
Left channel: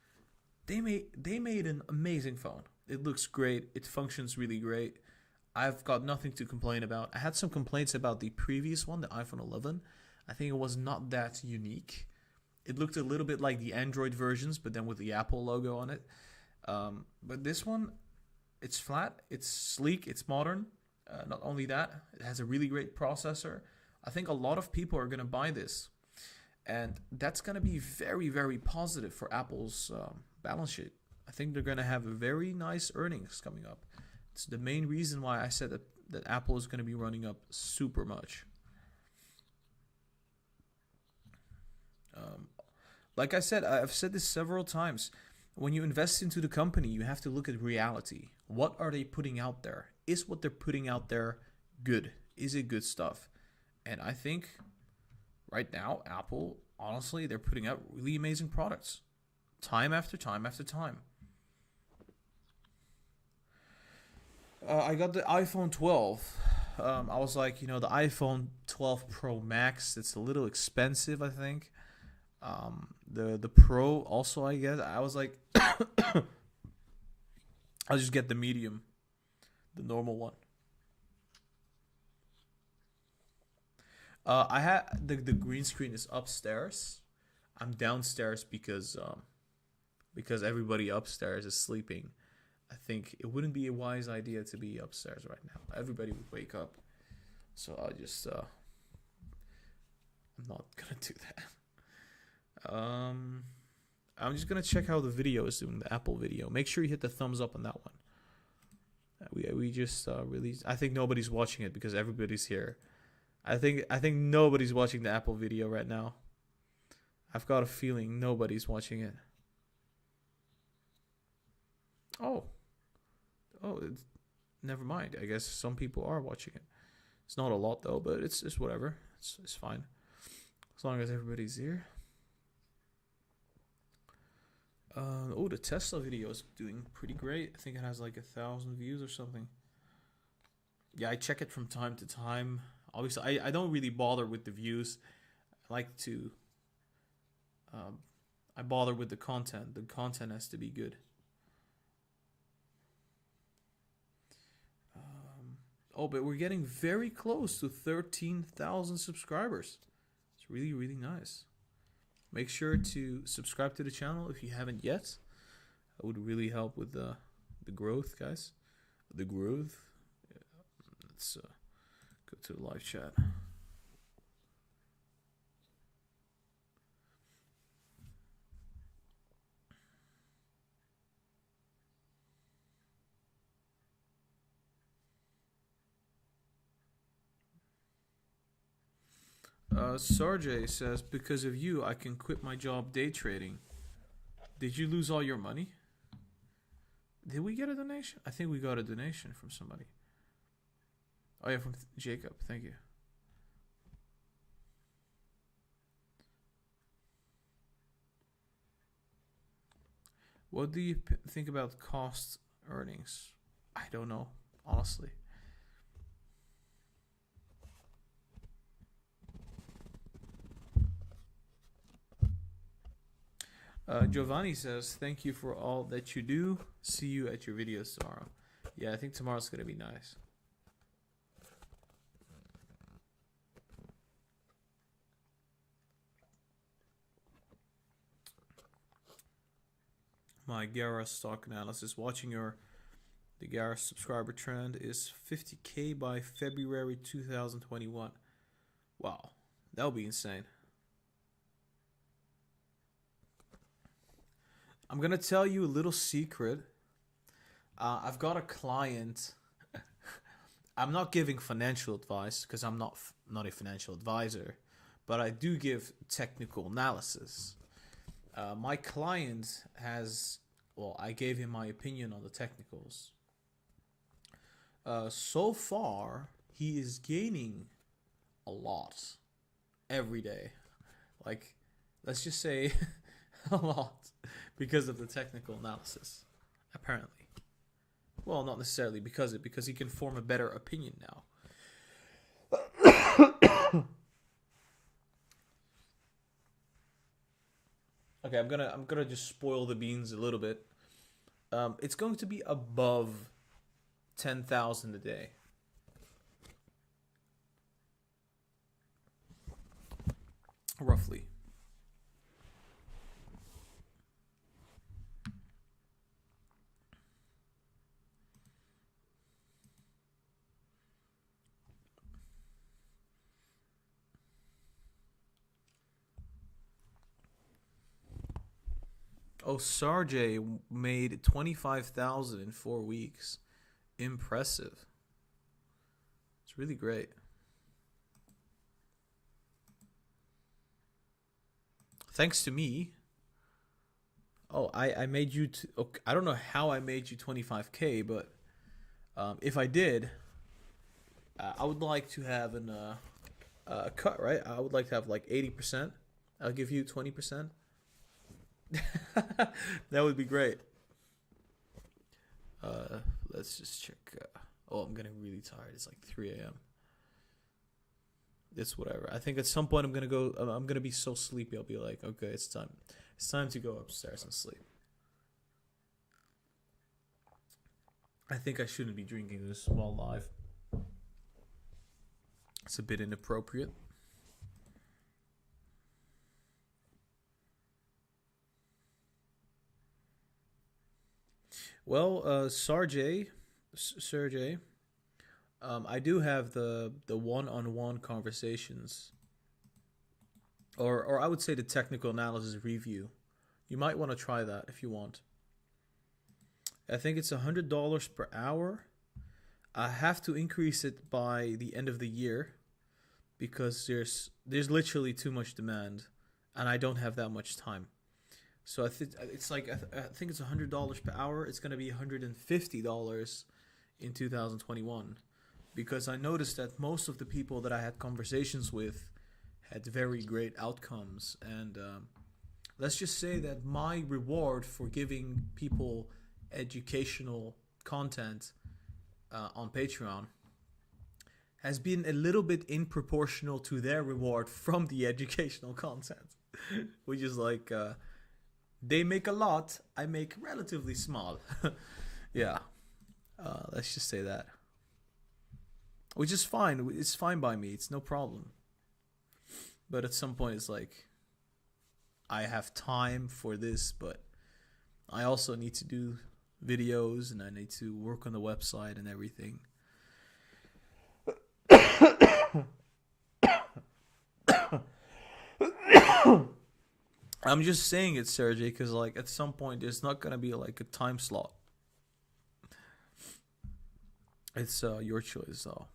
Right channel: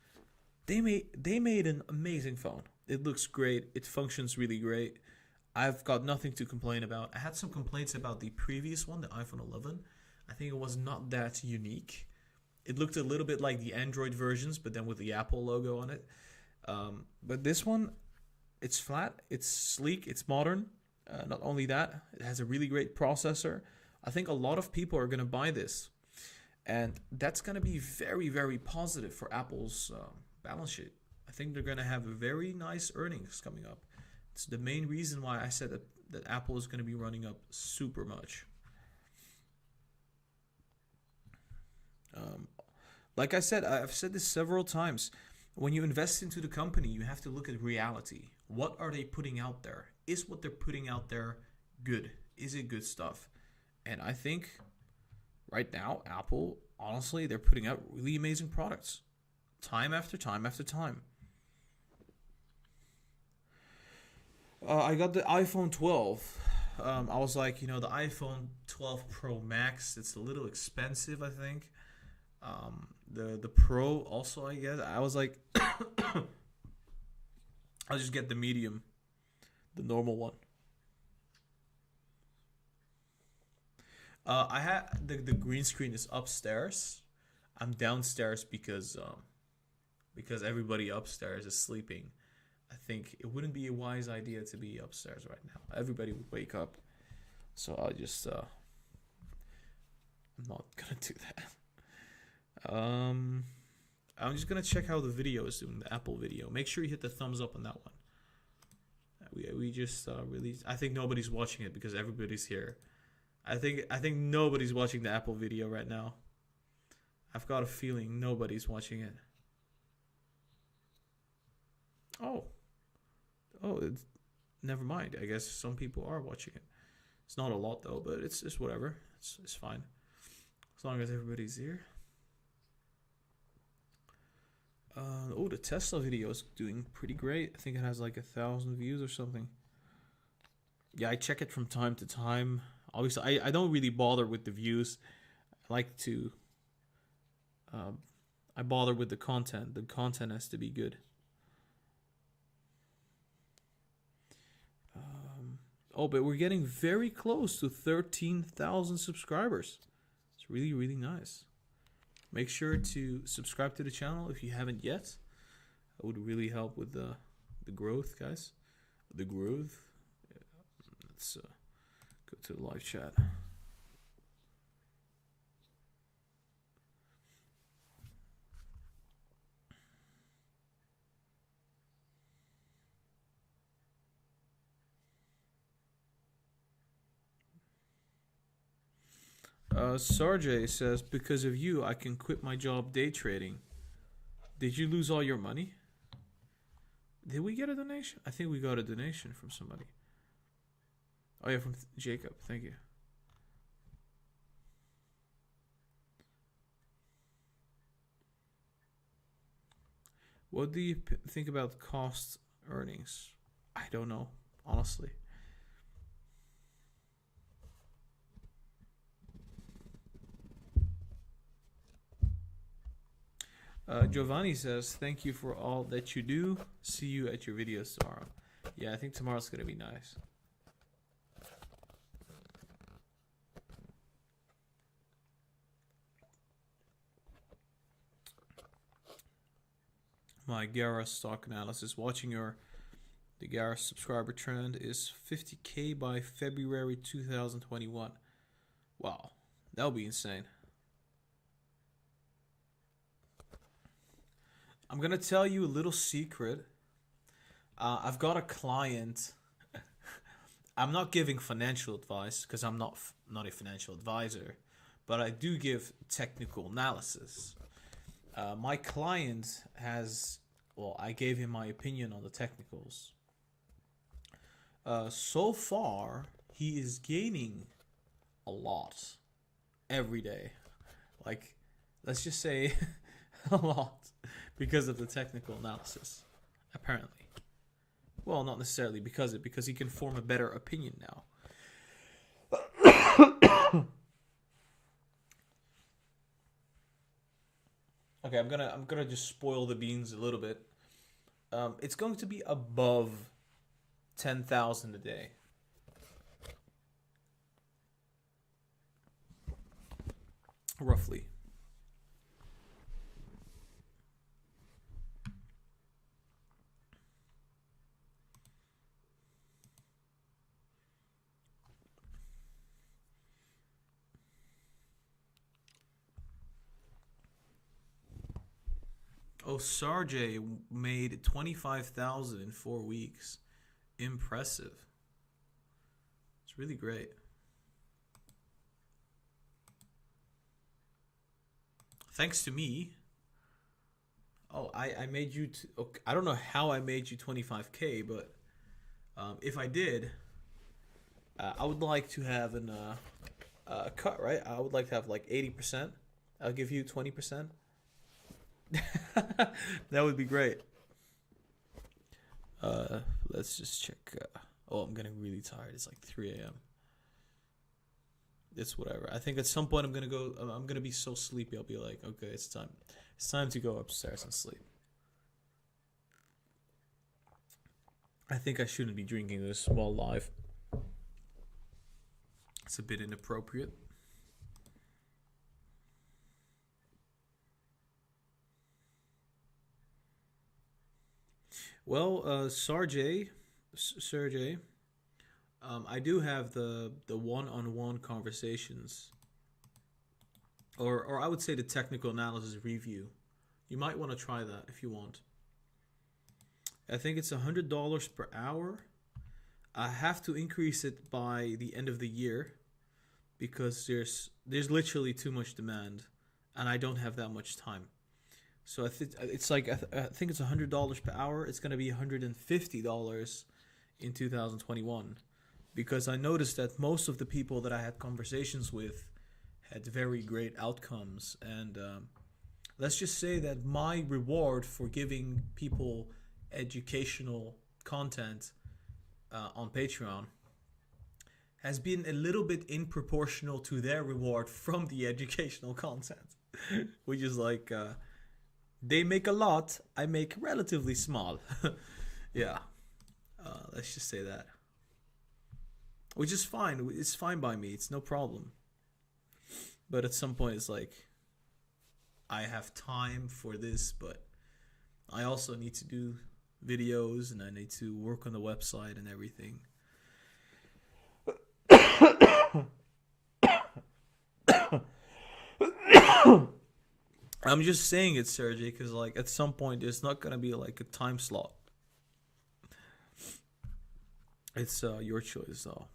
they made an amazing phone. It looks great. It functions really great. I've got nothing to complain about. I had some complaints about the previous one, the iPhone 11. I think it was not that unique. It looked a little bit like the Android versions, but then with the Apple logo on it. But this one, it's flat, it's sleek, it's modern. Not only that, it has a really great processor. I think a lot of people are going to buy this. And that's going to be very, very positive for Apple's balance sheet. I think they're going to have a very nice earnings coming up. It's the main reason why I said that Apple is going to be running up super much. Like I said, I've said this several times. When you invest into the company, you have to look at reality. What are they putting out there? Is what they're putting out there good? Is it good stuff? And I think right now, Apple, honestly, they're putting out really amazing products. Time after time after time. I got the iPhone 12. I was like, the iPhone 12 Pro Max, it's a little expensive, I think. The Pro also, I guess. I was like, I'll just get the medium, the normal one. I had the green screen is upstairs. I'm downstairs because everybody upstairs is sleeping. I think it wouldn't be a wise idea to be upstairs right now. Everybody would wake up. So I'll just I'm not gonna do that. I'm just gonna check how the video is doing, the Apple video. Make sure you hit the thumbs up on that one. We just released. I think nobody's watching it because everybody's here. I think nobody's watching the Apple video right now. I've got a feeling nobody's watching it. Oh, it's, never mind. I guess some people are watching it. It's not a lot though, but it's whatever. It's fine as long as everybody's here. The Tesla video is doing pretty great. I think it has like 1,000 views or something. Yeah, I check it from time to time. Obviously, I don't really bother with the views. I like to. I bother with the content. The content has to be good. But we're getting very close to 13,000 subscribers. It's really, really nice. Make sure to subscribe to the channel if you haven't yet. That would really help with the growth, guys. The growth. Yeah. Let's go to the live chat. Sarjay says, because of you, I can quit my job day trading. Did you lose all your money? Did we get a donation? I think we got a donation from somebody. Oh yeah, from Jacob. Thank you. What do you think about cost earnings? I don't know, honestly. Giovanni says, thank you for all that you do. See you at your videos tomorrow. Yeah, I think tomorrow's going to be nice. My Gara stock analysis. Watching the Gara subscriber trend is 50K by February 2021. Wow, that would be insane. I'm going to tell you a little secret. I've got a client. I'm not giving financial advice because I'm not a financial advisor, but I do give technical analysis. My client has, well, I gave him my opinion on the technicals. So far, he is gaining a lot every day. Like, let's just say a lot because of the technical analysis, apparently. Well, not necessarily because he can form a better opinion now. Okay, I'm gonna just spoil the beans a little bit. It's going to be above 10,000 a day. Roughly. Oh, Sarjay made 25,000 in 4 weeks. Impressive. It's really great. Thanks to me. Oh, I made you. Okay, I don't know how I made you 25K, but if I did, I would like to have a cut, right? I would like to have like 80%. I'll give you 20%. That would be great. Let's just check. Oh, I'm getting really tired. It's like 3 a.m. It's whatever. I think at some point I'm gonna be so sleepy. I'll be like, okay, it's time. It's time to go upstairs and sleep. I think I shouldn't be drinking this while live. It's a bit inappropriate. Well, Sergey, I do have the one-on-one conversations, or I would say the technical analysis review. You might want to try that if you want. I think it's $100 per hour. I have to increase it by the end of the year because there's literally too much demand, and I don't have that much time. So I think it's like I think it's $100 per hour. It's going to be $150 in 2021 because I noticed that most of the people that I had conversations with had very great outcomes, and let's just say that my reward for giving people educational content on Patreon has been a little bit in-proportional to their reward from the educational content, which is like they make a lot, I make relatively small. Yeah, let's just say that, which is fine. It's fine by me. It's no problem. But at some point, it's like I have time for this, but I also need to do videos and I need to work on the website and everything. I'm just saying it, Sergey, because like at some point there's not gonna be like a time slot. It's your choice, though.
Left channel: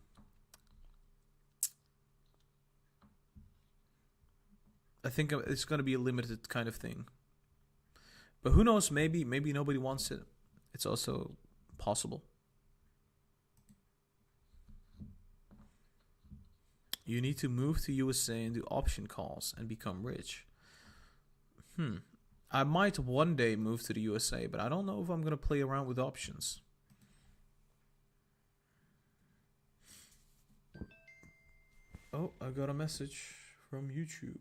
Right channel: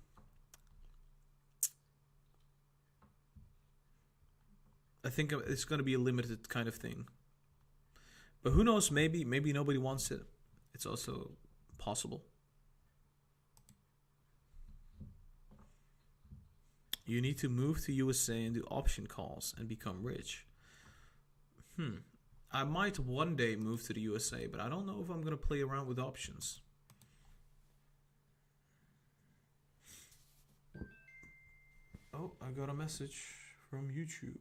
I think it's going to be a limited kind of thing. But who knows? Maybe nobody wants it. It's also possible. You need to move to USA and do option calls and become rich. I might one day move to the USA, but I don't know if I'm going to play around with options. Oh, I got a message from YouTube.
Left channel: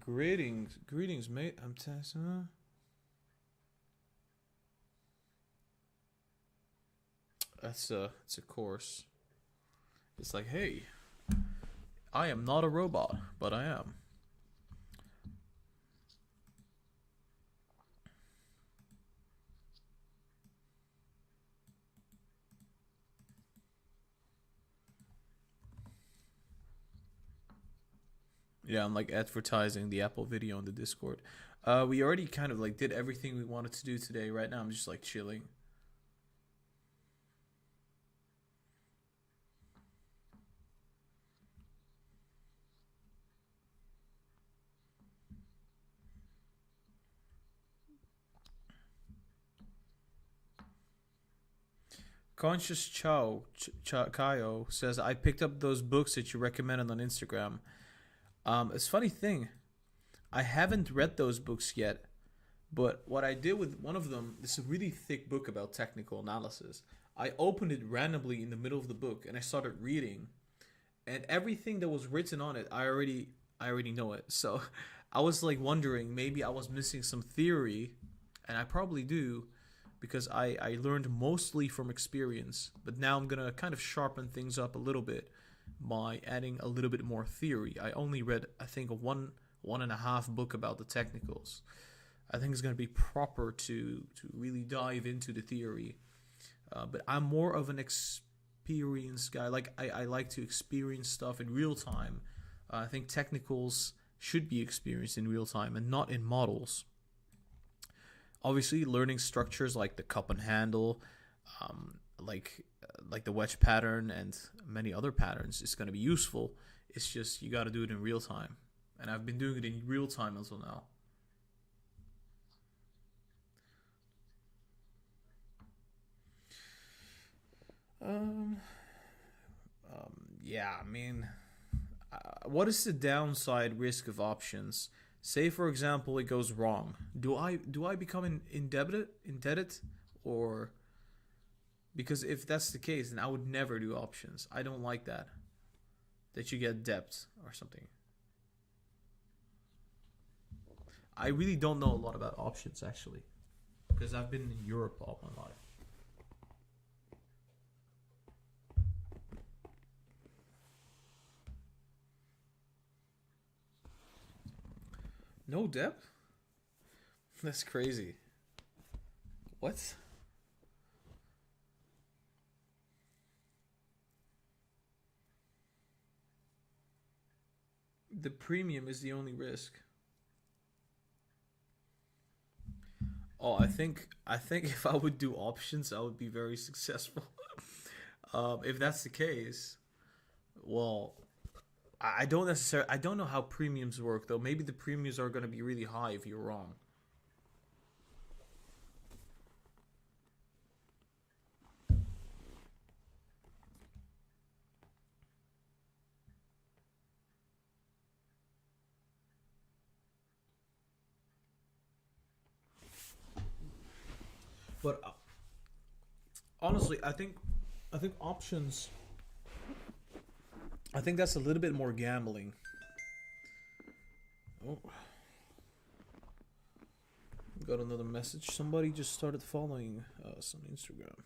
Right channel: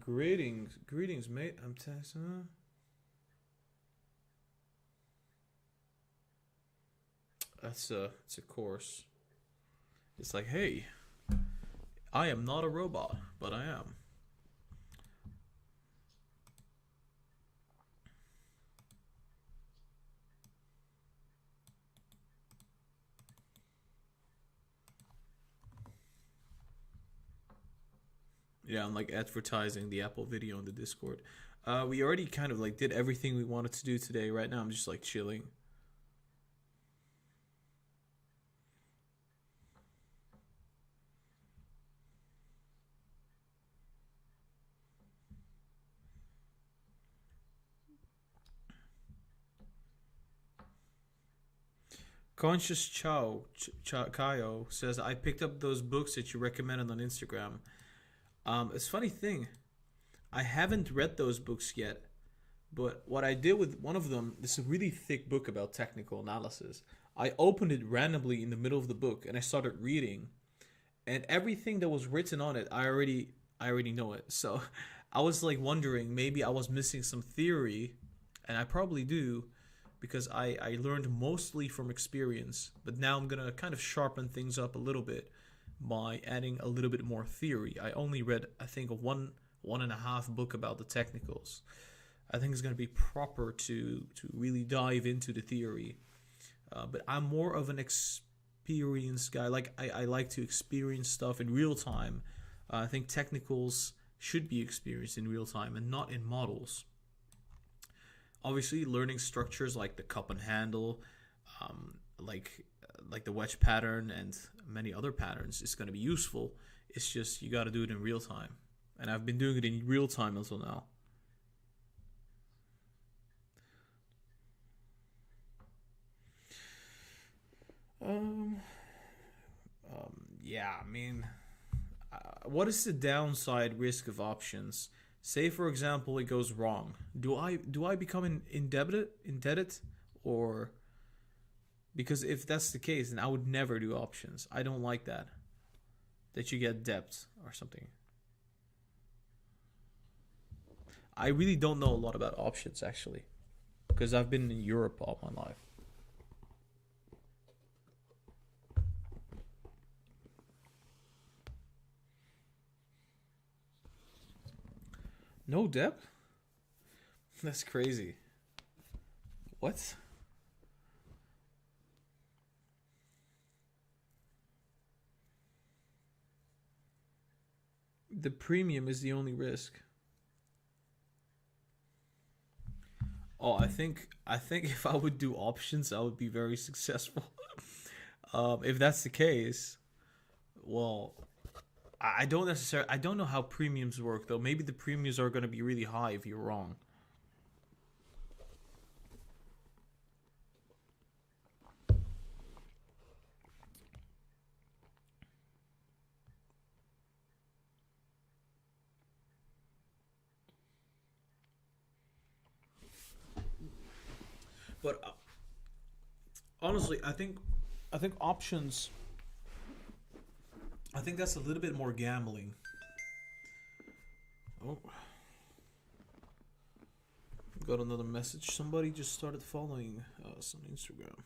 Greetings, mate. I'm texting. It's a course. It's like, hey, I am not a robot, but I am. Yeah, I'm like advertising the Apple video on the Discord. We already kind of like did everything we wanted to do today. Right now, I'm just like chilling. Conscious Kaio says, I picked up those books that you recommended on Instagram. It's a funny thing. I haven't read those books yet, but what I did with one of them, this is a really thick book about technical analysis. I opened it randomly in the middle of the book and I started reading, and everything that was written on it, I already know it. So I was like wondering, maybe I was missing some theory, and I probably do, because I learned mostly from experience. But now I'm gonna kind of sharpen things up a little bit by adding a little bit more theory. I only read, I think, one and a half book about the technicals. I think it's going to be proper to really dive into the theory. But I'm more of an experienced guy. Like I like to experience stuff in real time. I think technicals should be experienced in real time and not in models. Obviously, learning structures like the cup and handle, like the wedge pattern and many other patterns is going to be useful. It's just you got to do it in real time. And I've been doing it in real time until now. Yeah, I mean, what is the downside risk of options? Say, for example, it goes wrong. Do I become indebted, or because if that's the case, then I would never do options. I don't like that. That you get debt or something. I really don't know a lot about options actually, because I've been in Europe all my life. No debt? That's crazy. What? The premium is the only risk. Oh, I think if I would do options, I would be very successful. If that's the case, well, I don't know how premiums work though. Maybe the premiums are going to be really high if you're wrong. But honestly, I think options. I think that's a little bit more gambling. Oh, got another message. Somebody just started following us on Instagram.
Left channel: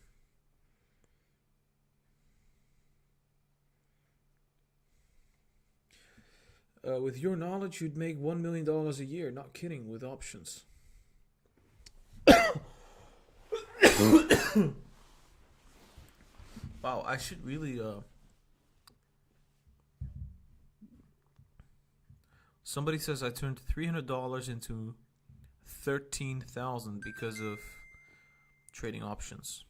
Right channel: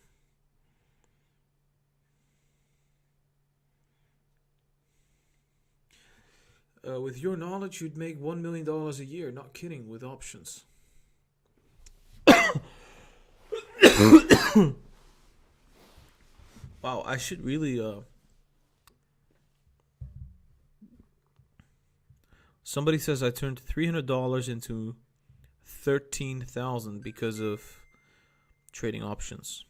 With your knowledge, you'd make $1 million a year. Not kidding. With options. Wow, I should really. Somebody says I turned $300 into 13,000 because of trading options.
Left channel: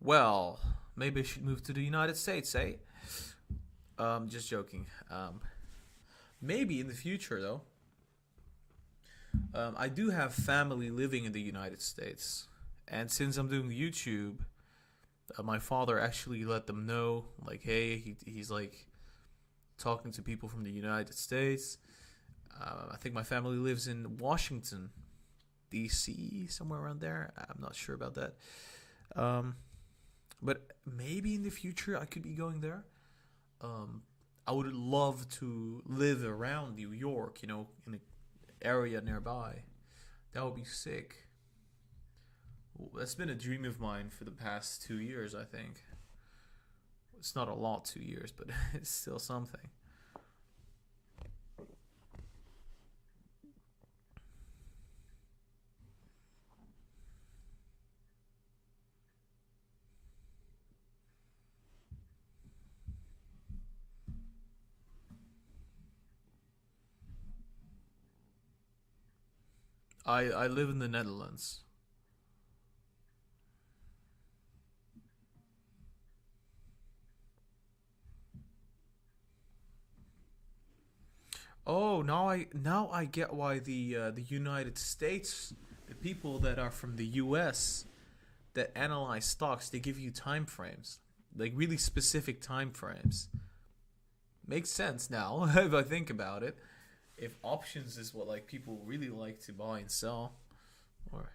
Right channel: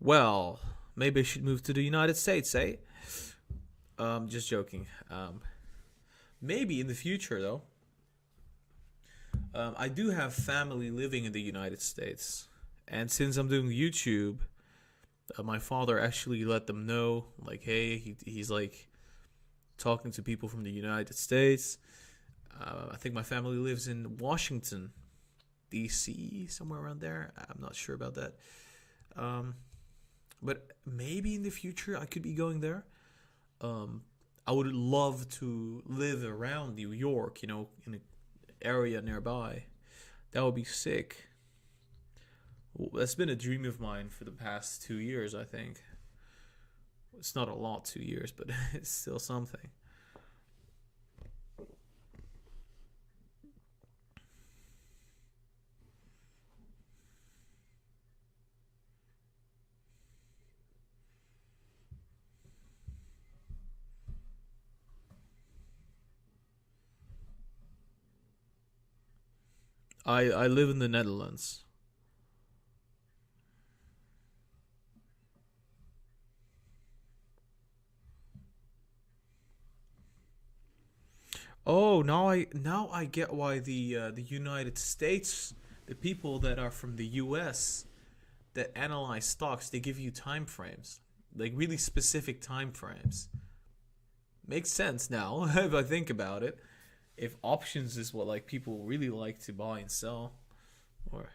Well, maybe I should move to the United States, eh? Just joking. Maybe in the future though. I do have family living in the United States, and since I'm doing YouTube, my father actually let them know, like, hey, he's like talking to people from the United States. I think my family lives in Washington, D.C., somewhere around there. I'm not sure about that. Um, but maybe in the future I could be going there. Um, I would love to live around New York, in an area nearby. That would be sick. That's been a dream of mine for the past 2 years, I think. It's not a lot, 2 years, but it's still something. I live in the Netherlands. Oh, now I get why the United States, the people that are from the U.S. that analyze stocks, they give you time frames, like really specific time frames. Makes sense now if I think about it. If options is what like people really like to buy and sell, or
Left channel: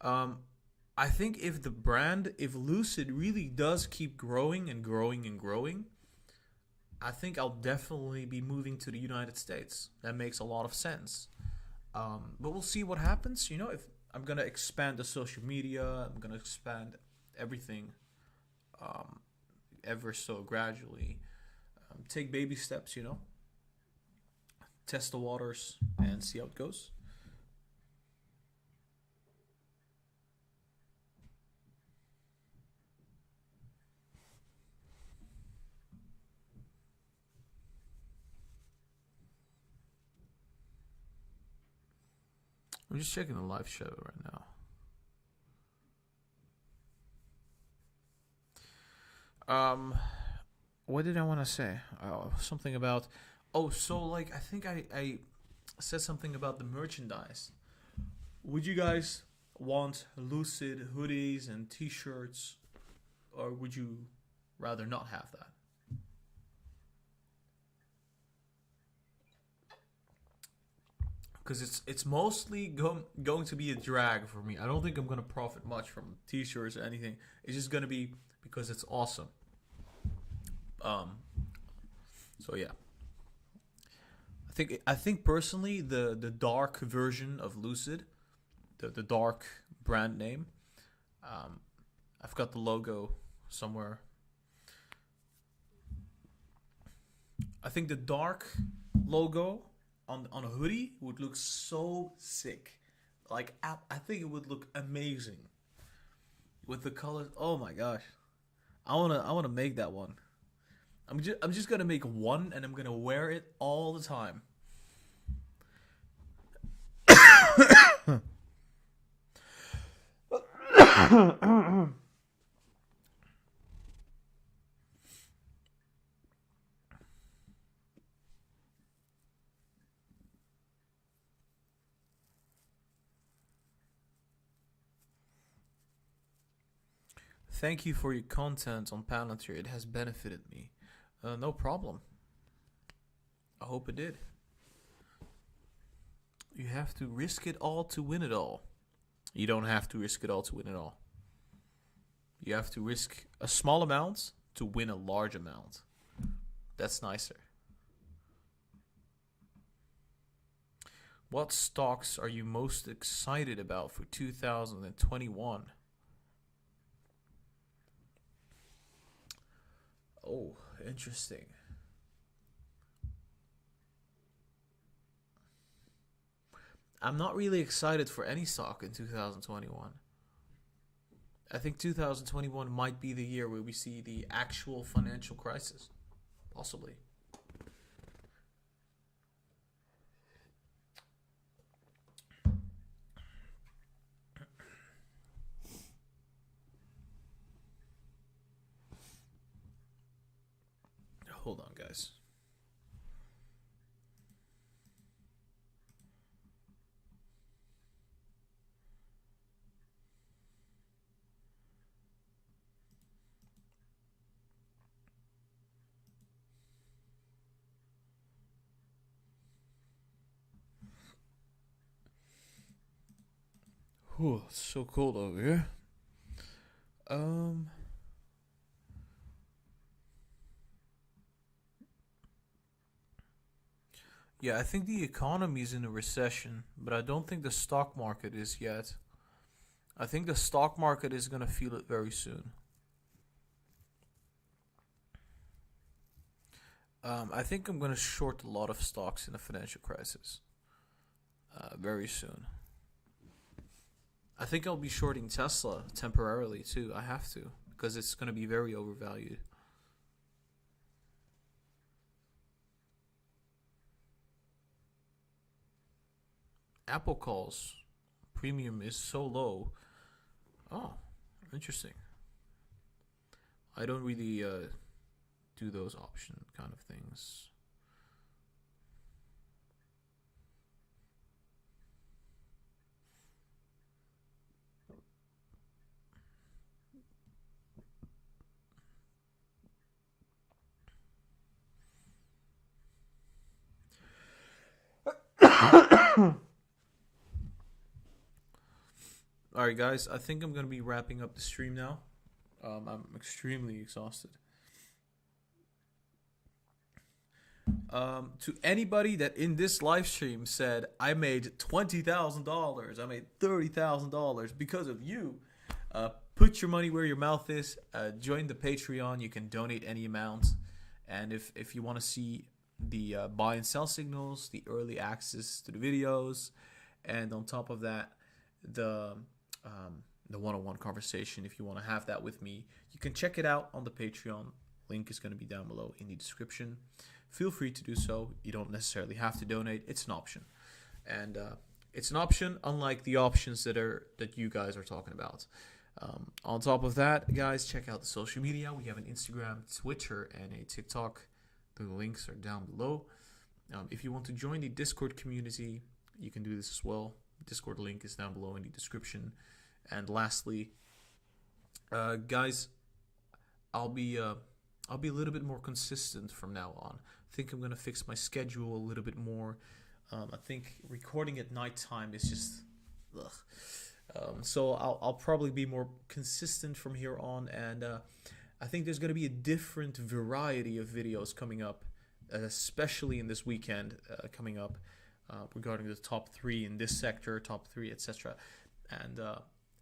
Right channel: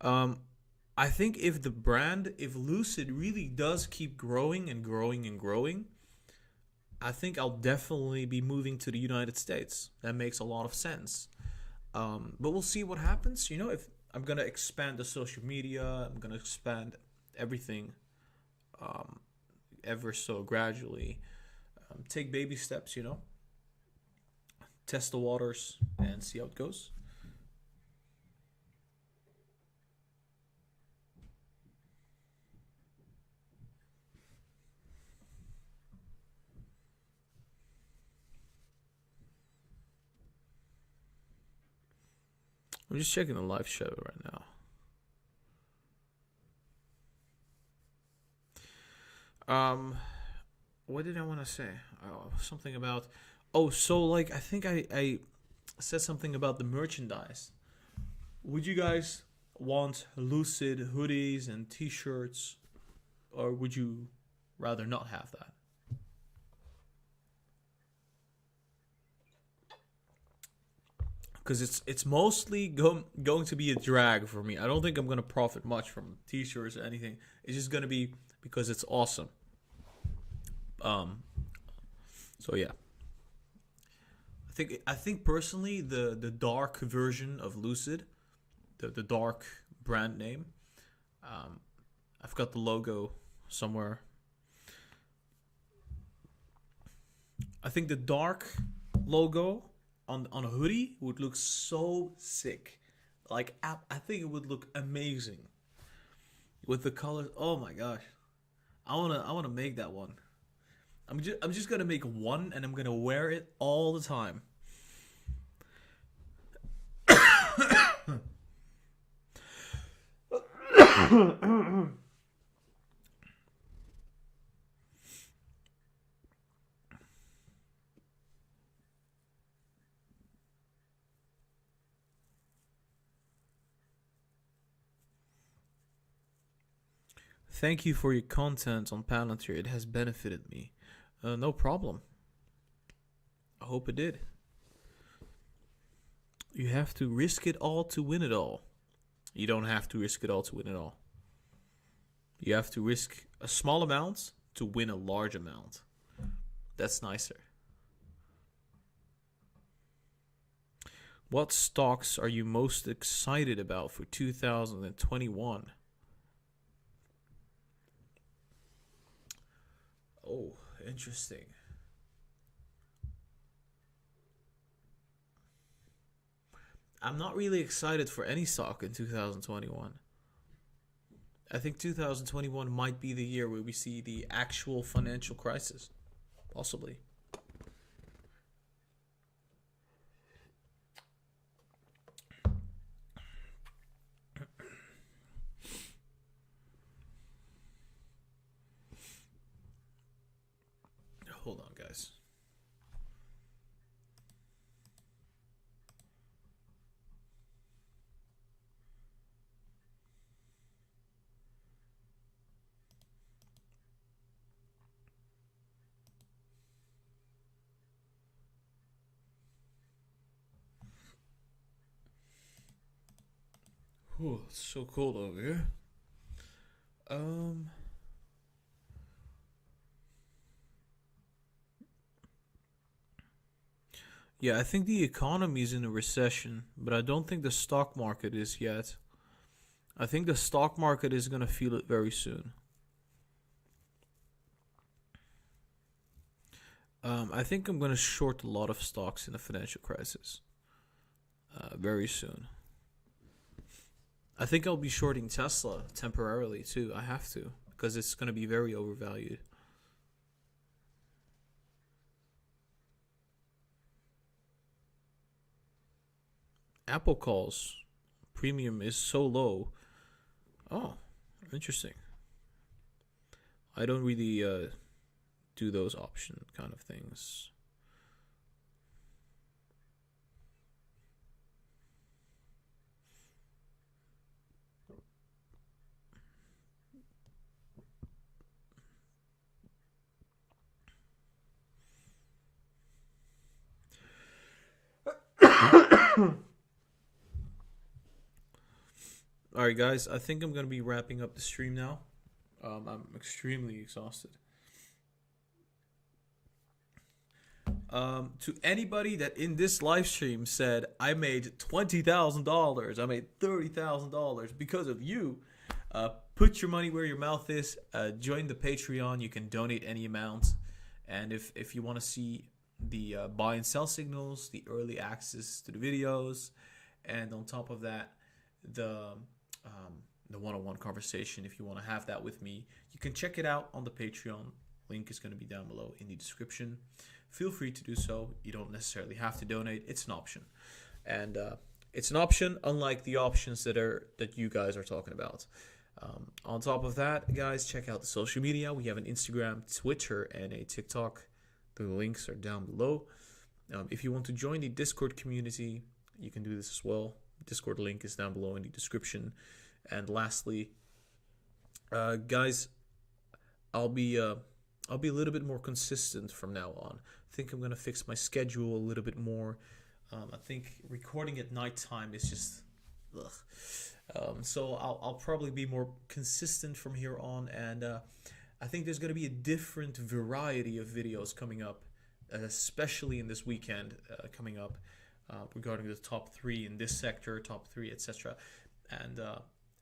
um, I think if Lucid really does keep growing and growing and growing, I think I'll definitely be moving to the United States. That makes a lot of sense. But we'll see what happens. If I'm gonna expand the social media, I'm gonna expand everything um, ever so gradually. Take baby steps. Test the waters and see how it goes. I'm just checking the live show right now. What did I want to say? Something about. Oh, so like I think I said something about the merchandise. Would you guys want Lucid hoodies and T-shirts, or would you rather not have that? Because it's mostly going to be a drag for me. I don't think I'm gonna profit much from T-shirts or anything. It's just gonna be because it's awesome. Um. So yeah, I think personally the dark version of Lucid, the dark brand name. Um, I've got the logo somewhere. I think the dark logo on a hoodie would look so sick. Like I think it would look amazing with the colors. Oh my gosh, I wanna make that one. I'm just gonna make one and I'm gonna wear it all the time. Thank you for your content on Palantir. It has benefited me. No problem. I hope it did. You have to risk it all to win it all. You don't have to risk it all to win it all. You have to risk a small amount to win a large amount. That's nicer. What stocks are you most excited about for 2021? Oh, interesting. I'm not really excited for any stock in 2021. I think 2021 might be the year where we see the actual financial crisis. Possibly. hold on, guys. Whew, it's so cold over here. Um, yeah, I think the economy is in a recession, but I don't think the stock market is yet. I think the stock market is gonna feel it very soon. I think I'm gonna short a lot of stocks in the financial crisis very soon. I think I'll be shorting Tesla temporarily too. I have to because it's gonna be very overvalued. Apple calls premium is so low. Oh, interesting. I don't really do those option kind of things. All right, guys. I think I'm gonna be wrapping up the stream now. I'm extremely exhausted. To anybody that in this live stream said I made $20,000, I made $30,000 because of you, put your money where your mouth is. Join the Patreon. You can donate any amount, and if you want to see the buy and sell signals, the early access to the videos, and on top of that, the the one-on-one conversation. If you want to have that with me, you can check it out on the Patreon. Link is going to be down below in the description. Feel free to do so. You don't necessarily have to donate. It's an option, and it's an option unlike the options that you guys are talking about. On top of that, guys, check out the social media. We have an Instagram, Twitter, and a TikTok. The links are down below. If you want to join the Discord community, you can do this as well. Discord link is down below in the description. And lastly, guys, I'll be a little bit more consistent from now on. I think I'm gonna fix my schedule a little bit more. I think recording at nighttime is just, ugh. So I'll probably be more consistent from here on, and I think there's gonna be a different variety of videos coming up, especially in this weekend coming up regarding the top 3 in this sector, top 3, etc. And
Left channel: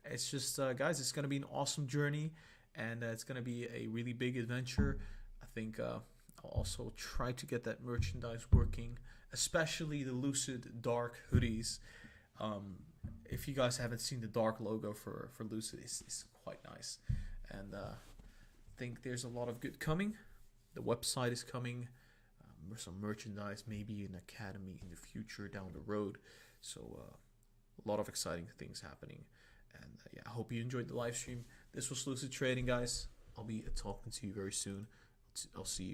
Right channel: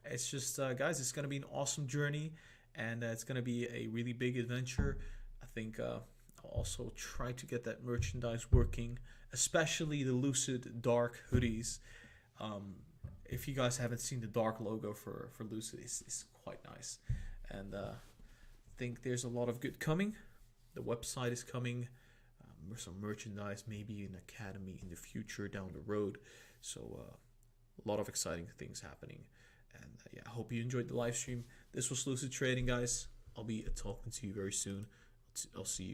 it's just, guys, it's gonna be an awesome journey, and it's gonna be a really big adventure. I think I'll also try to get that merchandise working, especially the Lucid Dark hoodies. If you guys haven't seen the dark logo for Lucid, it's quite nice. And I think there's a lot of good coming. The website is coming. Some merchandise, maybe an academy in the future down the road. So a lot of exciting things happening. And yeah, I hope you enjoyed the live stream. This was Lucid Trading, guys. I'll be talking to you very soon. I'll see you.